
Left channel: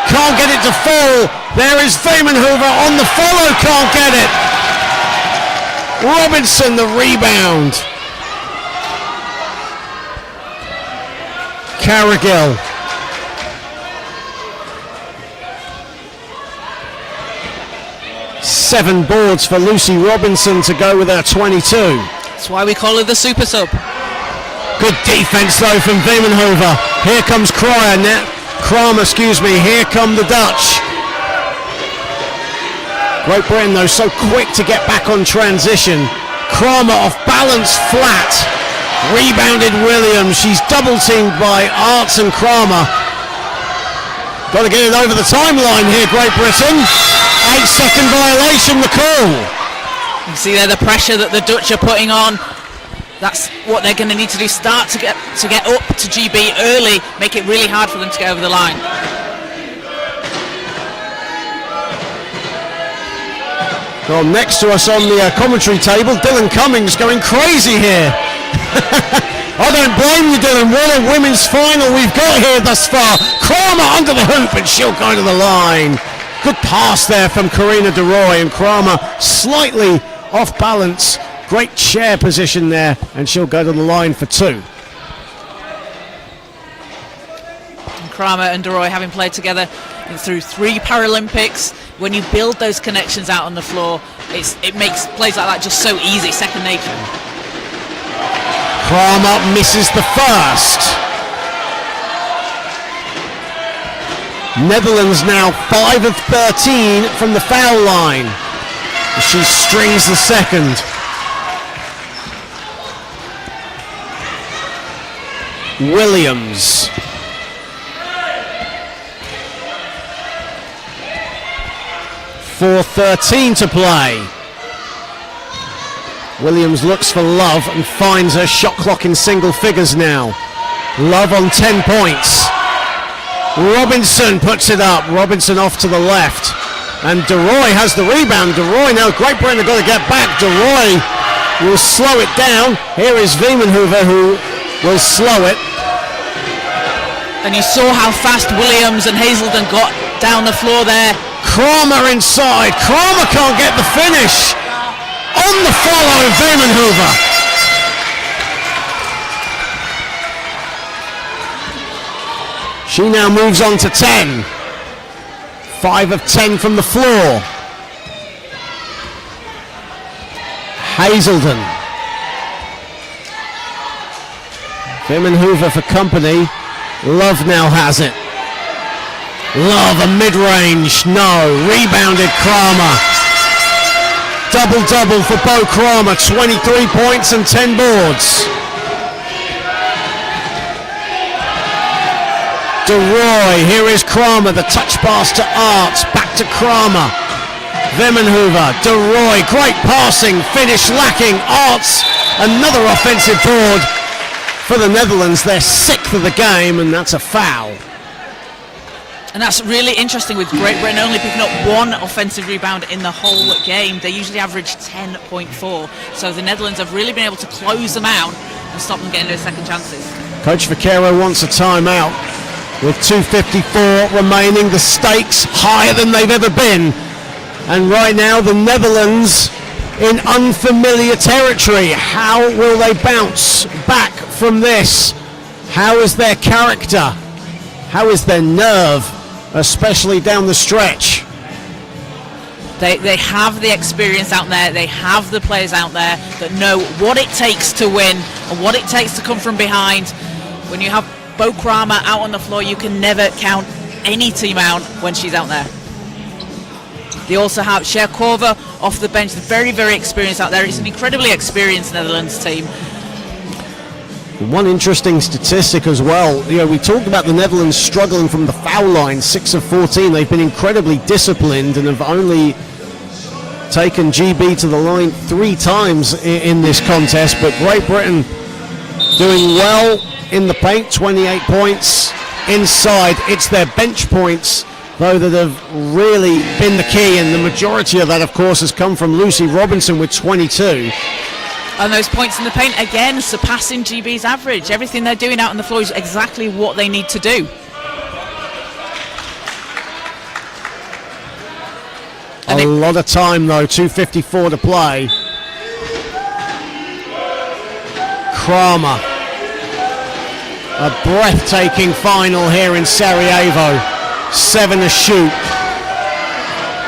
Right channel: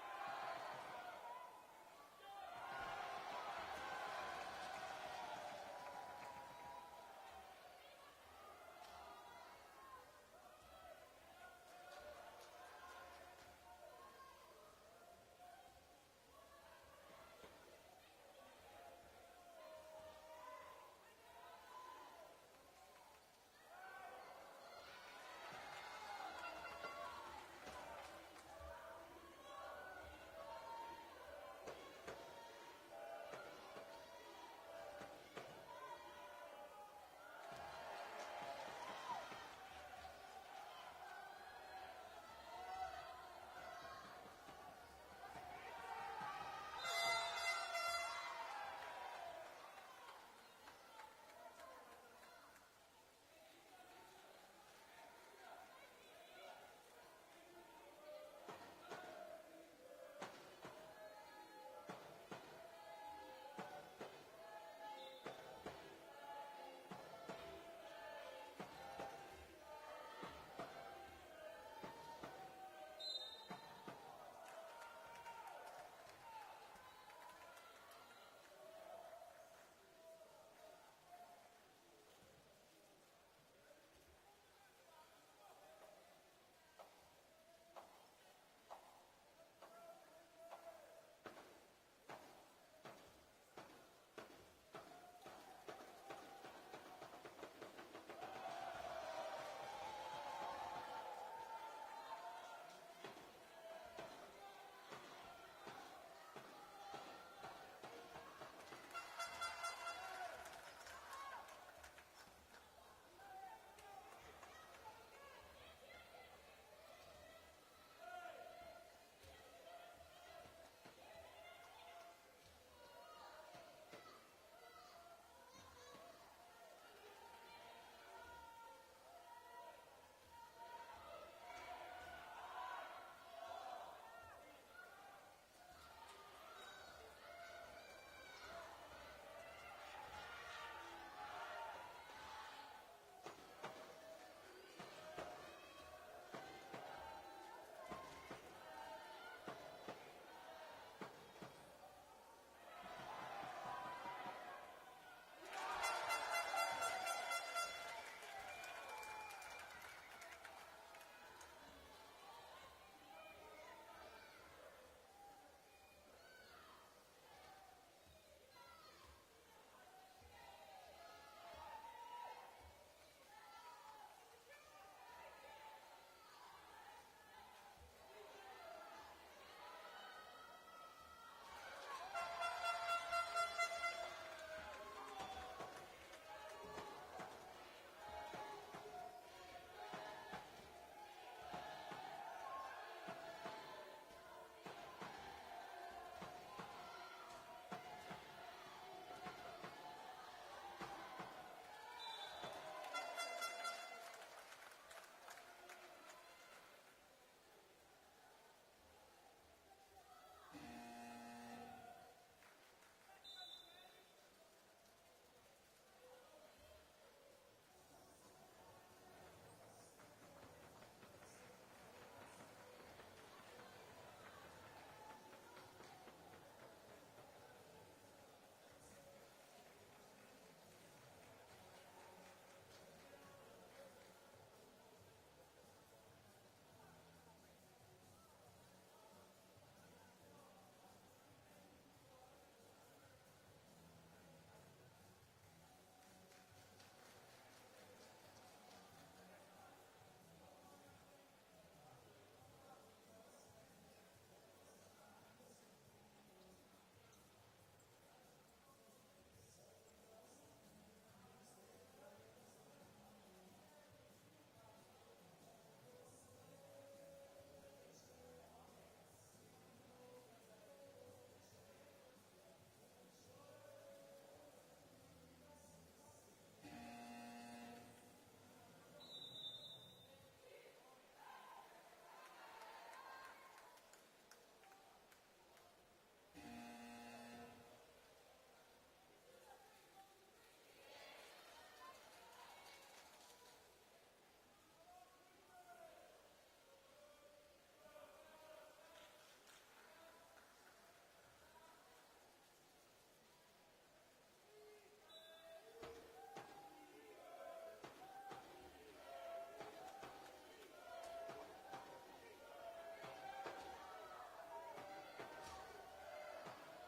Can't get it to fall. There is Vamenhoover on the follow. Can't get it. Robinson the rebound. Carrigill. Seven boards for Lucy Robinson to go with her 22. That's why we call her the super sub. Good defense though from Vamenhoover. Here comes Kramer, here come the Dutch. Great Britain though so quick to get back on transition. Kramer off balance flat. Rebounded Williams. She's double teamed by Arts and Kramer. Got to get it over the timeline here, Great Britain. 8-second violation, the call. You see there the pressure that the Dutch are putting on. That's what they're going to need to do. Start to get up to GB early. Make it really hard for them to get over the line. Well, next to us on the commentary table, Dylan Cummings going crazy here. I don't blame you, Dylan. What a women's final we've got here thus far. Kramer under the hoop and she'll go to the line. Good pass there from Karina de Roy, and Kramer slightly off balance. Great chair position there, and she'll go to the line for two. And Kramer and de Roy having played together through 3 Paralympics. When you build those connections out on the floor, it makes plays like that just so easy, second nature. Kramer misses the first. Netherlands now 5 of 13 from the foul line. She strings the second. Williams. .4:13 to play. Williams looks for Love and finds her shot clock in single figures now. Love on 10 points. Robinson puts it up. Robinson off to the left. And de Roy has the rebound. De Roy now, Great Britain have got to get back. De Roy will slow it down. Here is Vamenhoover who will slow it. And you saw how fast Williams and Hazelden got down the floor there. Kramer inside. Kramer can't get the finish. On the follow, Vamenhoover. She now moves on to 10. 5 of 10 from the floor. Hazelden. Vamenhoover for company. Love now has it. Love a mid-range. No. Rebounded Kramer. Double-double for Bo Kramer. 23 points and 10 boards. De Roy, here is Kramer, the touch pass to Arts, back to Kramer. Vamenhoover, De Roy, great passing, finish lacking. Arts, another offensive board for the Netherlands. They're 6th of the game, and that's a foul. And that's really interesting with Great Britain only picking up 1 offensive rebound in the whole game. They usually average 10.4. So the Netherlands have really been able to close them out and stop them getting those second chances. Coach Vaquero wants a timeout. With 2:54 remaining, the stakes higher than they've ever been. And right now, the Netherlands in unfamiliar territory. How will they bounce back from this? How is their character? How is their nerve, especially down the stretch? They have the experience out there. They have the players out there that know what it takes to win and what it takes to come from behind. When you have Bo Kramer out on the floor, you can never count any team out when she's out there. They also have Sherkova off the bench, very, very experienced out there. It's an incredibly experienced Netherlands team. One interesting statistic as well, we talked about the Netherlands struggling from the foul line, 6 of 14. They've been incredibly disciplined and have only taken GB to the line 3 times in this contest, but Great Britain doing well in the paint, 28 points. Inside, it's their bench points, though, that have really been the key, and the majority of that, of course, has come from Lucy Robinson with 22. And those points in the paint, again, surpassing GB's average. Everything they're doing out on the floor is exactly what they need to do. A lot of time, though, 2:54 to play. Kramer. A breathtaking final here in Sarajevo. 7 to shoot.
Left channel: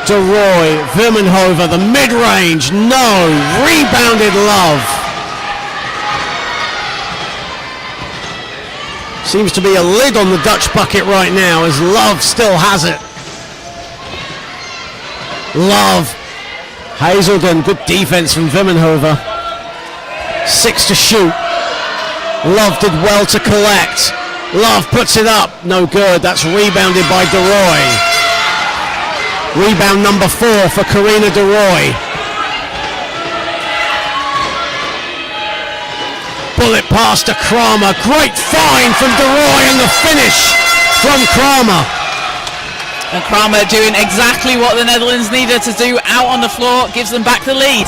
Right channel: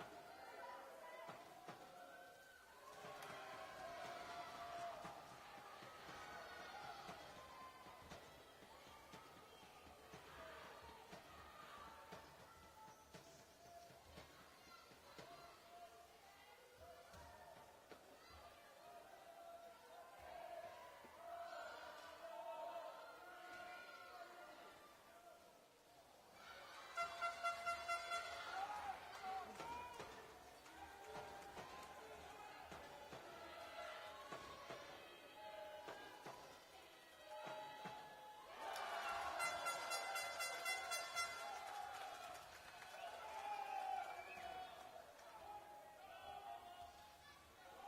DeRoy, Vimmenhover, the mid-range, no. Rebounded Love. Seems to be a lid on the Dutch bucket right now as Love still has it. Love. Hazelden, good defense from Vimmenhover. 6 to shoot. Love did well to collect. Love puts it up, no good. That's rebounded by DeRoy. Rebound number 4 for Karina DeRoy. Bullet pass to Kramer. Great find from DeRoy and the finish from Kramer. And Kramer doing exactly what the Netherlands needed to do out on the floor, gives them back the lead.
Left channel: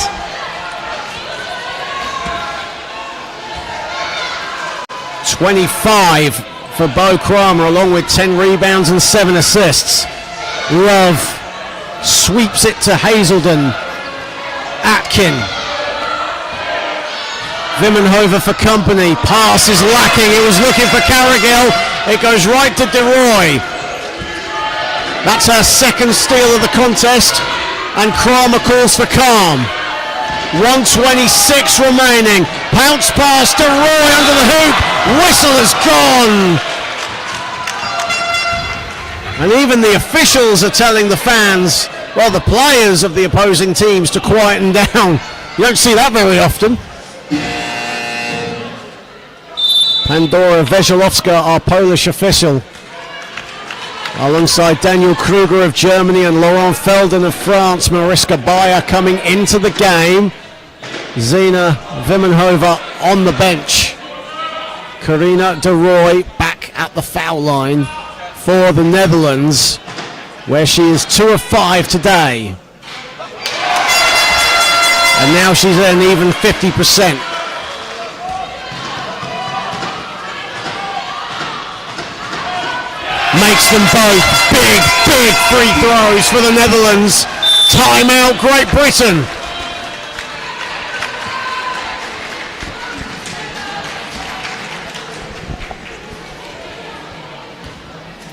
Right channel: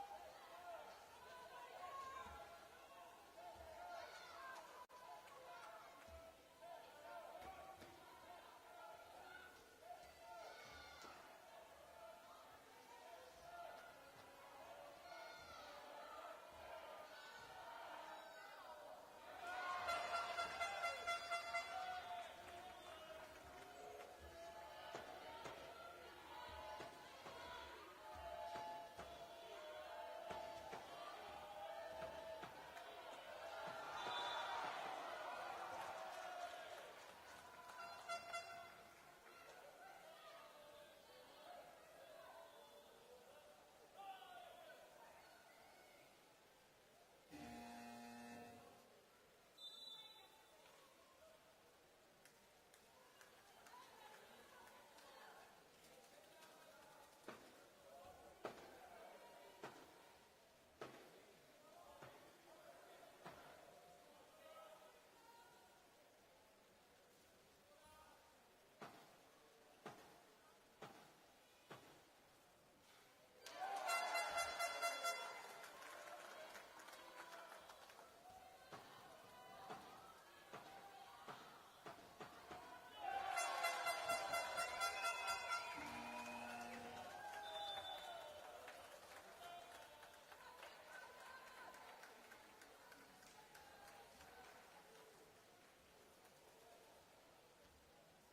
.25 for Bo Kramer, along with 10 rebounds and 7 assists. Love sweeps it to Hazelden. Atkin. Vimmenhover for company. Pass is lacking. It was looking for Carrigill. It goes right to DeRoy. That's her second steal of the contest. And Kramer calls for calm. 1:26 remaining. Pounce pass to Roy under the hoop. Whistle is gone. And even the officials are telling the fans, well, the players of the opposing teams, to quieten down. You don't see that very often. Pandora Veselovska, our Polish official, alongside Daniel Kruger of Germany and Laurent Felden of France. Mariska Bayer coming into the game. Zina Vimmenhover on the bench. Karina DeRoy back at the foul line for the Netherlands, where she is 2 of 5 today. And now she's at an even 50%. Makes them both big free throws for the Netherlands. Timeout, Great Britain.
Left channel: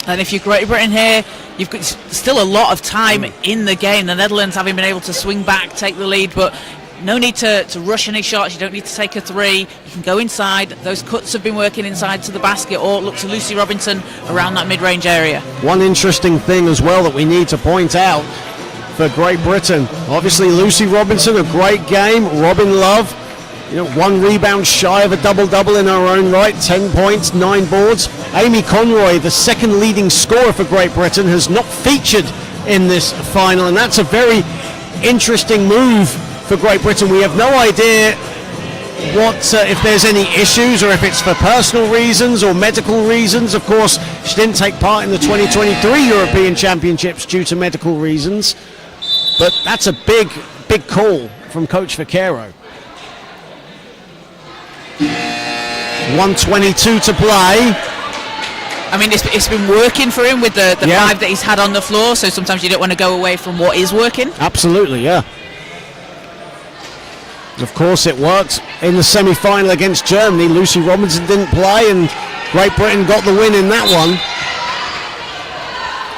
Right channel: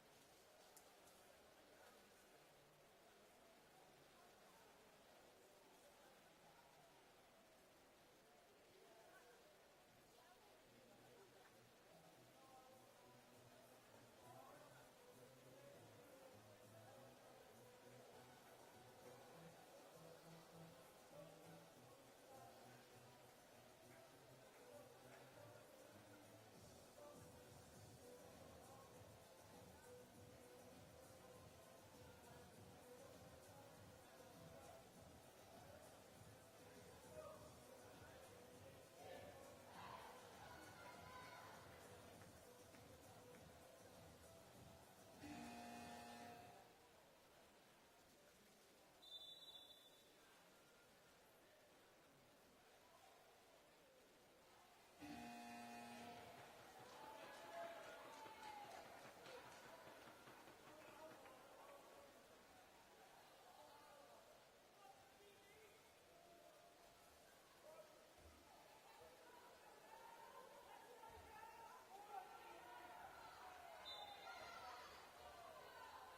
And if you're Great Britain here, you've got still a lot of time in the game. The Netherlands having been able to swing back, take the lead, but no need to rush any shots. You don't need to take a 3. You can go inside. Those cuts have been working inside to the basket, or look to Lucy Robinson around that mid-range area. One interesting thing as well that we need to point out for Great Britain. Obviously, Lucy Robinson, a great game. Robin Love, 1 rebound shy of a double-double in her own right. 10 points, 9 boards. Amy Conroy, the second leading scorer for Great Britain, has not featured in this final, and that's a very interesting move for Great Britain. We have no idea what if there's any issues, or if it's for personal reasons or medical reasons. Of course, she didn't take part in the 2023 European Championships due to medical reasons, but that's a big call from Coach Vaquero. 1:22 to play. I mean, it's been working for him with the 5 that he's had on the floor, so sometimes you don't want to go away from what is working. Absolutely, yeah. Of course, it worked in the semi-final against Germany. Lucy Robinson didn't play, and Great Britain got the win in that one.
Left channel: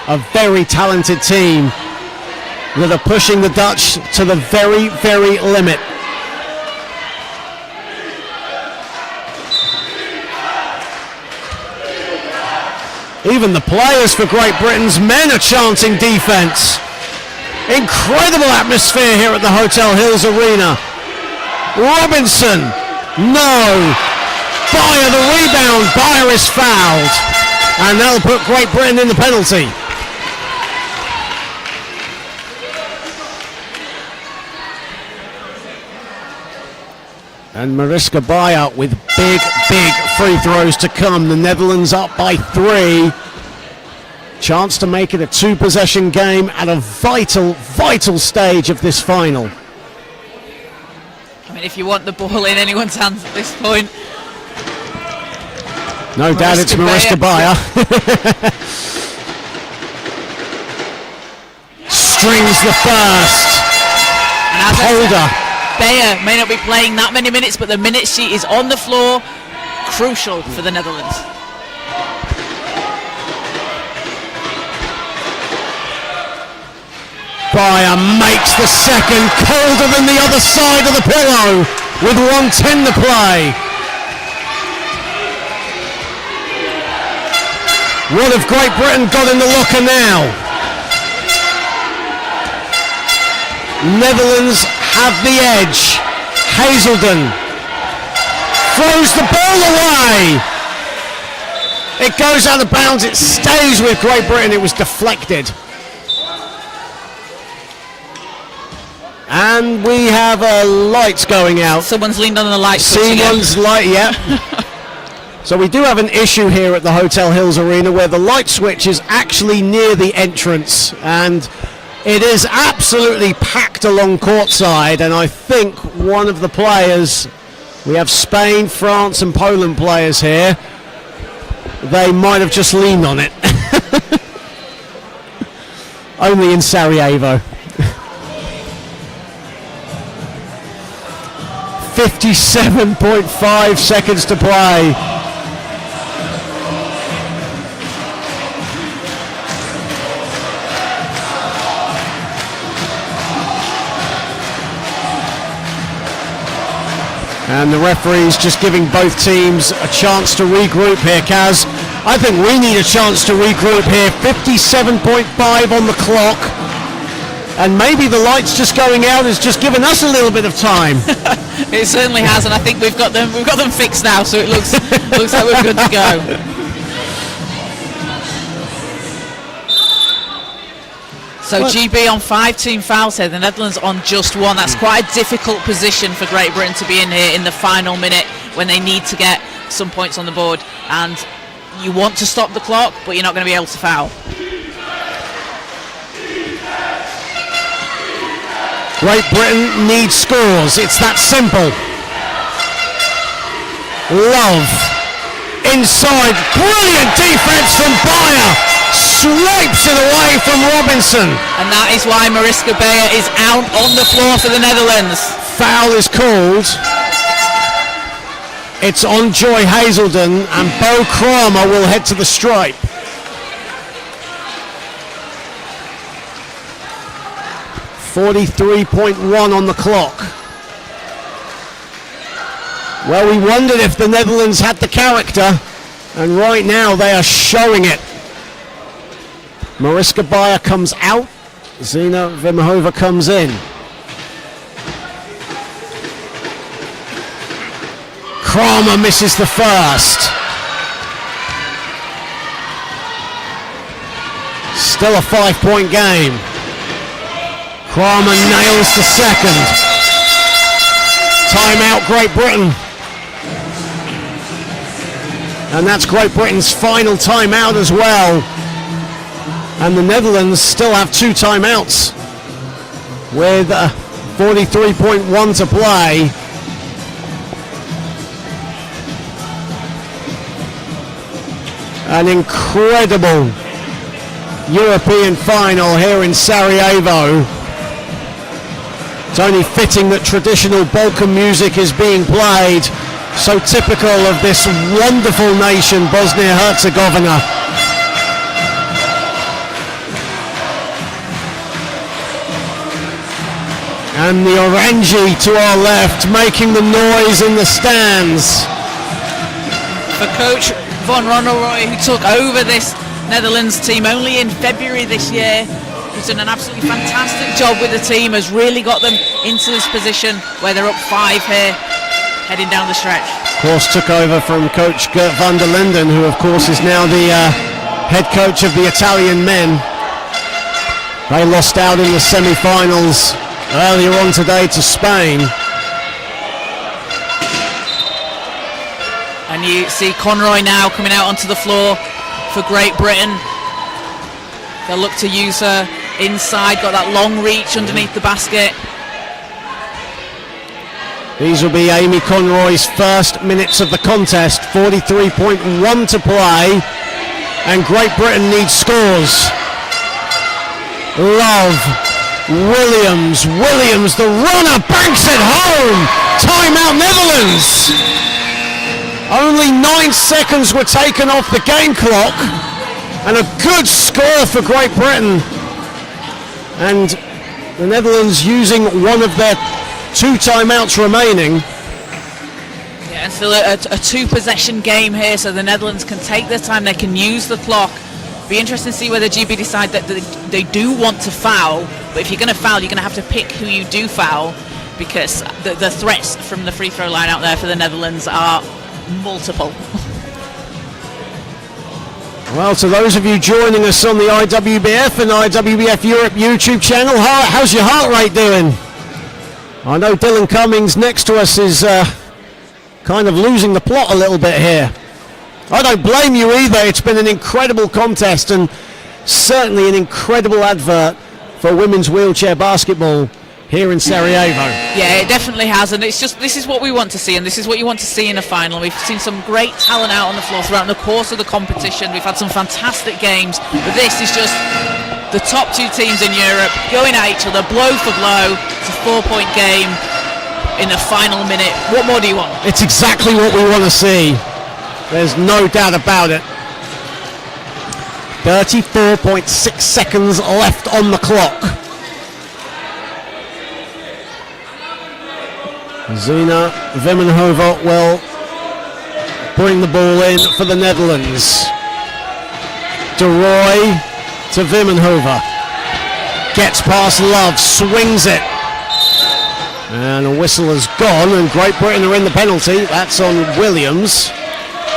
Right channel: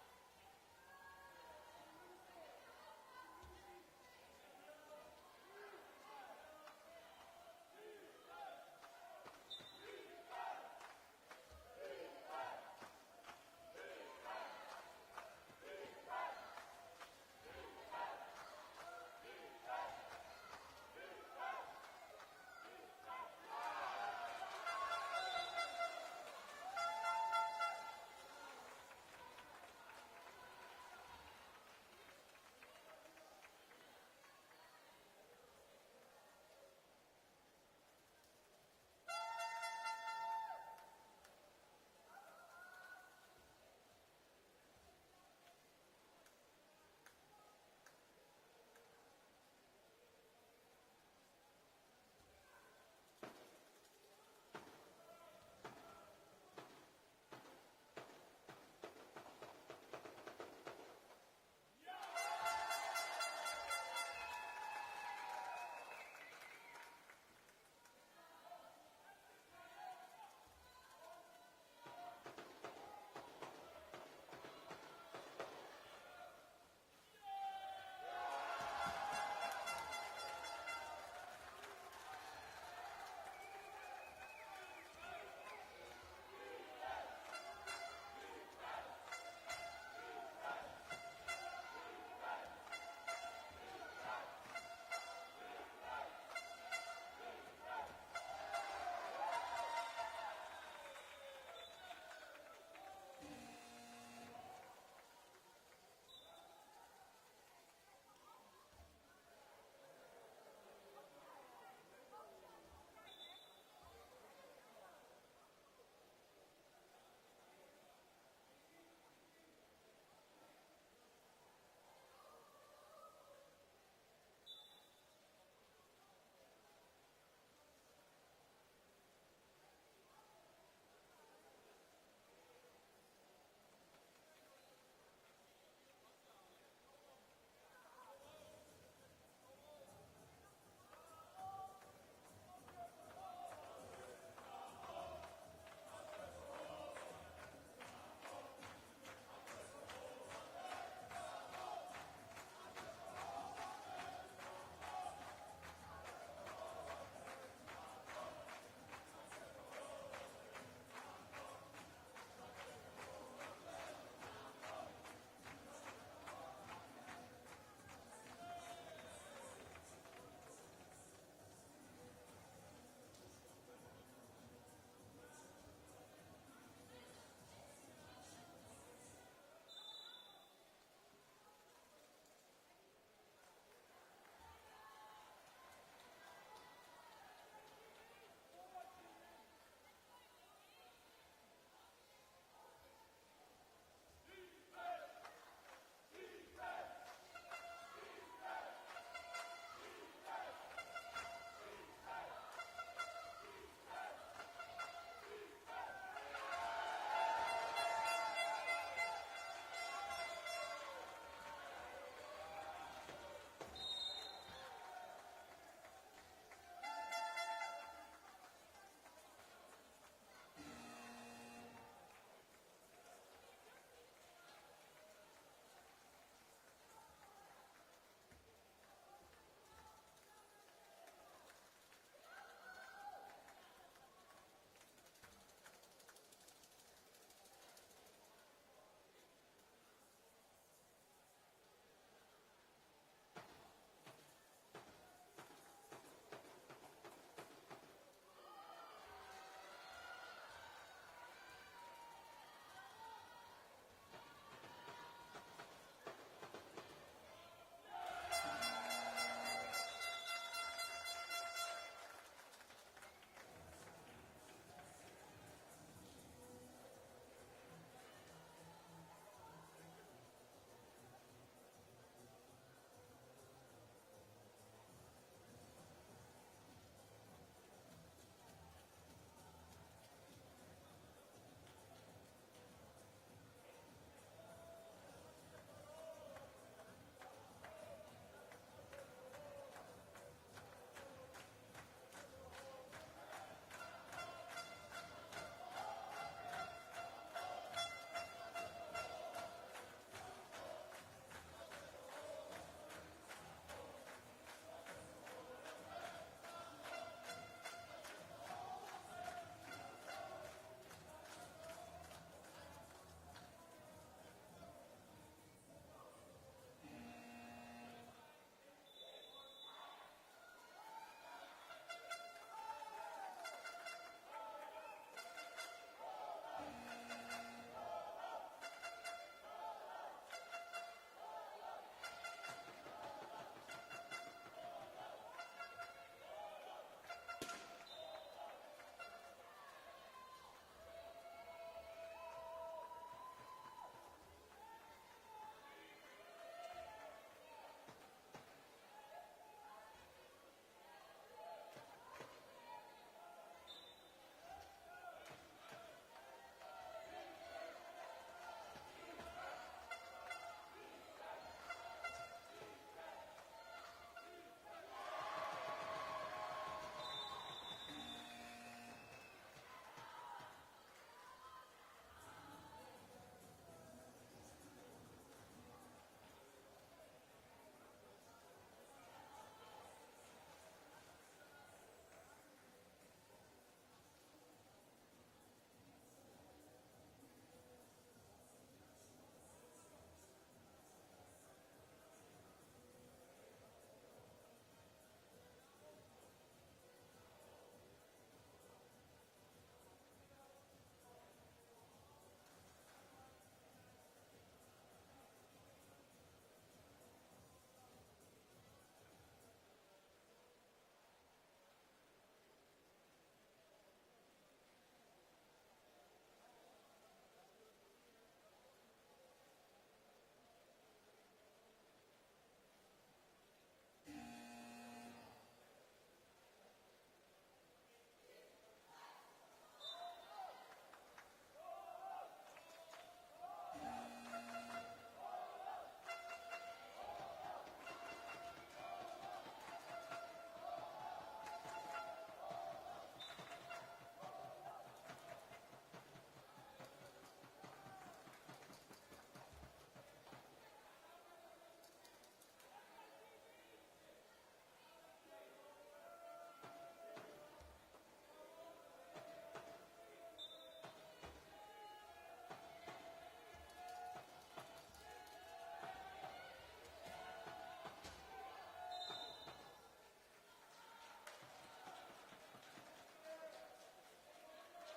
A very talented team that are pushing the Dutch to the very limit. Even the players for Great Britain's men are chanting defense. Incredible atmosphere here at the Hotel Hills Arena. Robinson, no. Bayer the rebound. Bayer is fouled. And that'll put Great Britain in the penalty. And Mariska Bayer with big free throws to come. The Netherlands up by 3. Chance to make it a 2-possession game at a vital stage of this final. I mean, if you want the ball in anyone's hands at this point. No doubt it's Mariska Beyer. Strings the first. And as Holder. Beyer may not be playing that many minutes, but the minutes she is on the floor, crucial for the Netherlands. Beyer makes the second, colder than the other side of the pillow, with 1:10 to play. What have Great Britain got in the locker now? Netherlands have the edge. Hazelden throws the ball away. It goes out of bounds. It stays with Great Britain. It was deflected. And we have lights going out. Someone's leaned on the light switch again. Someone's light, yeah. So we do have an issue here at the Hotel Hills Arena where the light switch is actually near the entrance, and it is absolutely packed along courtside, and I think one of the players, we have Spain, France and Poland players here, they might have just leaned on it. Only in Sarajevo. 57.5 seconds to play. And the referee's just giving both teams a chance to regroup here, Kaz. I think we need a chance to regroup here. 57.5 on the clock. And maybe the lights just going out has just given us a little bit of time. It certainly has, and I think we've got them fixed now, so it looks like we're good to go. So GB on 5 team fouls here, the Netherlands on just 1. That's quite a difficult position for Great Britain to be in here in the final minute when they need to get some points on the board. And you want to stop the clock, but you're not going to be able to foul. Great Britain needs scores. It's that simple. Love. Inside. Brilliant defense from Beyer. Swipes it away from Robinson. And that is why Mariska Beyer is out on the floor for the Netherlands. Foul is called. It's on Joy Hazelden, and Bo Kramer will head to the stripe. .1 on the clock. Well, we wondered if the Netherlands had the character, and right now they are showing it. Mariska Beyer comes out, Zina Vimhova comes in. Kramer misses the first. Still a 5-point game. Kramer nails the second. Timeout, Great Britain. And that's Great Britain's final timeout as well. And the Netherlands still have 2 timeouts with 43.1 to play. An incredible European final here in Sarajevo. It's only fitting that traditional Balkan music is being played, so typical of this wonderful nation, Bosnia-Herzegovina. And the Orangi to our left making the noise in the stands. For coach Van Rondelrooy, who took over this Netherlands team only in February this year, he's done an absolutely fantastic job with the team, has really got them into this position where they're up 5 here, heading down the stretch. Of course, took over from coach Gert van der Linden, who of course is now the head coach of the Italian men. They lost out in the semi-finals earlier on today to Spain. And you see Conroy now coming out onto the floor for Great Britain. They'll look to use her inside, got that long reach underneath the basket. These will be Amy Conroy's first minutes of the contest. 43.1 to play, and Great Britain needs scores. Love, Williams, the runner banks it home. Timeout Netherlands. Only 9 seconds were taken off the game clock, and a good score for Great Britain. And the Netherlands using one of their 2 timeouts remaining. Yeah, and still a 2-possession game here, so the Netherlands can take their time, they can use the clock. Be interesting to see whether GB decide that they do want to foul, but if you're going to foul, you're going to have to pick who you do foul, because the threats from the free throw line out there for the Netherlands are multiple. Well, to those of you joining us on the IWBF and IWBF Europe YouTube channel, how's your heart rate doing? I know Dylan Cummings next to us is kind of losing the plot a little bit here. I don't blame you either. It's been an incredible contest and certainly an incredible advert for women's wheelchair basketball here in Sarajevo. Yeah, it definitely has, and it's just, this is what we want to see, and this is what you want to see in a final. We've seen some great talent out on the floor throughout the course of the competition. We've had some fantastic games, but this is just the top 2 teams in Europe going at each other, blow for blow. It's a 4-point game in the final minute. What more do you want? It's exactly what we want to see. There's no doubt about it. 34.6 seconds left on the clock. Zina Vimmenhoven will bring the ball in for the Netherlands. De Roy to Vimmenhoven. Gets past Love, swings it. And a whistle has gone, and Great Britain are in the penalty. That's on Williams.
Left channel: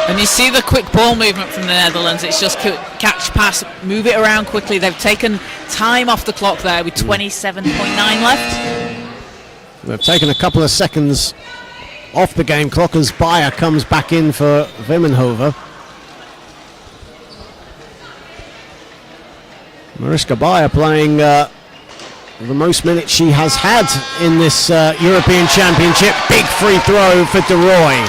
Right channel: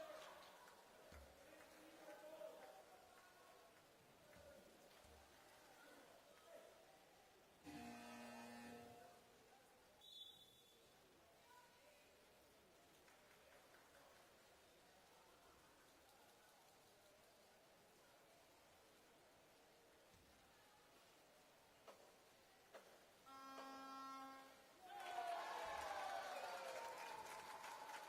And you see the quick ball movement from the Netherlands. It's just catch, pass, move it around quickly. They've taken time off the clock there with 27.9 left. They've taken a couple of seconds off the game clock as Bayer comes back in for Vimmenhoven. Mariska Bayer playing the most minutes she has had in this European Championship. Big free throw for De Roy.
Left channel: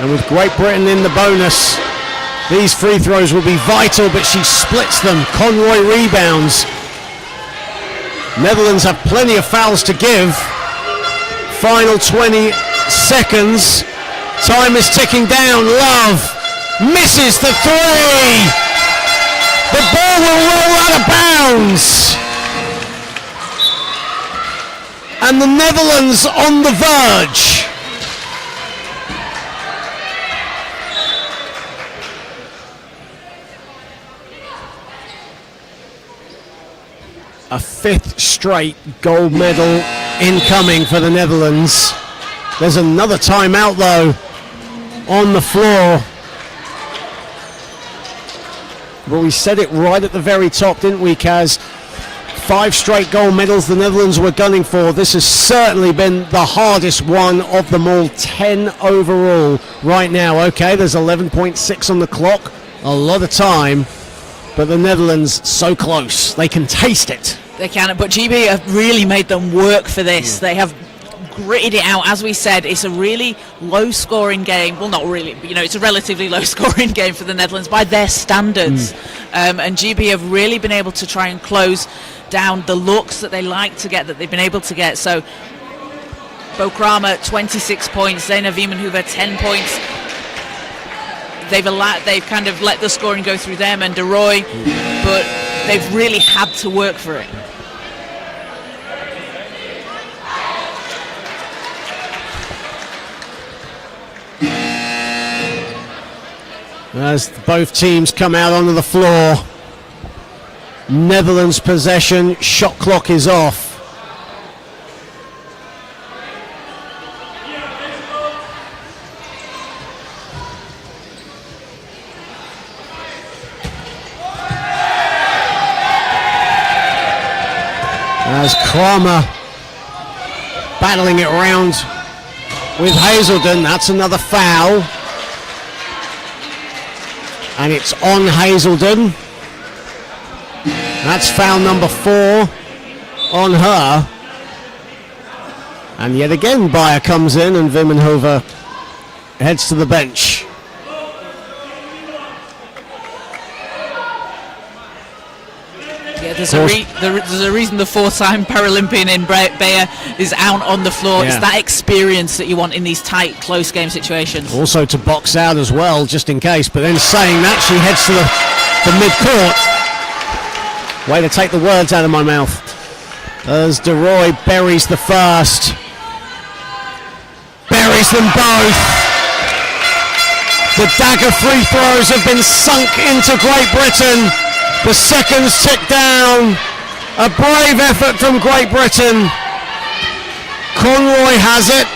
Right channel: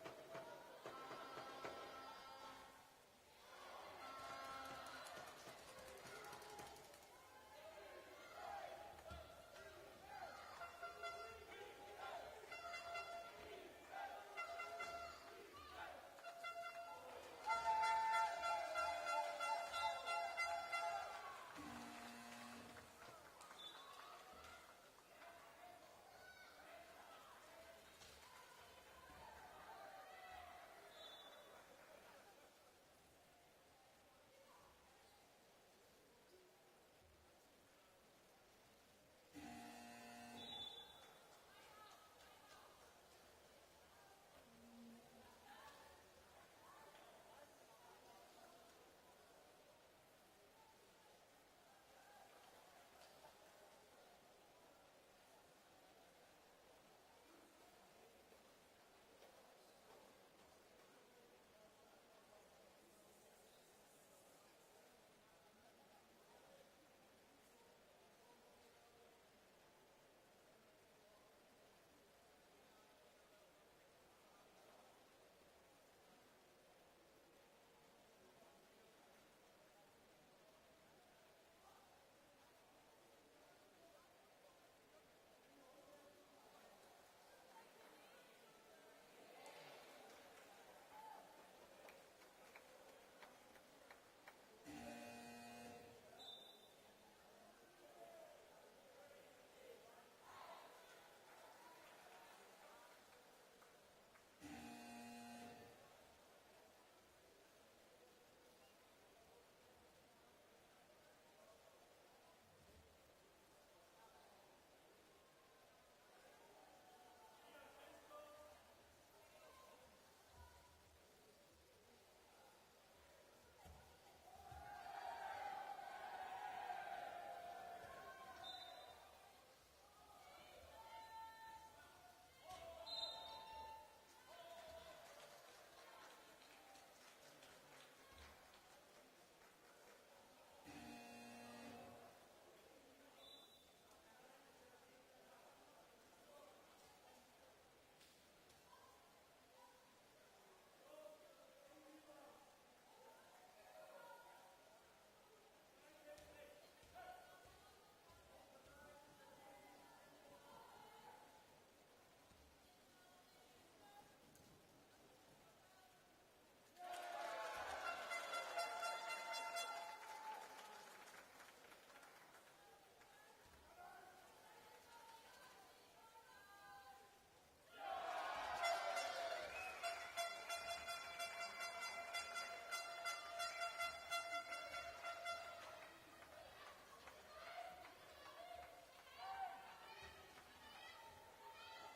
And with Great Britain in the bonus, these free throws will be vital, but she splits them. Conroy rebounds. Netherlands have plenty of fouls to give. Final 20 seconds. Time is ticking down. Love misses the 3. The ball will roll out of bounds. And the Netherlands on the verge. A 5th straight gold medal incoming for the Netherlands. There's another timeout though on the floor. But we said it right at the very top, didn't we, Kaz? 5 straight gold medals the Netherlands were gunning for. This has certainly been the hardest one of them all. 10 overall right now. Okay, there's 11.6 on the clock. A lot of time. But the Netherlands so close. They can taste it. They can, but GB have really made them work for this. They have gritted it out. As we said, it's a really low-scoring game. Well, not really, but, it's a relatively low-scoring game for the Netherlands by their standards. And GB have really been able to try and close down the looks that they like to get, that they've been able to get. So, Bo Kramer, 26 points. Zena Vimmenhoven, 10 points. They've kind of let the scoring go through them and De Roy, but they've really had to work for it. As both teams come out onto the floor, Netherlands possession, shot clock is off. As Kramer battling it around with Hazelden. That's another foul. And it's on Hazelden. That's foul number 4 on her. And yet again, Bayer comes in and Vimmenhoven heads to the bench. Yeah, there's a reason the 4-time Paralympian in Bayer is out on the floor. Yeah. It's that experience that you want in these tight, close game situations. Also to box out as well, just in case. But then saying that, she heads to the mid-court. Way to take the words out of my mouth. As DeRoy buries the first. Buries them both. The dagger free throws have been sunk into Great Britain. The seconds tick down. A brave effort from Great Britain. Conroy has it.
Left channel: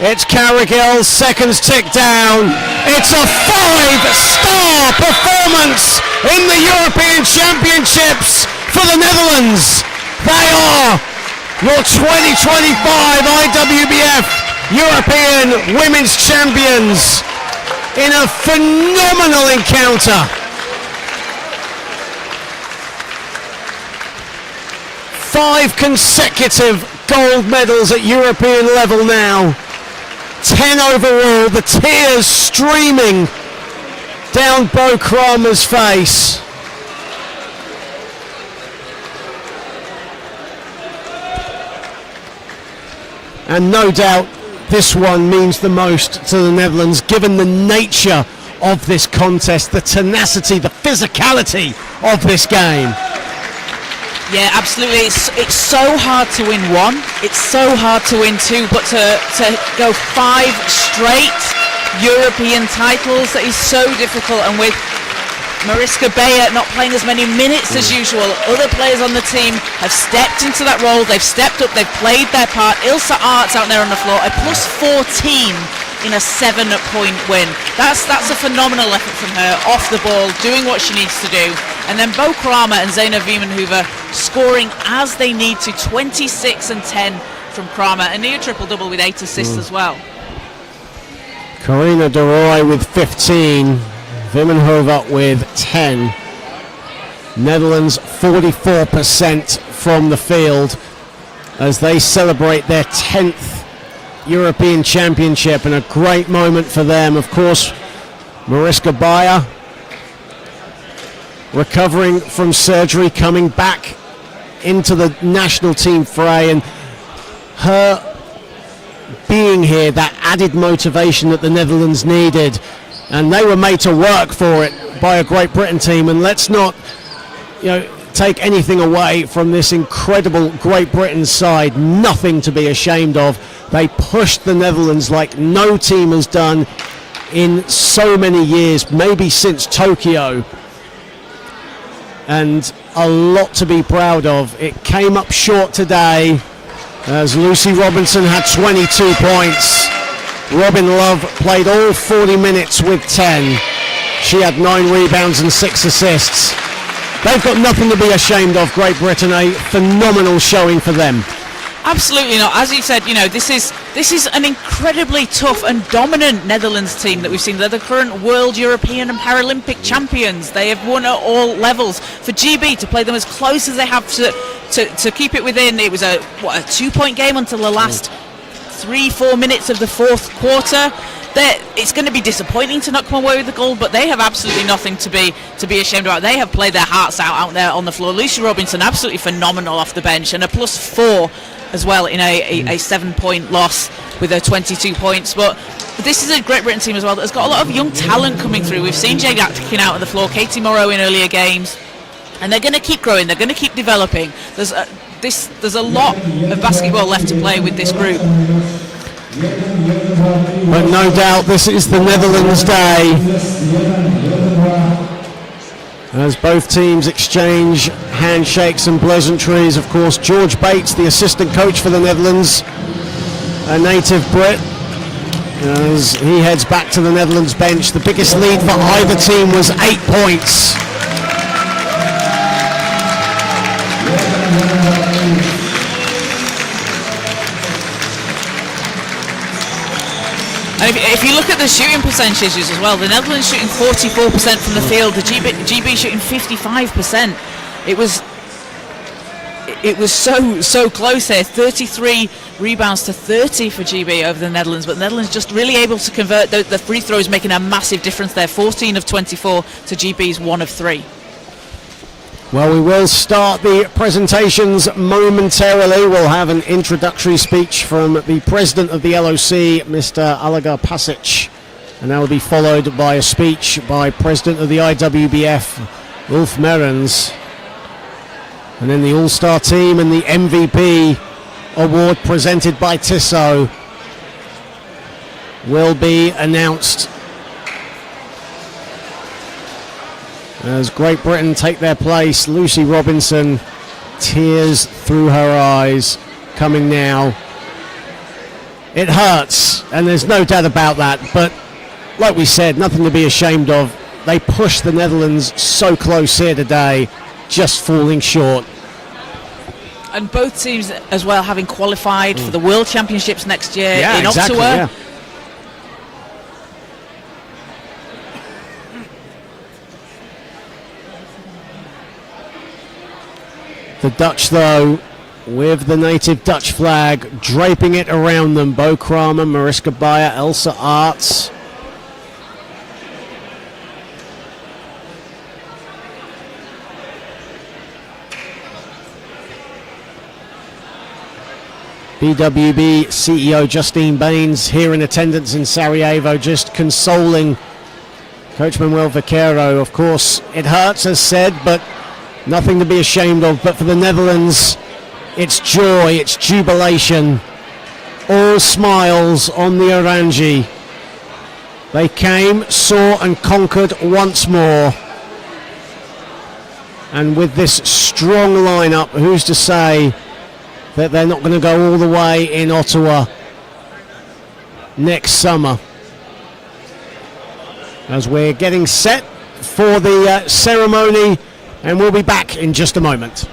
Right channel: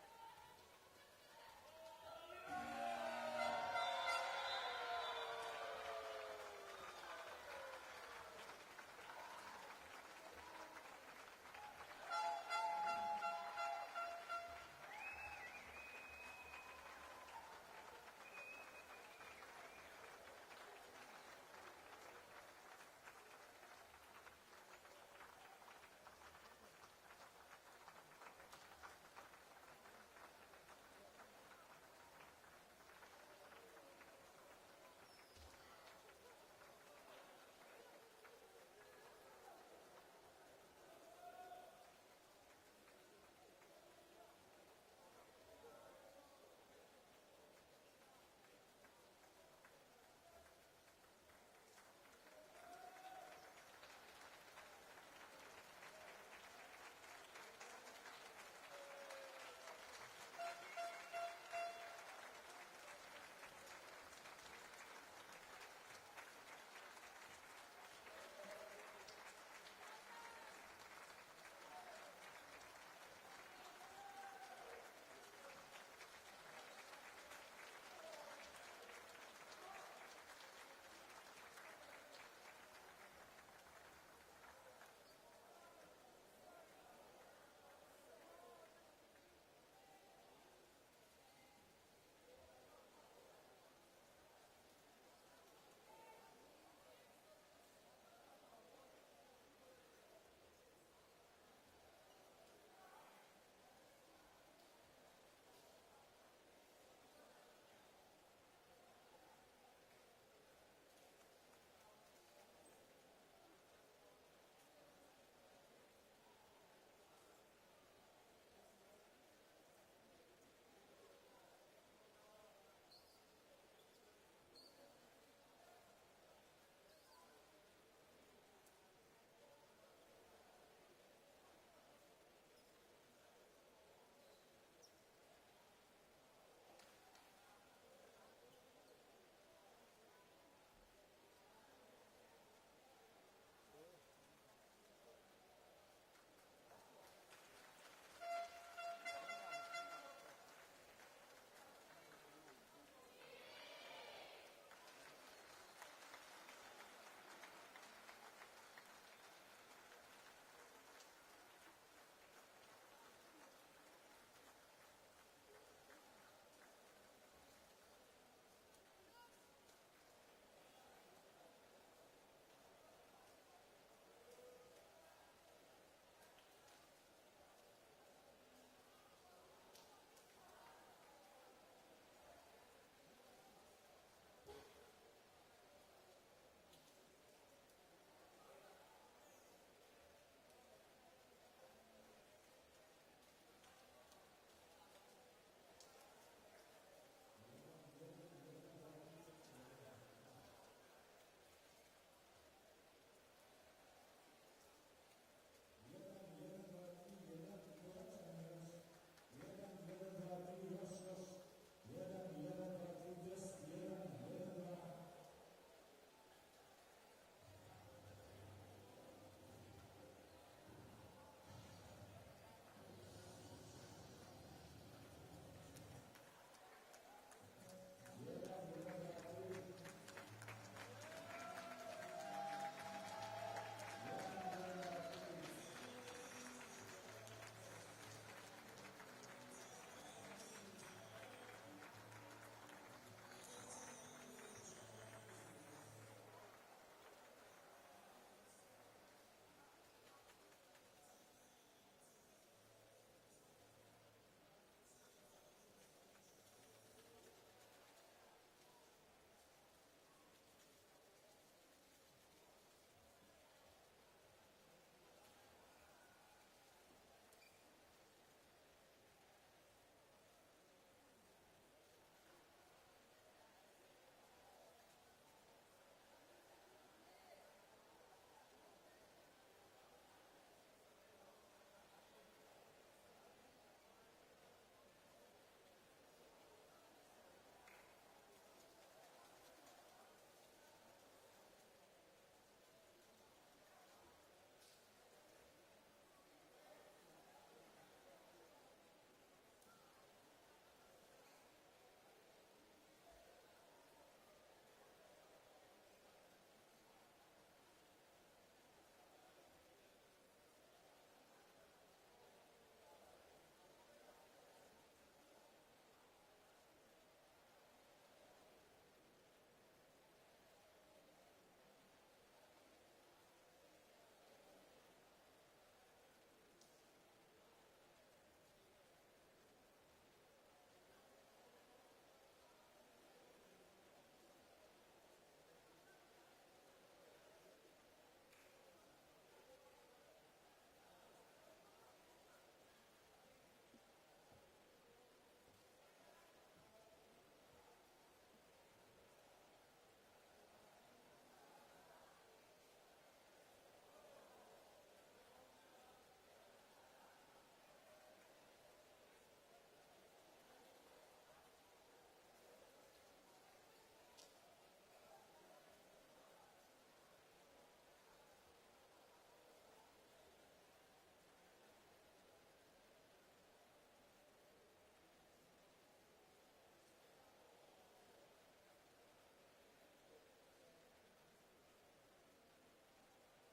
It's Carrigill. Seconds tick down. It's a 5-star performance in the European Championships for the Netherlands. They are your 2025 IWBF European Women's Champions in a phenomenal encounter. 5 consecutive gold medals at European level now. 10 overall, the tears streaming down Bo Kramer's face. And no doubt this one means the most to the Netherlands, given the nature of this contest, the tenacity, the physicality of this game. Yeah, absolutely. It's so hard to win one. It's so hard to win two, but to go 5 straight European titles, that is so difficult. And with Mariska Bayer not playing as many minutes as usual, other players on the team have stepped into that role. They've stepped up. They've played their part. Ilse Aerts out there on the floor, a plus 14 in a 7-point win. That's a phenomenal effort from her, off the ball, doing what she needs to do. And then Bo Kramer and Zeina Vimmenhoven scoring as they need to. 26 and 10 from Kramer, a near triple-double with 8 assists as well. Karina de Roy with 15, Vimmenhoven with 10. Netherlands 44% from the field as they celebrate their 10th European Championship, and a great moment for them. Of course, Mariska Bayer recovering from surgery, coming back into the national team fray, and her being here, that added motivation that the Netherlands needed, and they were made to work for it by a Great Britain team. And let's not, take anything away from this incredible Great Britain side. Nothing to be ashamed of. They pushed the Netherlands like no team has done in so many years, maybe since Tokyo. And a lot to be proud of. It came up short today as Lucy Robinson had 22 points. Robin Love played all 40 minutes with 10. She had 9 rebounds and 6 assists. They've got nothing to be ashamed of, Great Britain. A phenomenal showing for them. Absolutely not. As you said, this is an incredibly tough and dominant Netherlands team that we've seen. They're the current world, European and Paralympic champions. They have won at all levels. For GB to play them as close as they have to keep it within, it was a 2-point game until the last 3-4 minutes of the fourth quarter. It's going to be disappointing to not come away with the gold, but they have absolutely nothing to be ashamed about. They have played their hearts out there on the floor. Lucy Robinson absolutely phenomenal off the bench, and a plus 4 as well in a 7-point loss with her 22 points. But this is a Great Britain team as well that's got a lot of young talent coming through. We've seen Jade Atkin out on the floor, Katie Morrow in earlier games, and they're going to keep growing. They're going to keep developing. There's a lot of basketball left to play with this group. But no doubt this is the Netherlands' day as both teams exchange handshakes and pleasantries. Of course, George Bates, the assistant coach for the Netherlands, a native Brit, as he heads back to the Netherlands bench. The biggest lead for either team was 8 points. And if you look at the shooting percentages as well, the Netherlands shooting 44% from the field, the GB shooting 55%. it was so close here. 33 rebounds to 30 for GB over the Netherlands, but the Netherlands just really able to convert the free throws, making a massive difference there. 14 of 24 to GB's 1 of 3. Well, we will start the presentations momentarily. We'll have an introductory speech from the president of the LOC, Mr. Alagar Pasic, and that will be followed by a speech by president of the IWBF, Ulf Merens. And then the All-Star team and the MVP award presented by Tissot will be announced as Great Britain take their place. Lucy Robinson, tears through her eyes, coming now. It hurts, and there's no doubt about that, but like we said, nothing to be ashamed of. They pushed the Netherlands so close here today, just falling short. And both teams as well having qualified for the World Championships next year in exactly, Ottawa. Yeah. The Dutch, though, with the native Dutch flag, draping it around them. Bo Kramer, Mariska Bayer, Elsa Arts. BWB CEO Justine Baines here in attendance in Sarajevo, just consoling Coach Manuel Vaquero. Of course, it hurts, as said, but nothing to be ashamed of. But for the Netherlands, it's joy, it's jubilation. All smiles on the Orangi. They came, saw and conquered once more. And with this strong lineup, who's to say that they're not going to go all the way in Ottawa next summer? As we're getting set for the ceremony, and we'll be back in just a moment.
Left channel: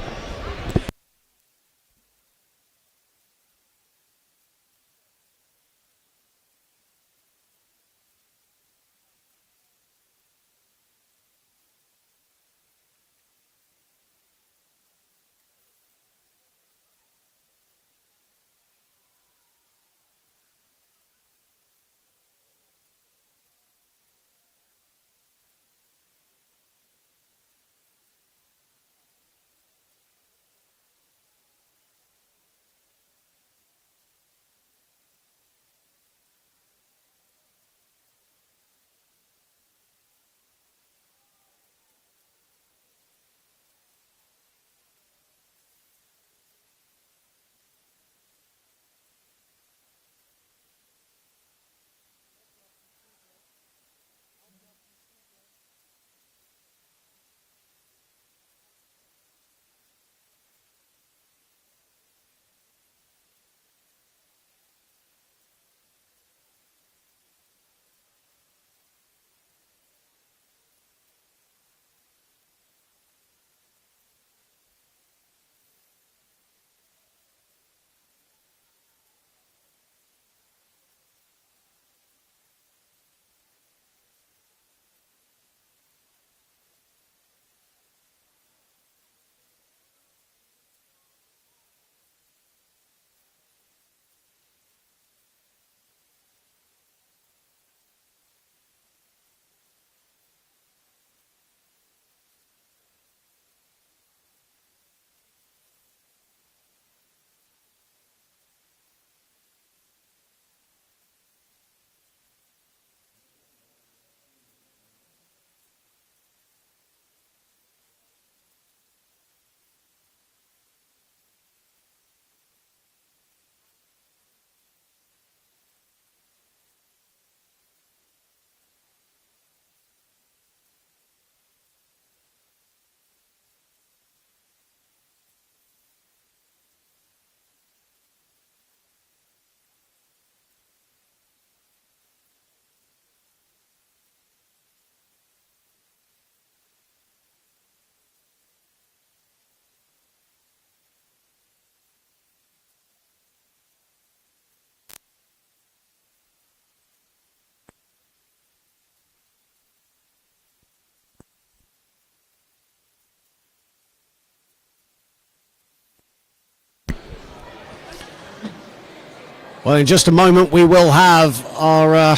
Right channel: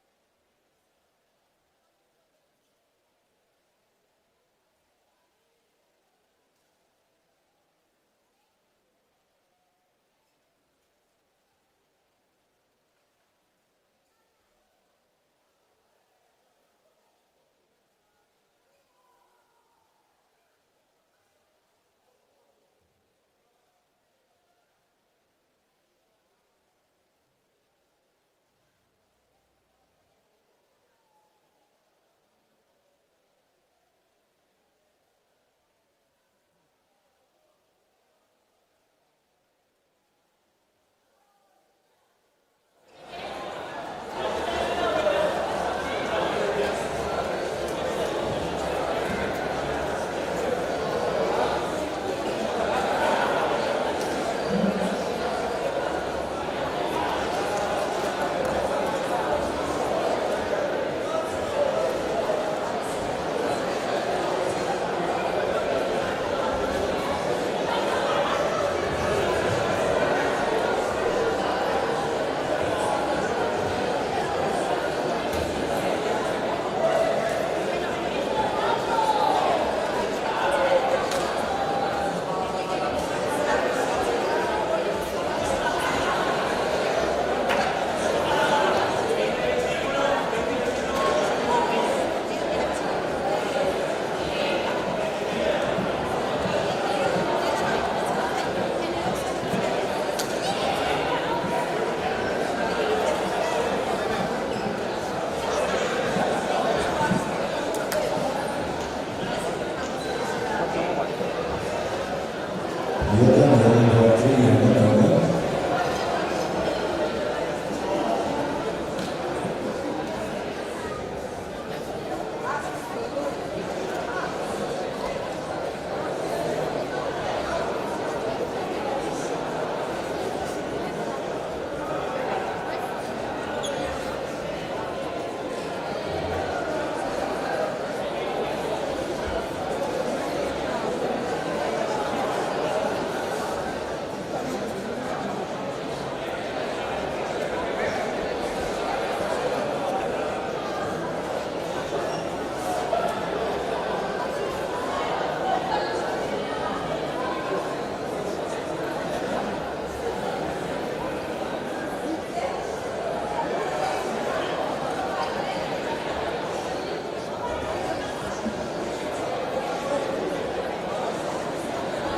Well, in just a moment we will have our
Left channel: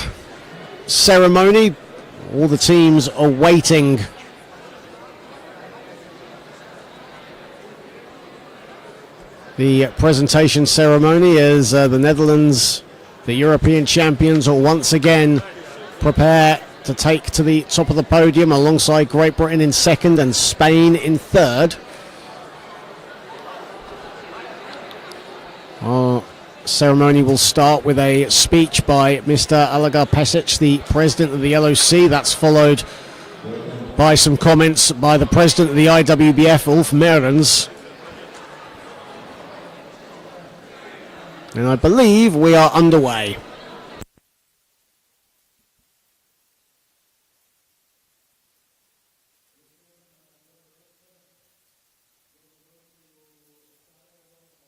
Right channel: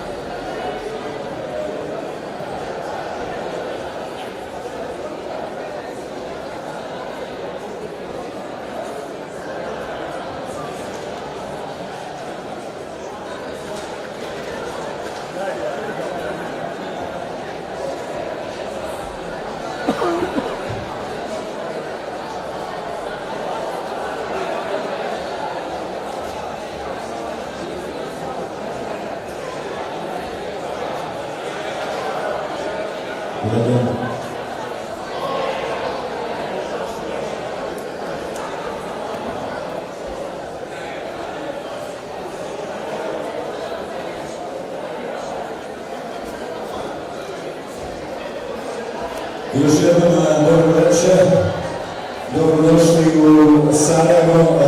ceremony. All the teams are waiting the presentation ceremony as the Netherlands, the European champions, will once again prepare to take to the top of the podium alongside Great Britain in second and Spain in third. Our ceremony will start with a speech by Mr. Alagar Pesic, the president of the LOC. That's followed by some comments by the president of the IWBF, Ulf Merens. And I believe we are underway. Još jednom dobro večer, dobrodošli u Sarajevo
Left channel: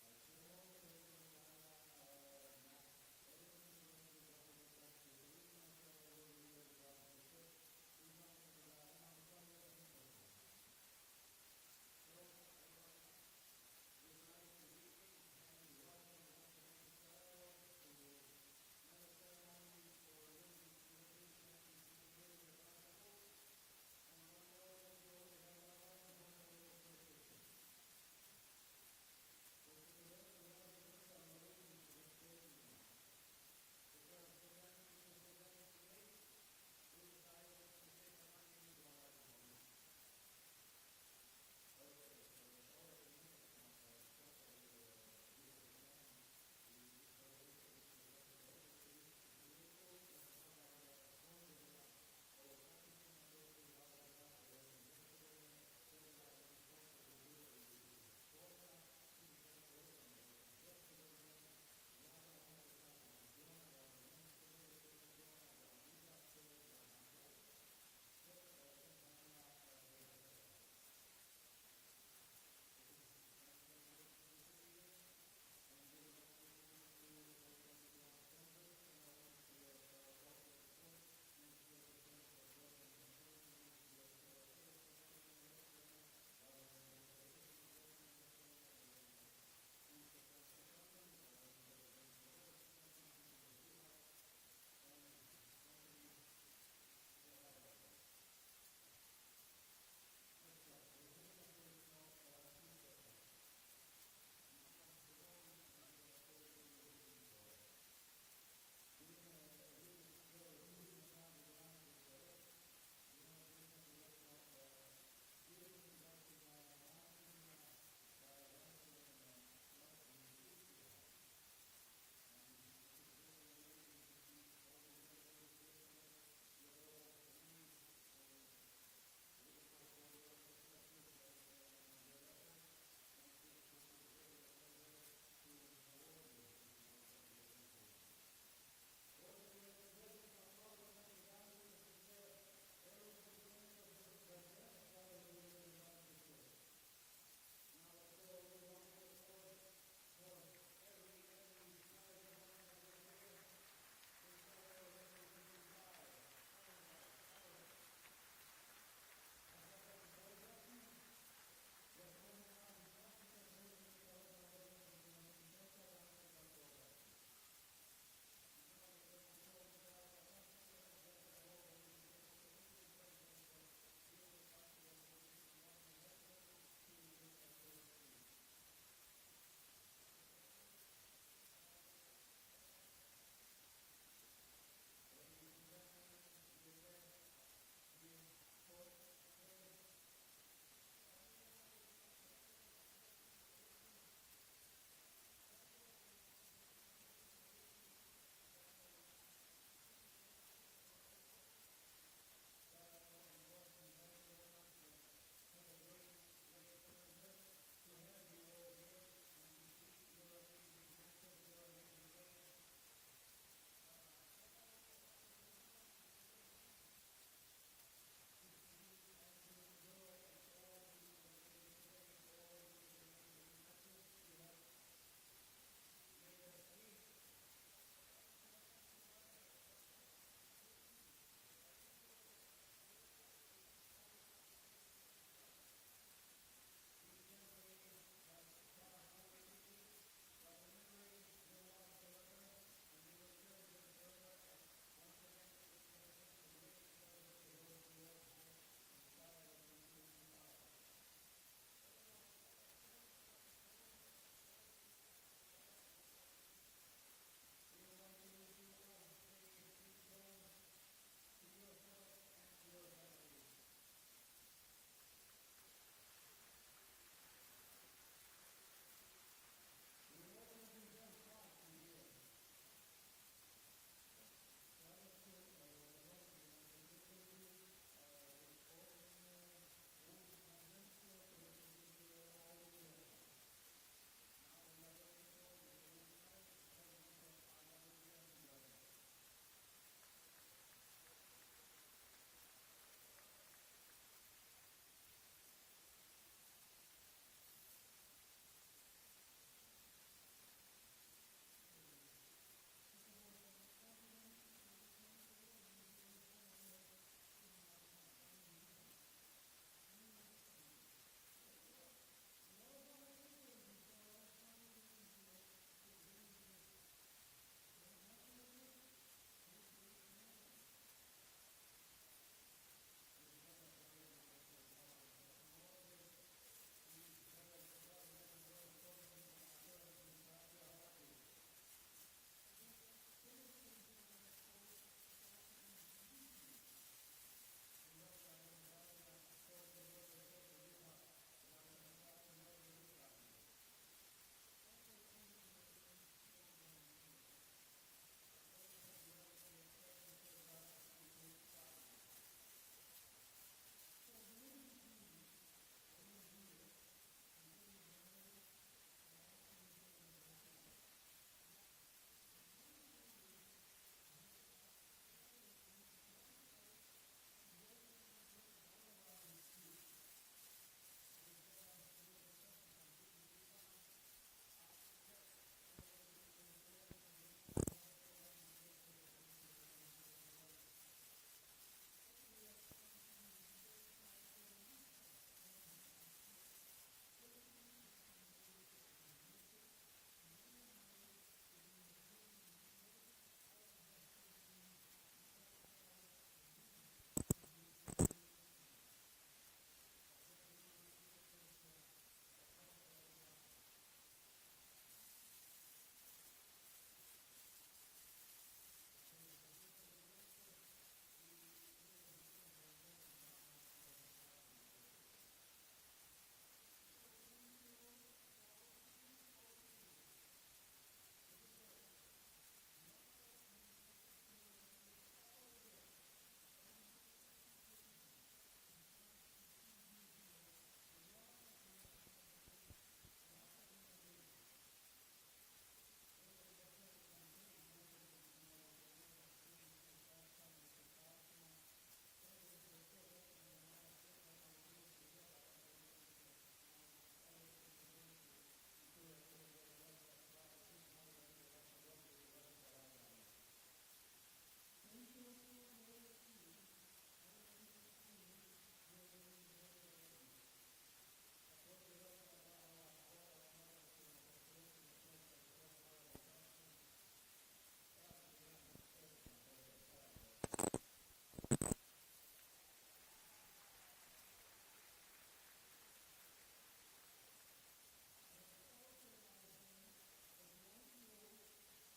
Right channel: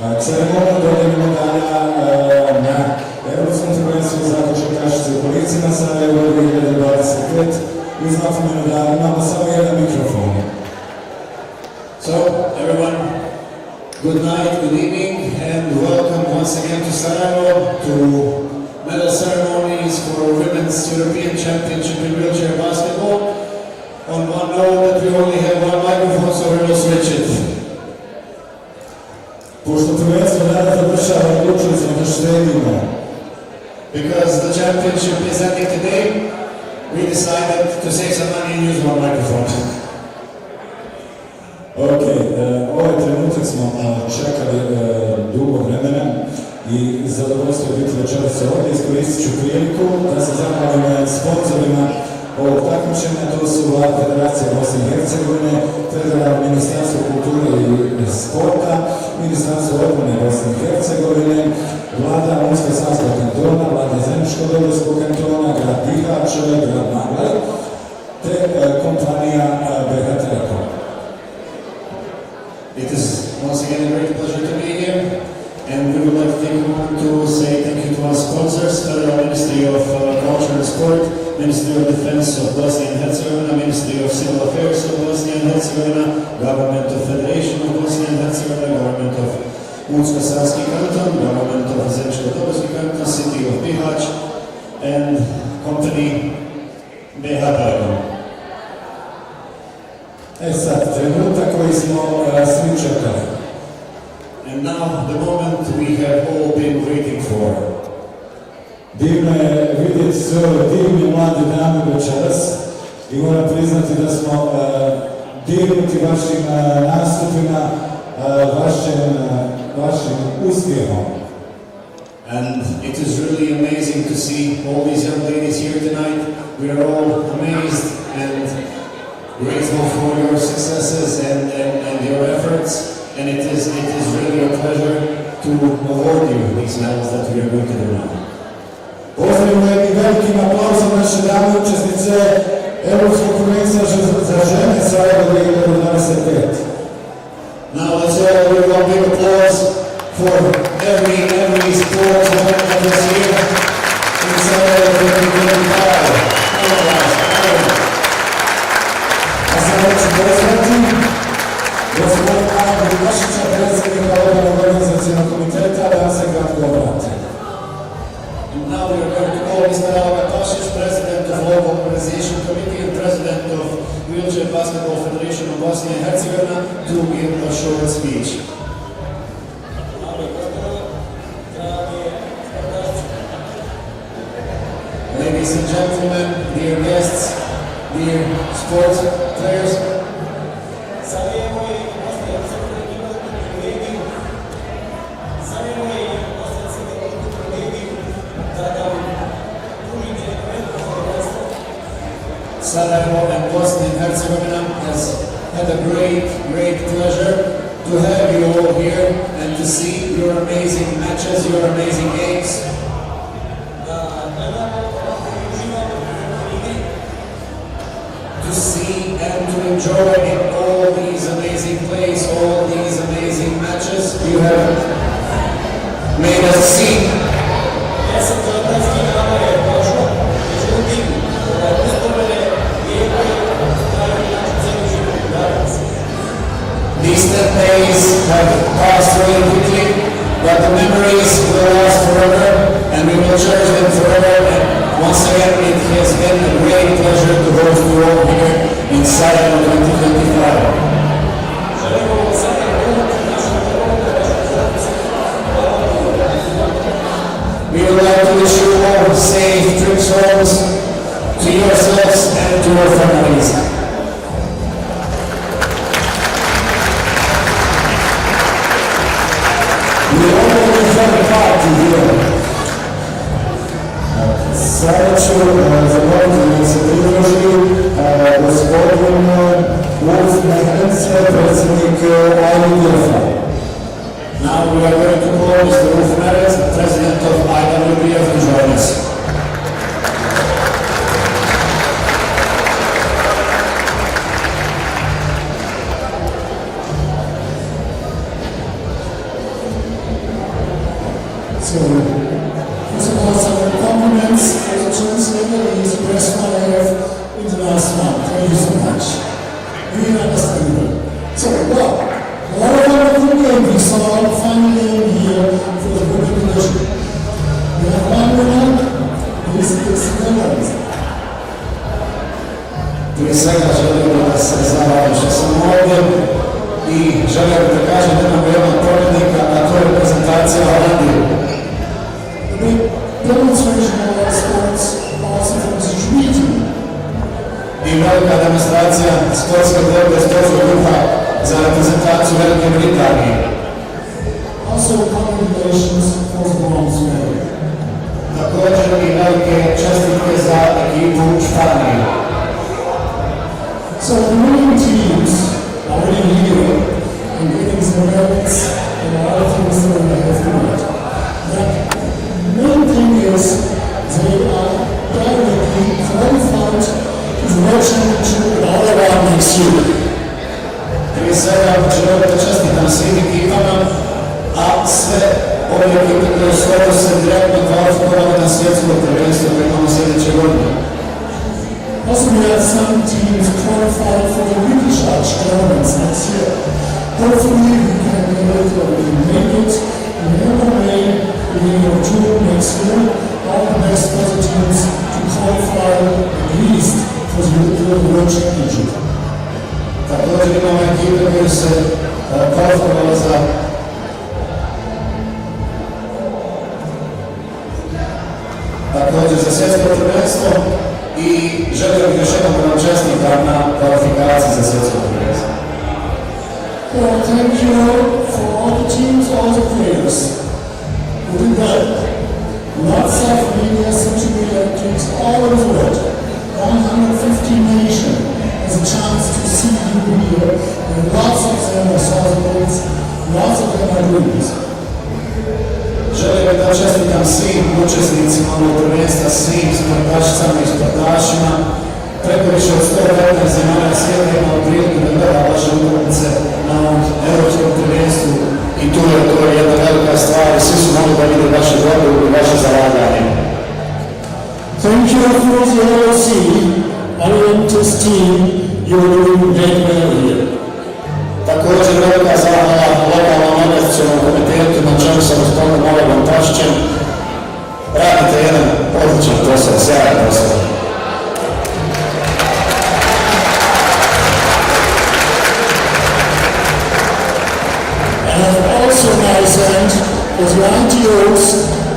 na ceremoniju dodjele medalja na Europskom prvenstvu za košarkašice u kolicima Sarajevo 2025. Uz napomenu da imamo samo jedan mikrofon. So, everyone, good night, good evening, and welcome once again to Sarajevo to medal ceremonies for Women's European Championship in wheelchair basketball. On one note that we only have one microphone, so we will switch it. Pošto prvenstvo danas završava, odlučili smo da štedimo. Because the championship is ending today, we decided to save some money and use one microphone. Ok, ovaj trenutak smo čekali dugo vremena i zadovoljstvo je biti večeras ovdje. Iskoristit ću priliku da se zahvalim sponzorima ovog takmičenja. To su Vlada Federacije Bosne i Hercegovine, Federalno Ministarstvo kulture i sporta, Ministarstvo obrane Bosne i Hercegovine, Vlada Unsko-Sanskog kantona, Vlada Zeničko-Dobrskog kantona, grad Bihać, grad Maglaj, te kompanija BH Telekom. It is once again a great pleasure to be here, and we would like to take a moment to say thank you to our sponsors, Federal Ministry of Culture and Sport, Ministry of Defense of Bosnia and Herzegovina, Ministry of Civil Affairs of Bosnia and Herzegovina, Government of Federation of Bosnia and Herzegovina, Government of Unsko-Sanski Canton, Government of Zeničko-Dobrski Canton, City of Bihać, and company BH Telekom. Sad, trenutak koji smo svi čekali. And now, the moment we have all been waiting for. Divno je vidjeti sve ove divne mlade dame večeras i moram priznati da smo dirnuti vašim nastupima, vašim uspjehom. And it is really amazing to see all these young ladies here tonight. We are all amazed and grateful for your successes and your efforts. And it is really a pleasure to award you these medals that we are going to do now. Pozdravimo jednim velikim aplauzom naše dame učesnice Europskog prvenstva za žene Sarajevo 2025. Now let's all give a big applause for every sportswoman that is here in Sarajevo 2025. A sada ću pozvati gospodina Vukašića, predsjednika Odbora organizacionog komiteta, da se kratko obrati. And now we are going to call Mr. Alagar Pesic, President of Local Organization Committee and President of Wheelchair Basketball Federation of Bosnia and Herzegovina, to give a short speech. Ladies and gentlemen, dear guests, dear sports players, Sarajevo and Bosnia and Herzegovina has had a great pleasure to have you all here and to see your amazing matches, your amazing games. To see and to enjoy all these amazing plays, all these amazing matches you have made us see. These 10 days have passed really quickly, but the memories to yourselves and to your families. We already have a party here. Sada ću zamoliti da se pridruži gospodin Wolf Mehrenc, predsjednik IWBF-a. Now we are going to call Mr. Wolf Mehrenc, president of IWBF, to join us. So, first of all, some compliments for the translator and his press I have in the last month. Thank you so much. Really understandable. So, well, a lot of wonderful games. We saw a final game here for the women division. We have one winner. This is the Netherlands. Prije svega želim da se zahvalim što sam ovdje i želim da kažem da imamo jednog pobjednika, a to je reprezentacija Holandije. Demonstration of our sports also from the region. I velika demonstracija sportske borbe, sportskog duha za reprezentaciju Velike Britanije. Also congratulations for the bronze medal. Također i velike čestitke za ekipu Španije. So the winning teams are winning here and getting some medals and a lot of things that we have to do. The main thing is they are directly qualified to the World Championship in all around next year. Prije svega želim da čestitam svim ekipama, a sve ove ekipe koje su se direktno kvalifikovale na svjetsko prvenstvo koje imamo sljedeće godine. Also, we have some teams qualified for the British Arch tournaments next year. Hopefully, we can make it in May, beginning of June next year. All the best for the teams to qualify at least for the World Championship. Također imamo ekipe koje se kvalifikovale za svjetsko prvenstvo i želio bih još jednom da vam čestitam na kvalifikaciji za svjetsko prvenstvo. Well, thank you for all the teams, all the players. We did well. Lots of media, social media activities all over the world. 150 nations has a chance to see you here, and lots of them are solid goals, lots of them are doing this. Želim da čestitam svim učesnicima ovog prvenstva, svim sportašicama i sportašima. Preko više od 115 zemalja svijeta imao priliku da gleda vaše utakmice na ovom europskom prvenstvu i to je jedna velika stvar i svi su mogli da vide vaše borbe i vaše zalaganje. Thank you for the LOC, Orientis team, you're doing very well here. Također velika zahvala lokalnom organizacionom komitetu na čemu sa gospodinom Olegom Tašićem. Radite jedan odličan posao, sjajan posao. And also nice hand was the ITOs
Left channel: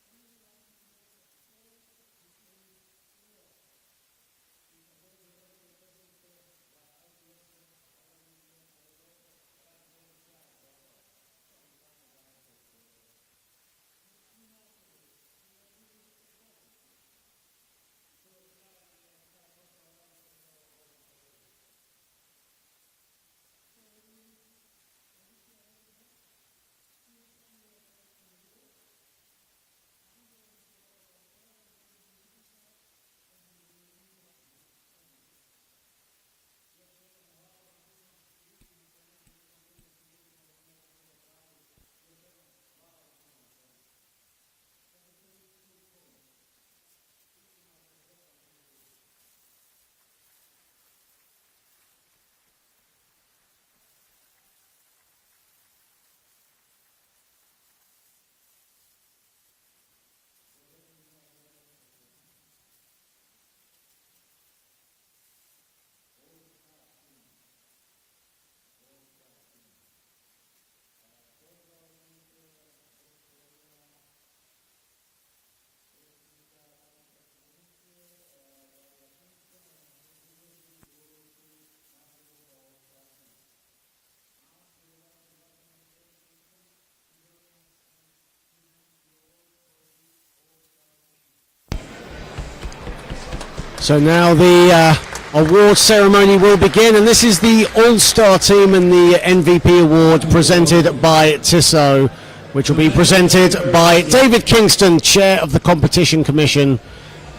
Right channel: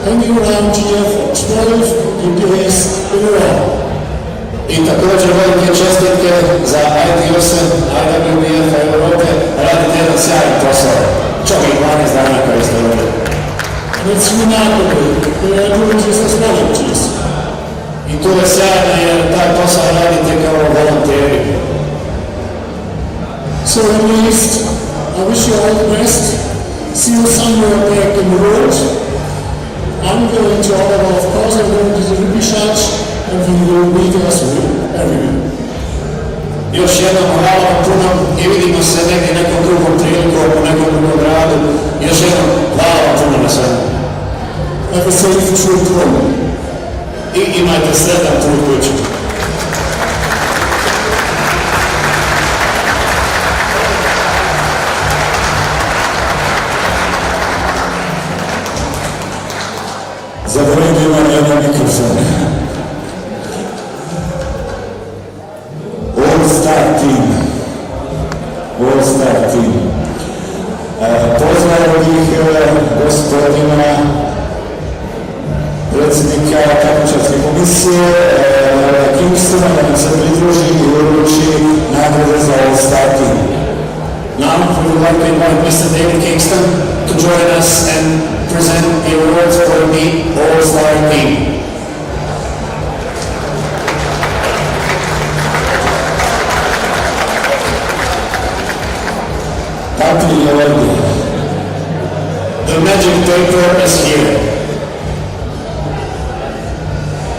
hanging around here for 12 days in a row. I također velike čestitke za ITOS-e, IWBF Europe, radite jedan sjajan posao. Čak i 12 dana koji ste ovdje. And it's remarkable, they are doing this as volunteers. I to je sjajno jer taj posao radite kao volonteri. So at least, I wish you all the best. See you somewhere back in the world. I'm going to Ottawa, of course, I'm going to the Ruby Church, and we will meet us everywhere. Još jednom hvala vam puno i vidimo se negdje nekom drugom prilikom u nekom drugom gradu. Još jednom hvala vam puno na svemu. Have a safe trip home. I imajte sretan put kući. Zavredi imam jedan mikrofon. All-Star team. All-Star team. Pozdravio bih gospodina predsjednika takmičarske komisije Kimsa like to invite Mr. David Kingston to join us and present the awards for the All-Star team. So now the award ceremony will begin, and this is the All-Star team and the MVP award presented by Tissot, which will be presented by David Kingston, Chair of the Competition Commission,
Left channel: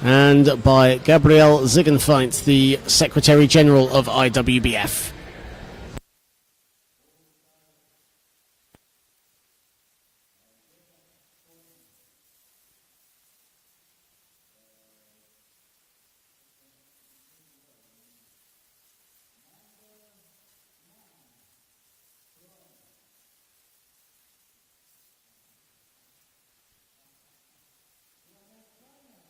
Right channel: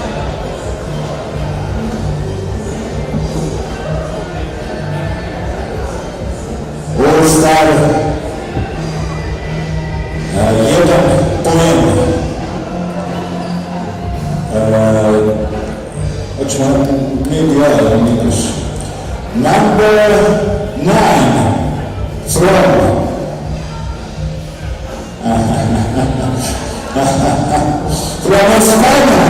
and by Gabrielle Ziegenfeind, the Secretary General of IWBF. All-Star 1 poen. Number 9 from España,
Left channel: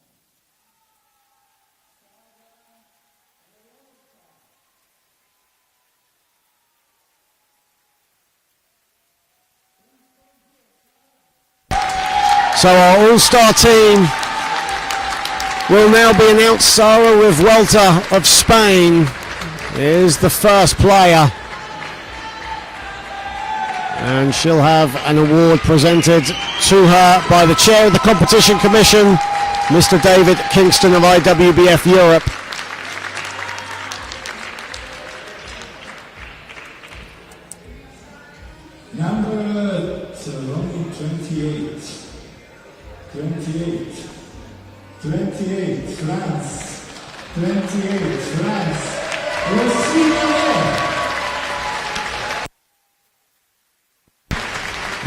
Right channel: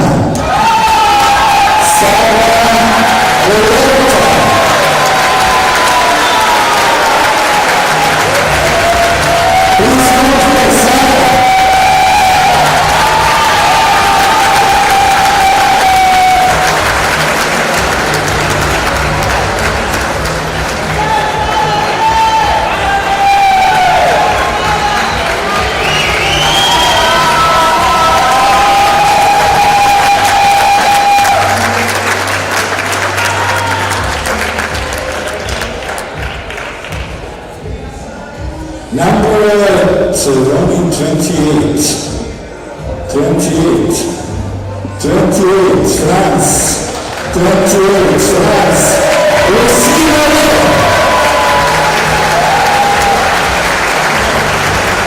So our all-star team will now be announced. Sara Revuelta of Spain is the first player, and she'll have an award presented to her by the chair of the Competition Commission, Mr. David Kingston of IWBF Europe. number 28. 28, France. 28, France.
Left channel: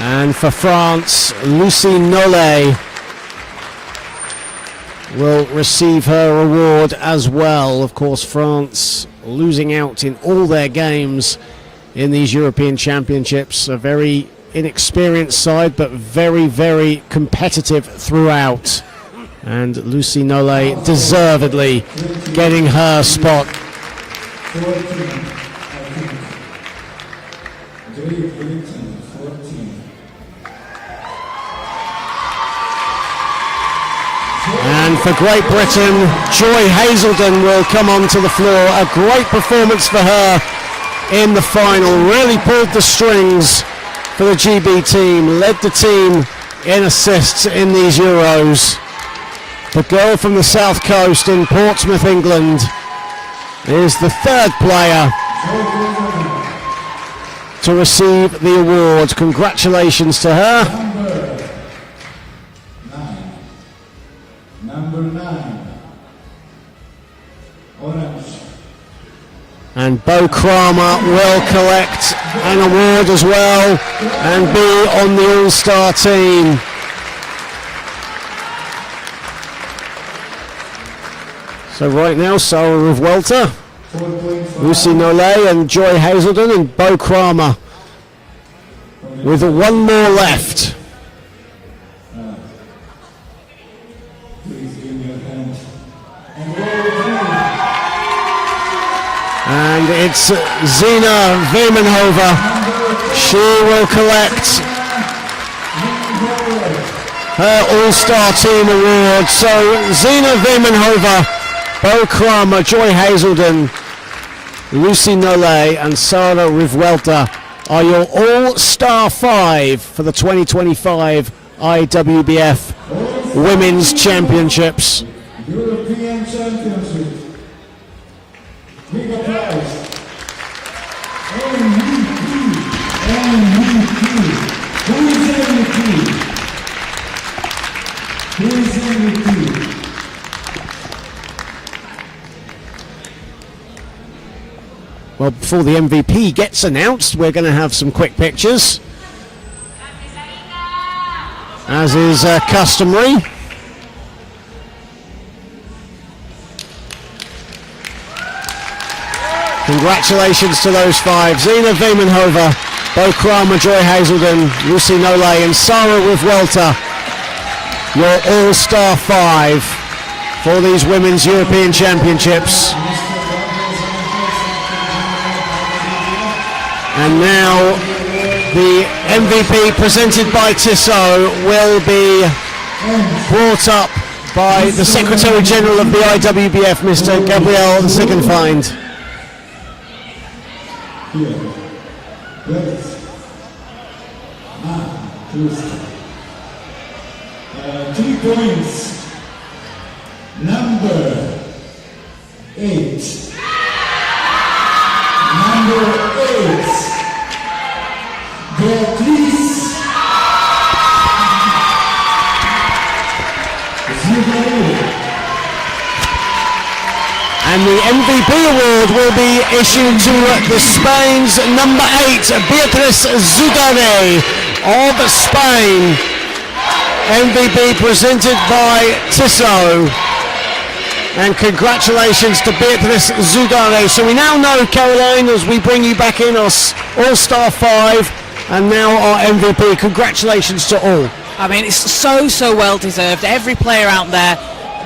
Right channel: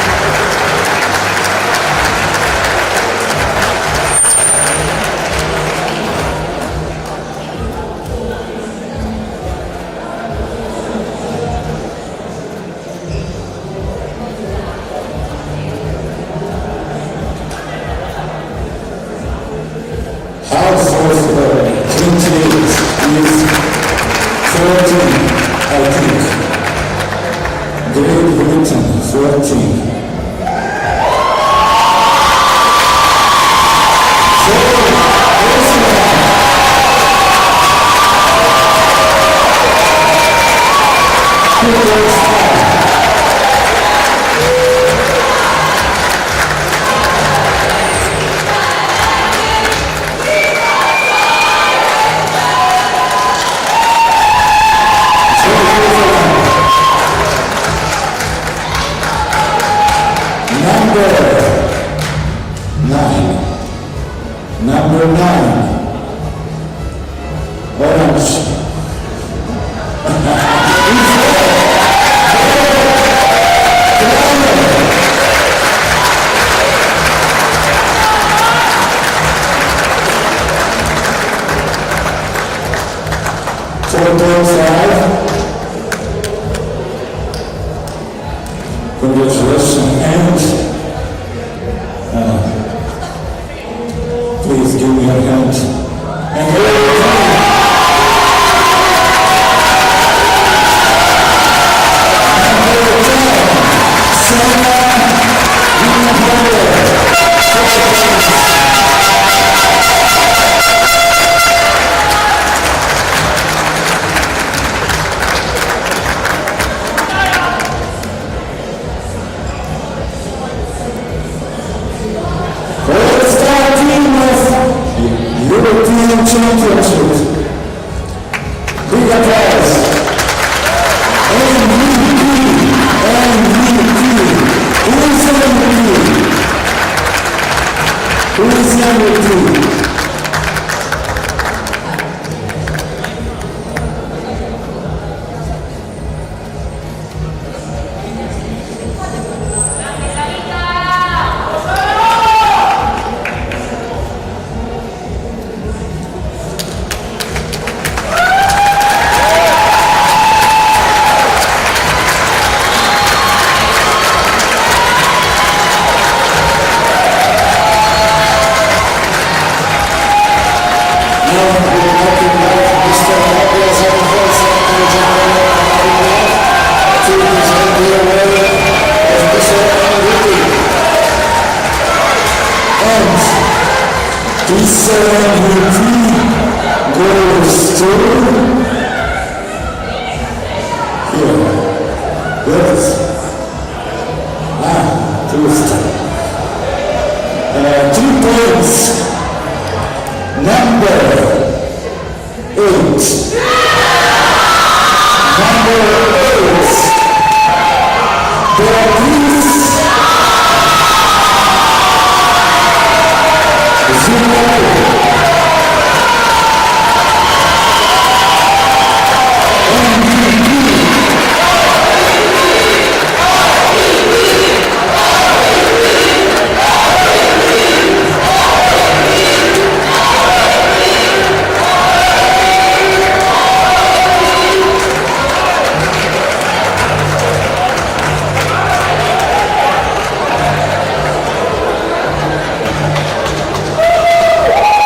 And for France, Lucie Nollet will receive her award as well. Of course, France losing out in all their games in these European Championships. A very inexperienced side, but very, very competitive throughout. And Lucie Nollet deservedly getting her spot. 14, I think. Great Britain, 14. And for Great Britain, Joy Hazelden will come onto the floor. A great performance for her in the final. Really pulled the strings for the GB team. Led the team in assists in these Euros. The girl from the south coast in Portsmouth, England, is the third player to receive the award. Congratulations to her. Number 9. Orange. And Bo Kramer will collect an award as well and be in the All-Star team. So right now, Sara Revuelta, Lucie Nollet and Joy Hazelden and Bo Kramer with one more left. Please give me your hand. And it's Zina Vermenhover. She will collect her All-Star Team award. So Zina Vermenhover, Bo Kramer, Joy Hazelden, Lucie Nollet and Sara Revuelta are your All-Star 5 for the 2025 IWBF Women's Championships. European Championship. Big applause. MVP. Who is MVP? Well, before the MVP gets announced, we're going to have some quick pictures, as is customary. Congratulations to those 5. Zina Vermenhover, Bo Kramer, Joy Hazelden, Lucie Nollet and Sara Revuelta, your All-Star 5 for these Women's European Championships. And now the MVP presented by Tissot will be brought up by the Secretary General of the IWBF, Mr. Gabrielle Ziegenfeind. Yes. boost. 3 points. Number 8. Number 8. Beatrice Zugarelli. And the MVP award will be issued to Spain's number 8, Beatriz Zugarelli of Spain. MVP presented by Tissot. And congratulations to Beatriz Zugarelli. So we now know, Caroline, as we bring you back in, our All-Star 5 and now our MVP. Congratulations to all. I mean, it's so well deserved. Every player out there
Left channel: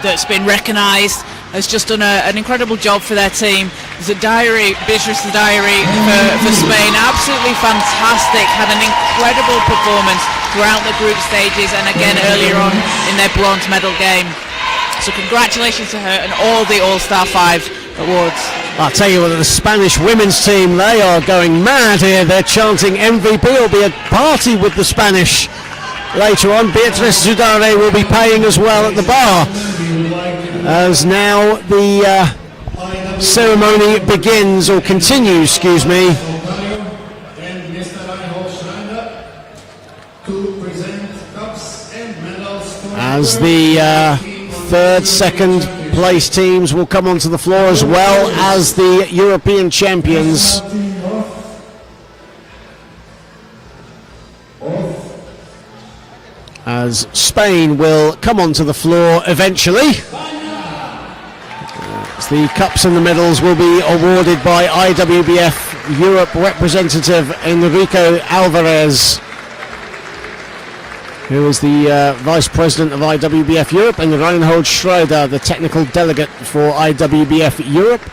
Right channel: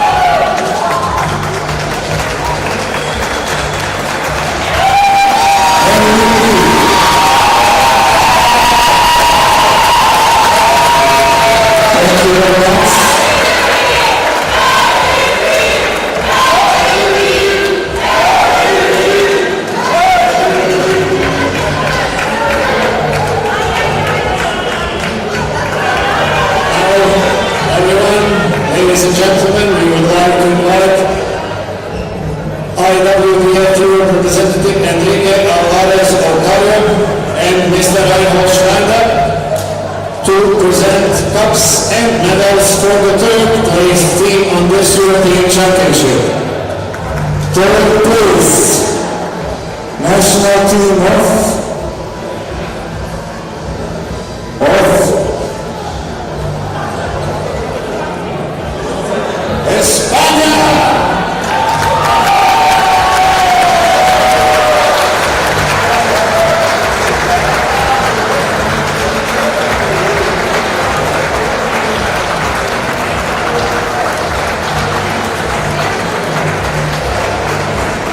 that's been recognised has just done an incredible job for their team. Beatriz Zugarelli for Spain, absolutely fantastic, had an incredible performance throughout the group stages and again earlier on in their bronze medal game. So congratulations to her and all the All-Star 5 awards. I'll tell you what, the Spanish women's team, they are going mad here. They're chanting MVP. Will be a party with the Spanish later on. Beatriz Zugarelli will be paying as well at the bar. As now the ceremony begins, or continues, excuse me. And Mr. Reinhold Schneider to present cups and medals for the As third team on the third, European second Championship. place teams will come onto the floor as well as the European champions. National team of As Spain will come onto the floor eventually. The cups and the medals will be awarded by IWBF Europe representative Enrico Alvarez, who is the Vice President of IWBF Europe, and Reinhold Schroeder, the technical delegate for IWBF Europe.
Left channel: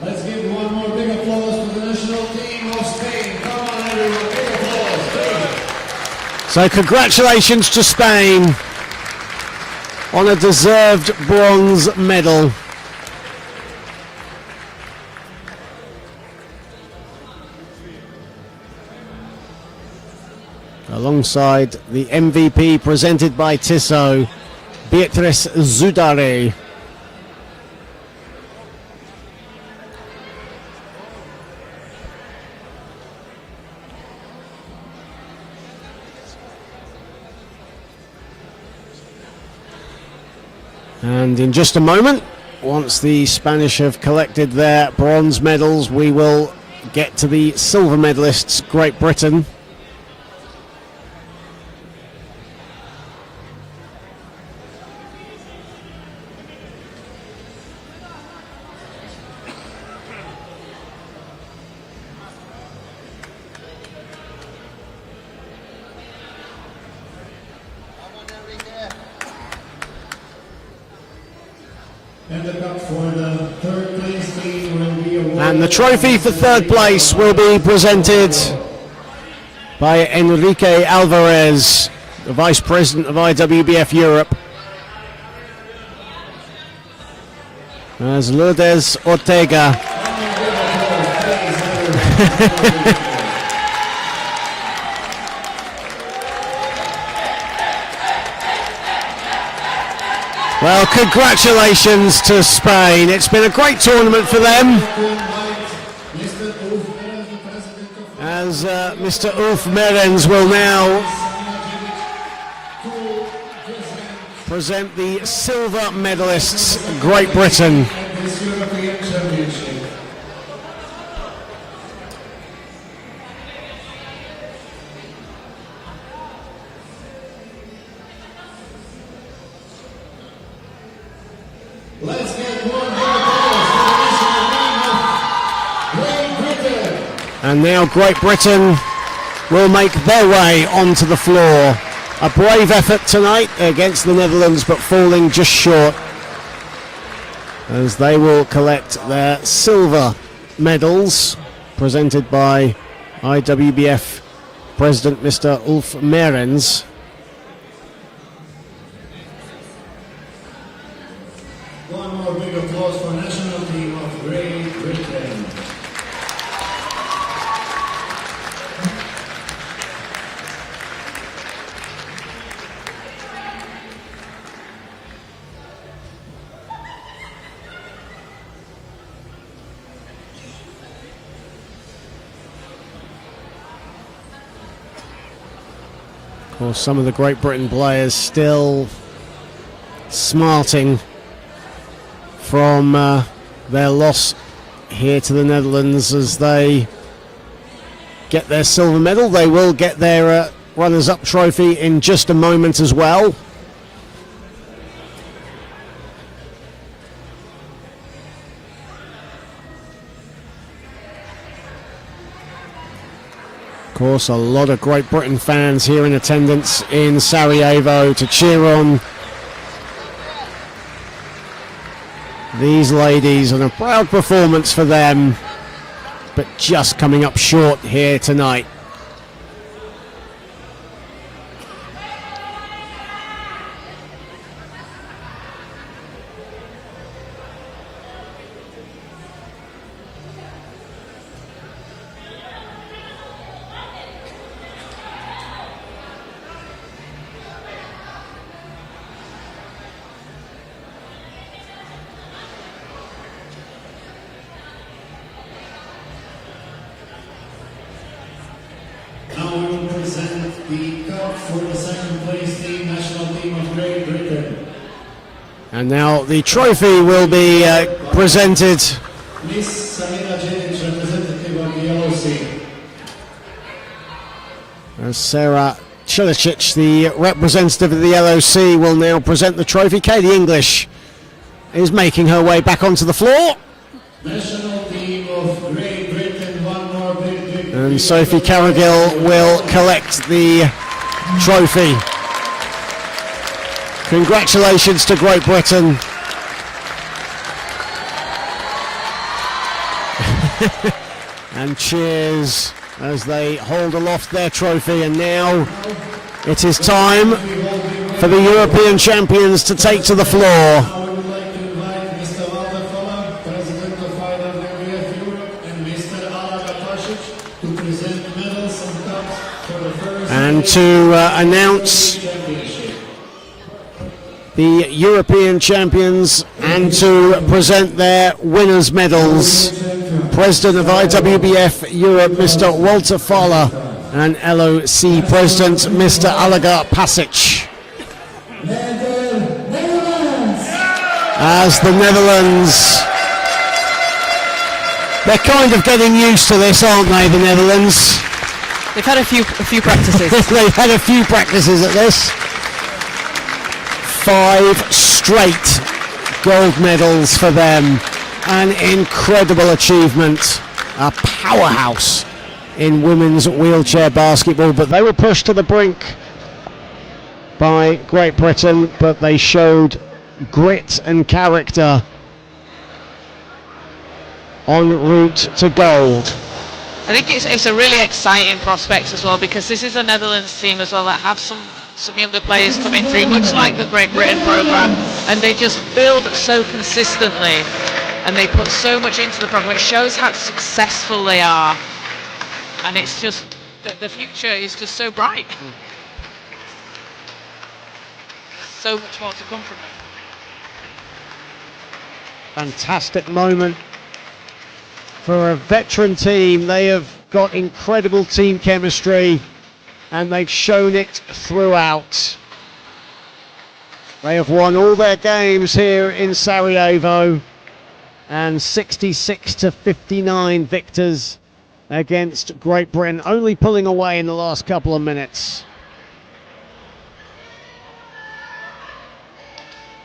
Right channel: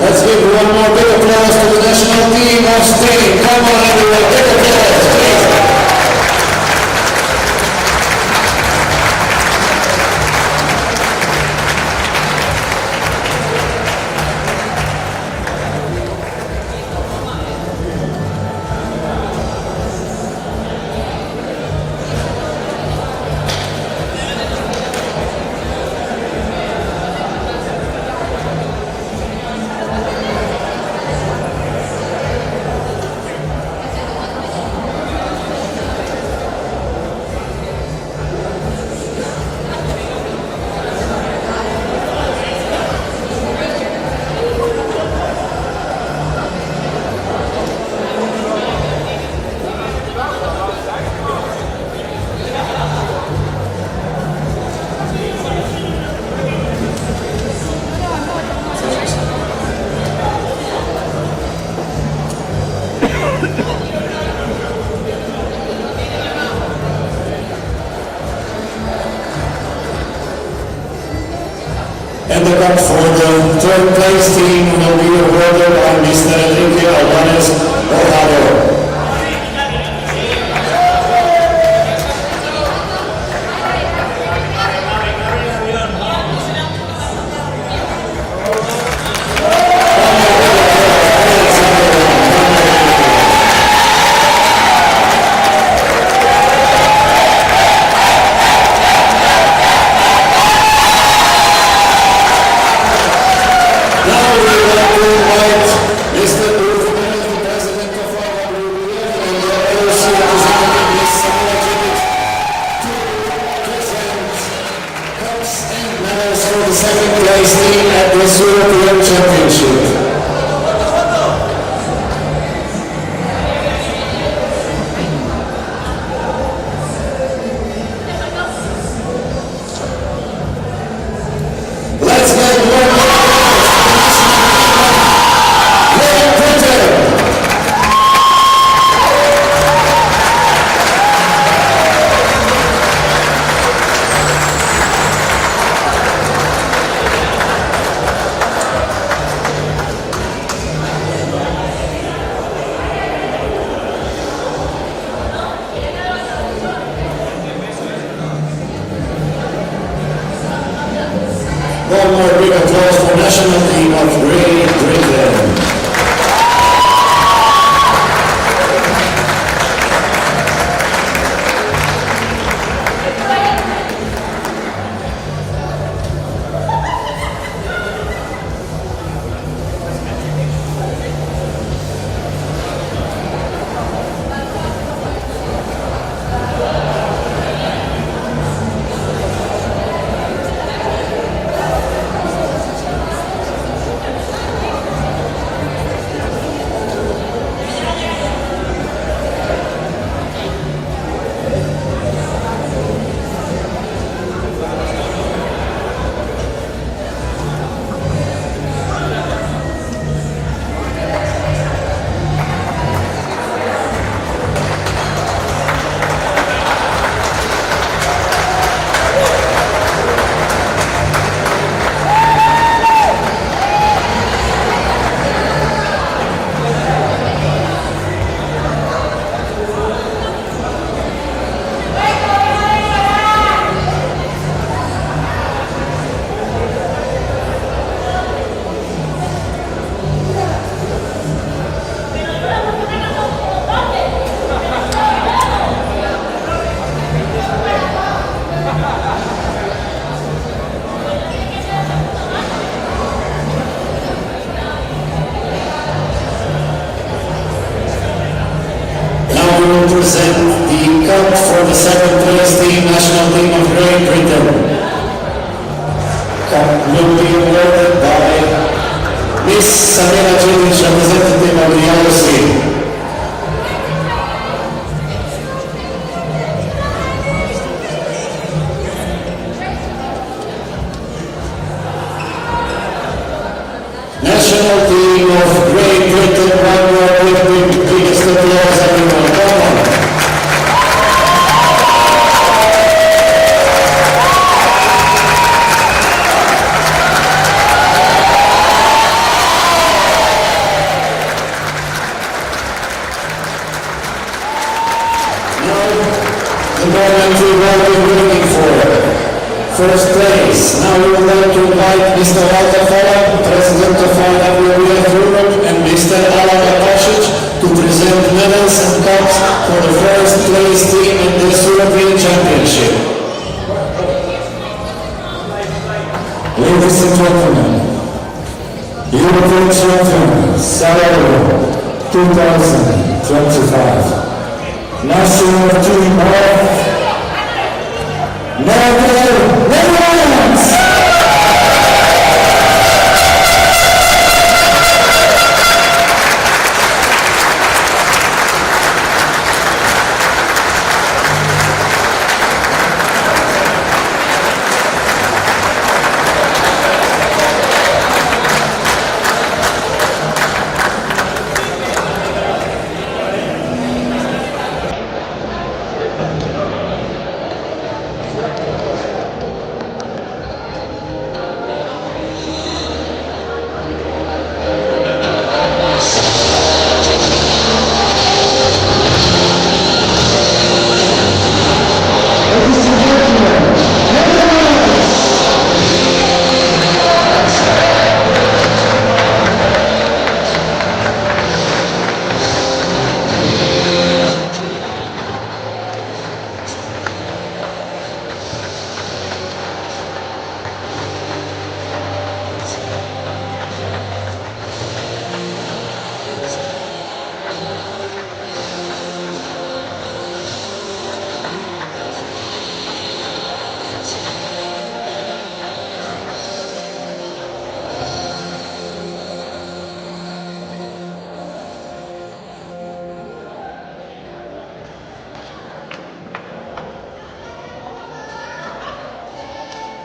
Let's give one more big applause to the national team of Spain. Come on, everyone, big applause, please. So congratulations to Spain on a deserved bronze medal. Alongside the MVP presented by Tissot, Beatriz Zugarelli. And in just a moment, once the Spanish have collected their bronze medals, we will get to the silver medalists, Great Britain. And the cup for the third place team will be awarded. The trophy for third place will be presented by Enrique Alvarez, the Vice President of IWBF Europe. There's Lourdes Ortega. Well, congratulations to Spain. It's been a great tournament for them. As Mr. Ulf Merens will now present the silver medalists, Great Britain. At this European Championship. Let's get one more applause for the national team of Great Britain. And now Great Britain will make their way onto the floor. A brave effort tonight against the Netherlands, but falling just short, as they will collect their silver medals presented by IWBF President Mr. Ulf Mehrens. One more big applause for national team of Great Britain. Well, some of the Great Britain players still smarting from their loss here to the Netherlands as they get their silver medal. They will get their runners-up trophy in just a moment as well. Of course, a lot of Great Britain fans here in attendance in Sarajevo to cheer on these ladies, and a proud performance for them, but just coming up short here tonight. Now we will present the cup for the second place team, national team of Great Britain. And now the trophy will be presented. Miss Sarina Cilic, representative of the LOC. Sarah Cilicic, the representative of the LOC, will now present the trophy. Katie English is making her way back onto the floor. National team of Great Britain, one more with Sophie Caradel will collect the trophy. Congratulations to Great Britain. And cheers as they hold aloft their trophy. And now it is time for the European champions to take to the floor. Now we would like to invite Mr. Walter Folland, President of IWBF Europe, and Mr. Alan Akasic to present medals and cups for the first place team in the European Championship. The European champions and to present their winners' medals. President of IWBF Europe, Mr. Walter Fowler, and LOC President, Mr. Oliver Pasic. As the Netherlands, they're kind of getting used to this, aren't they, the Netherlands? They've had a few practices. They've had a few practices at this. 5 straight gold medals for them. An incredible achievement. A powerhouse in women's wheelchair basketball, but they were pushed to the brink by Great Britain, but they showed grit and character en route to gold. I think it's a really exciting prospect as well, because this is the Netherlands team as well that have some young players coming through, looks like the Great Britain program, and they just build so consistently, and they put so much into the program. It shows how successful they are, and it's just so bright. So Fantastic moment for a veteran team. They have got incredible team chemistry and they've shown it throughout. They have won all their games here in Sarajevo, and 66-59 victors against Great Britain, only pulling away in the last couple of minutes.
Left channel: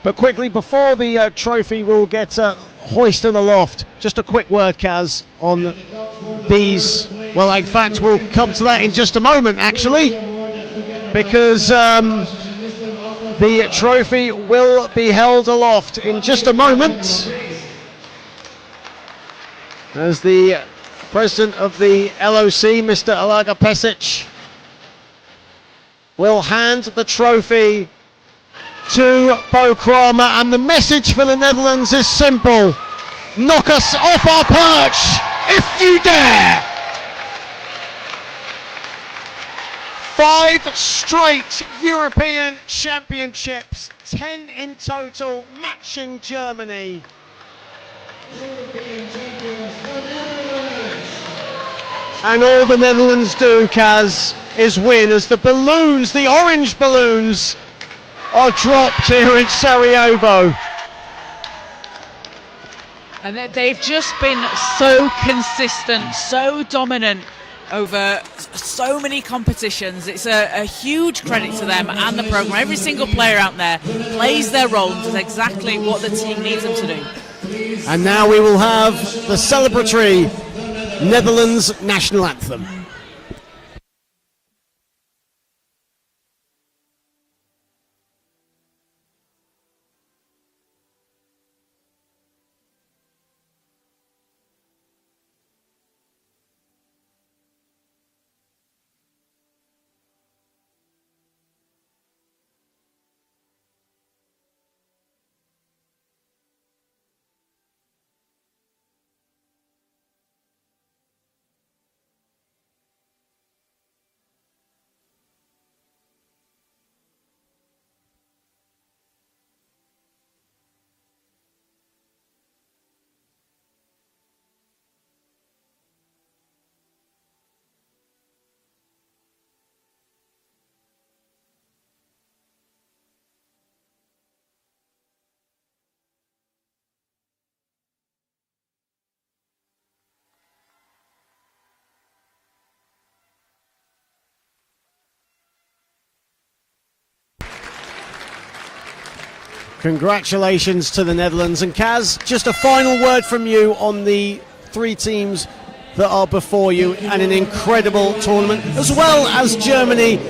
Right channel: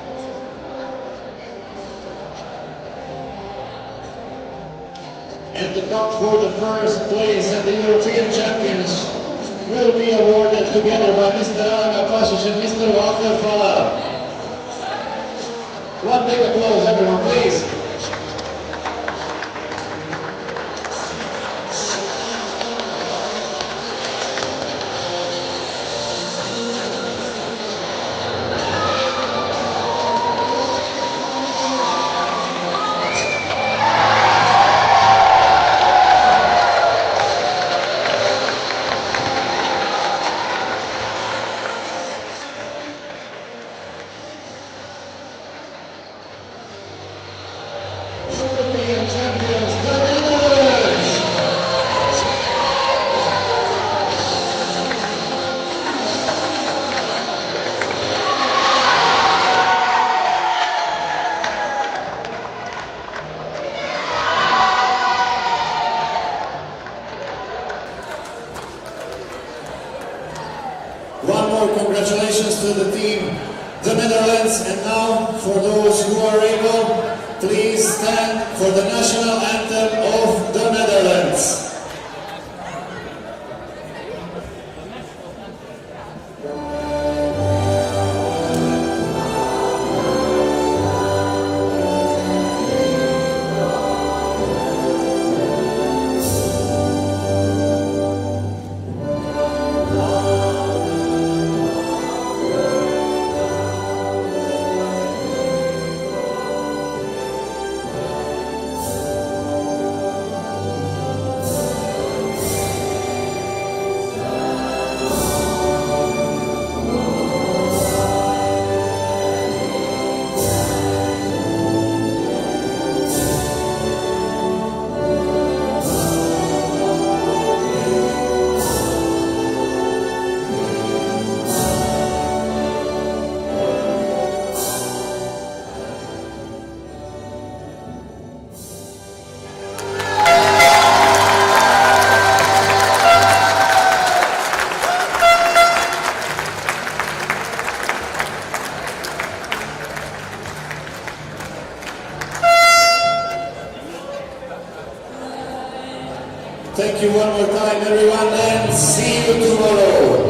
But quickly, before the trophy will get hoisted aloft, just a quick word, Kaz, on these. Well, in fact, we'll come to that in just a moment, actually, because the trophy will be held aloft in just a moment, as the president of the LOC, Mr. Alaga Pesic, will hand the trophy to Bo Kramer, and the message for the Netherlands is simple: knock us off our perch if you dare! 5 straight European Championships, 10 in total, matching Germany. And all the Netherlands do, Kaz, is win as the balloons, the orange balloons, are dropped here in Sarajevo. And they've just been so consistent, so dominant over so many competitions. It's a huge credit to them and the program. Every single player out there plays their role, which is exactly what the team needs to do. And now we will have the celebratory Netherlands national anthem. Congratulations to the Netherlands. And Kaz, just a final word from you on the 3 teams that are before you and an incredible tournament, as well as Germany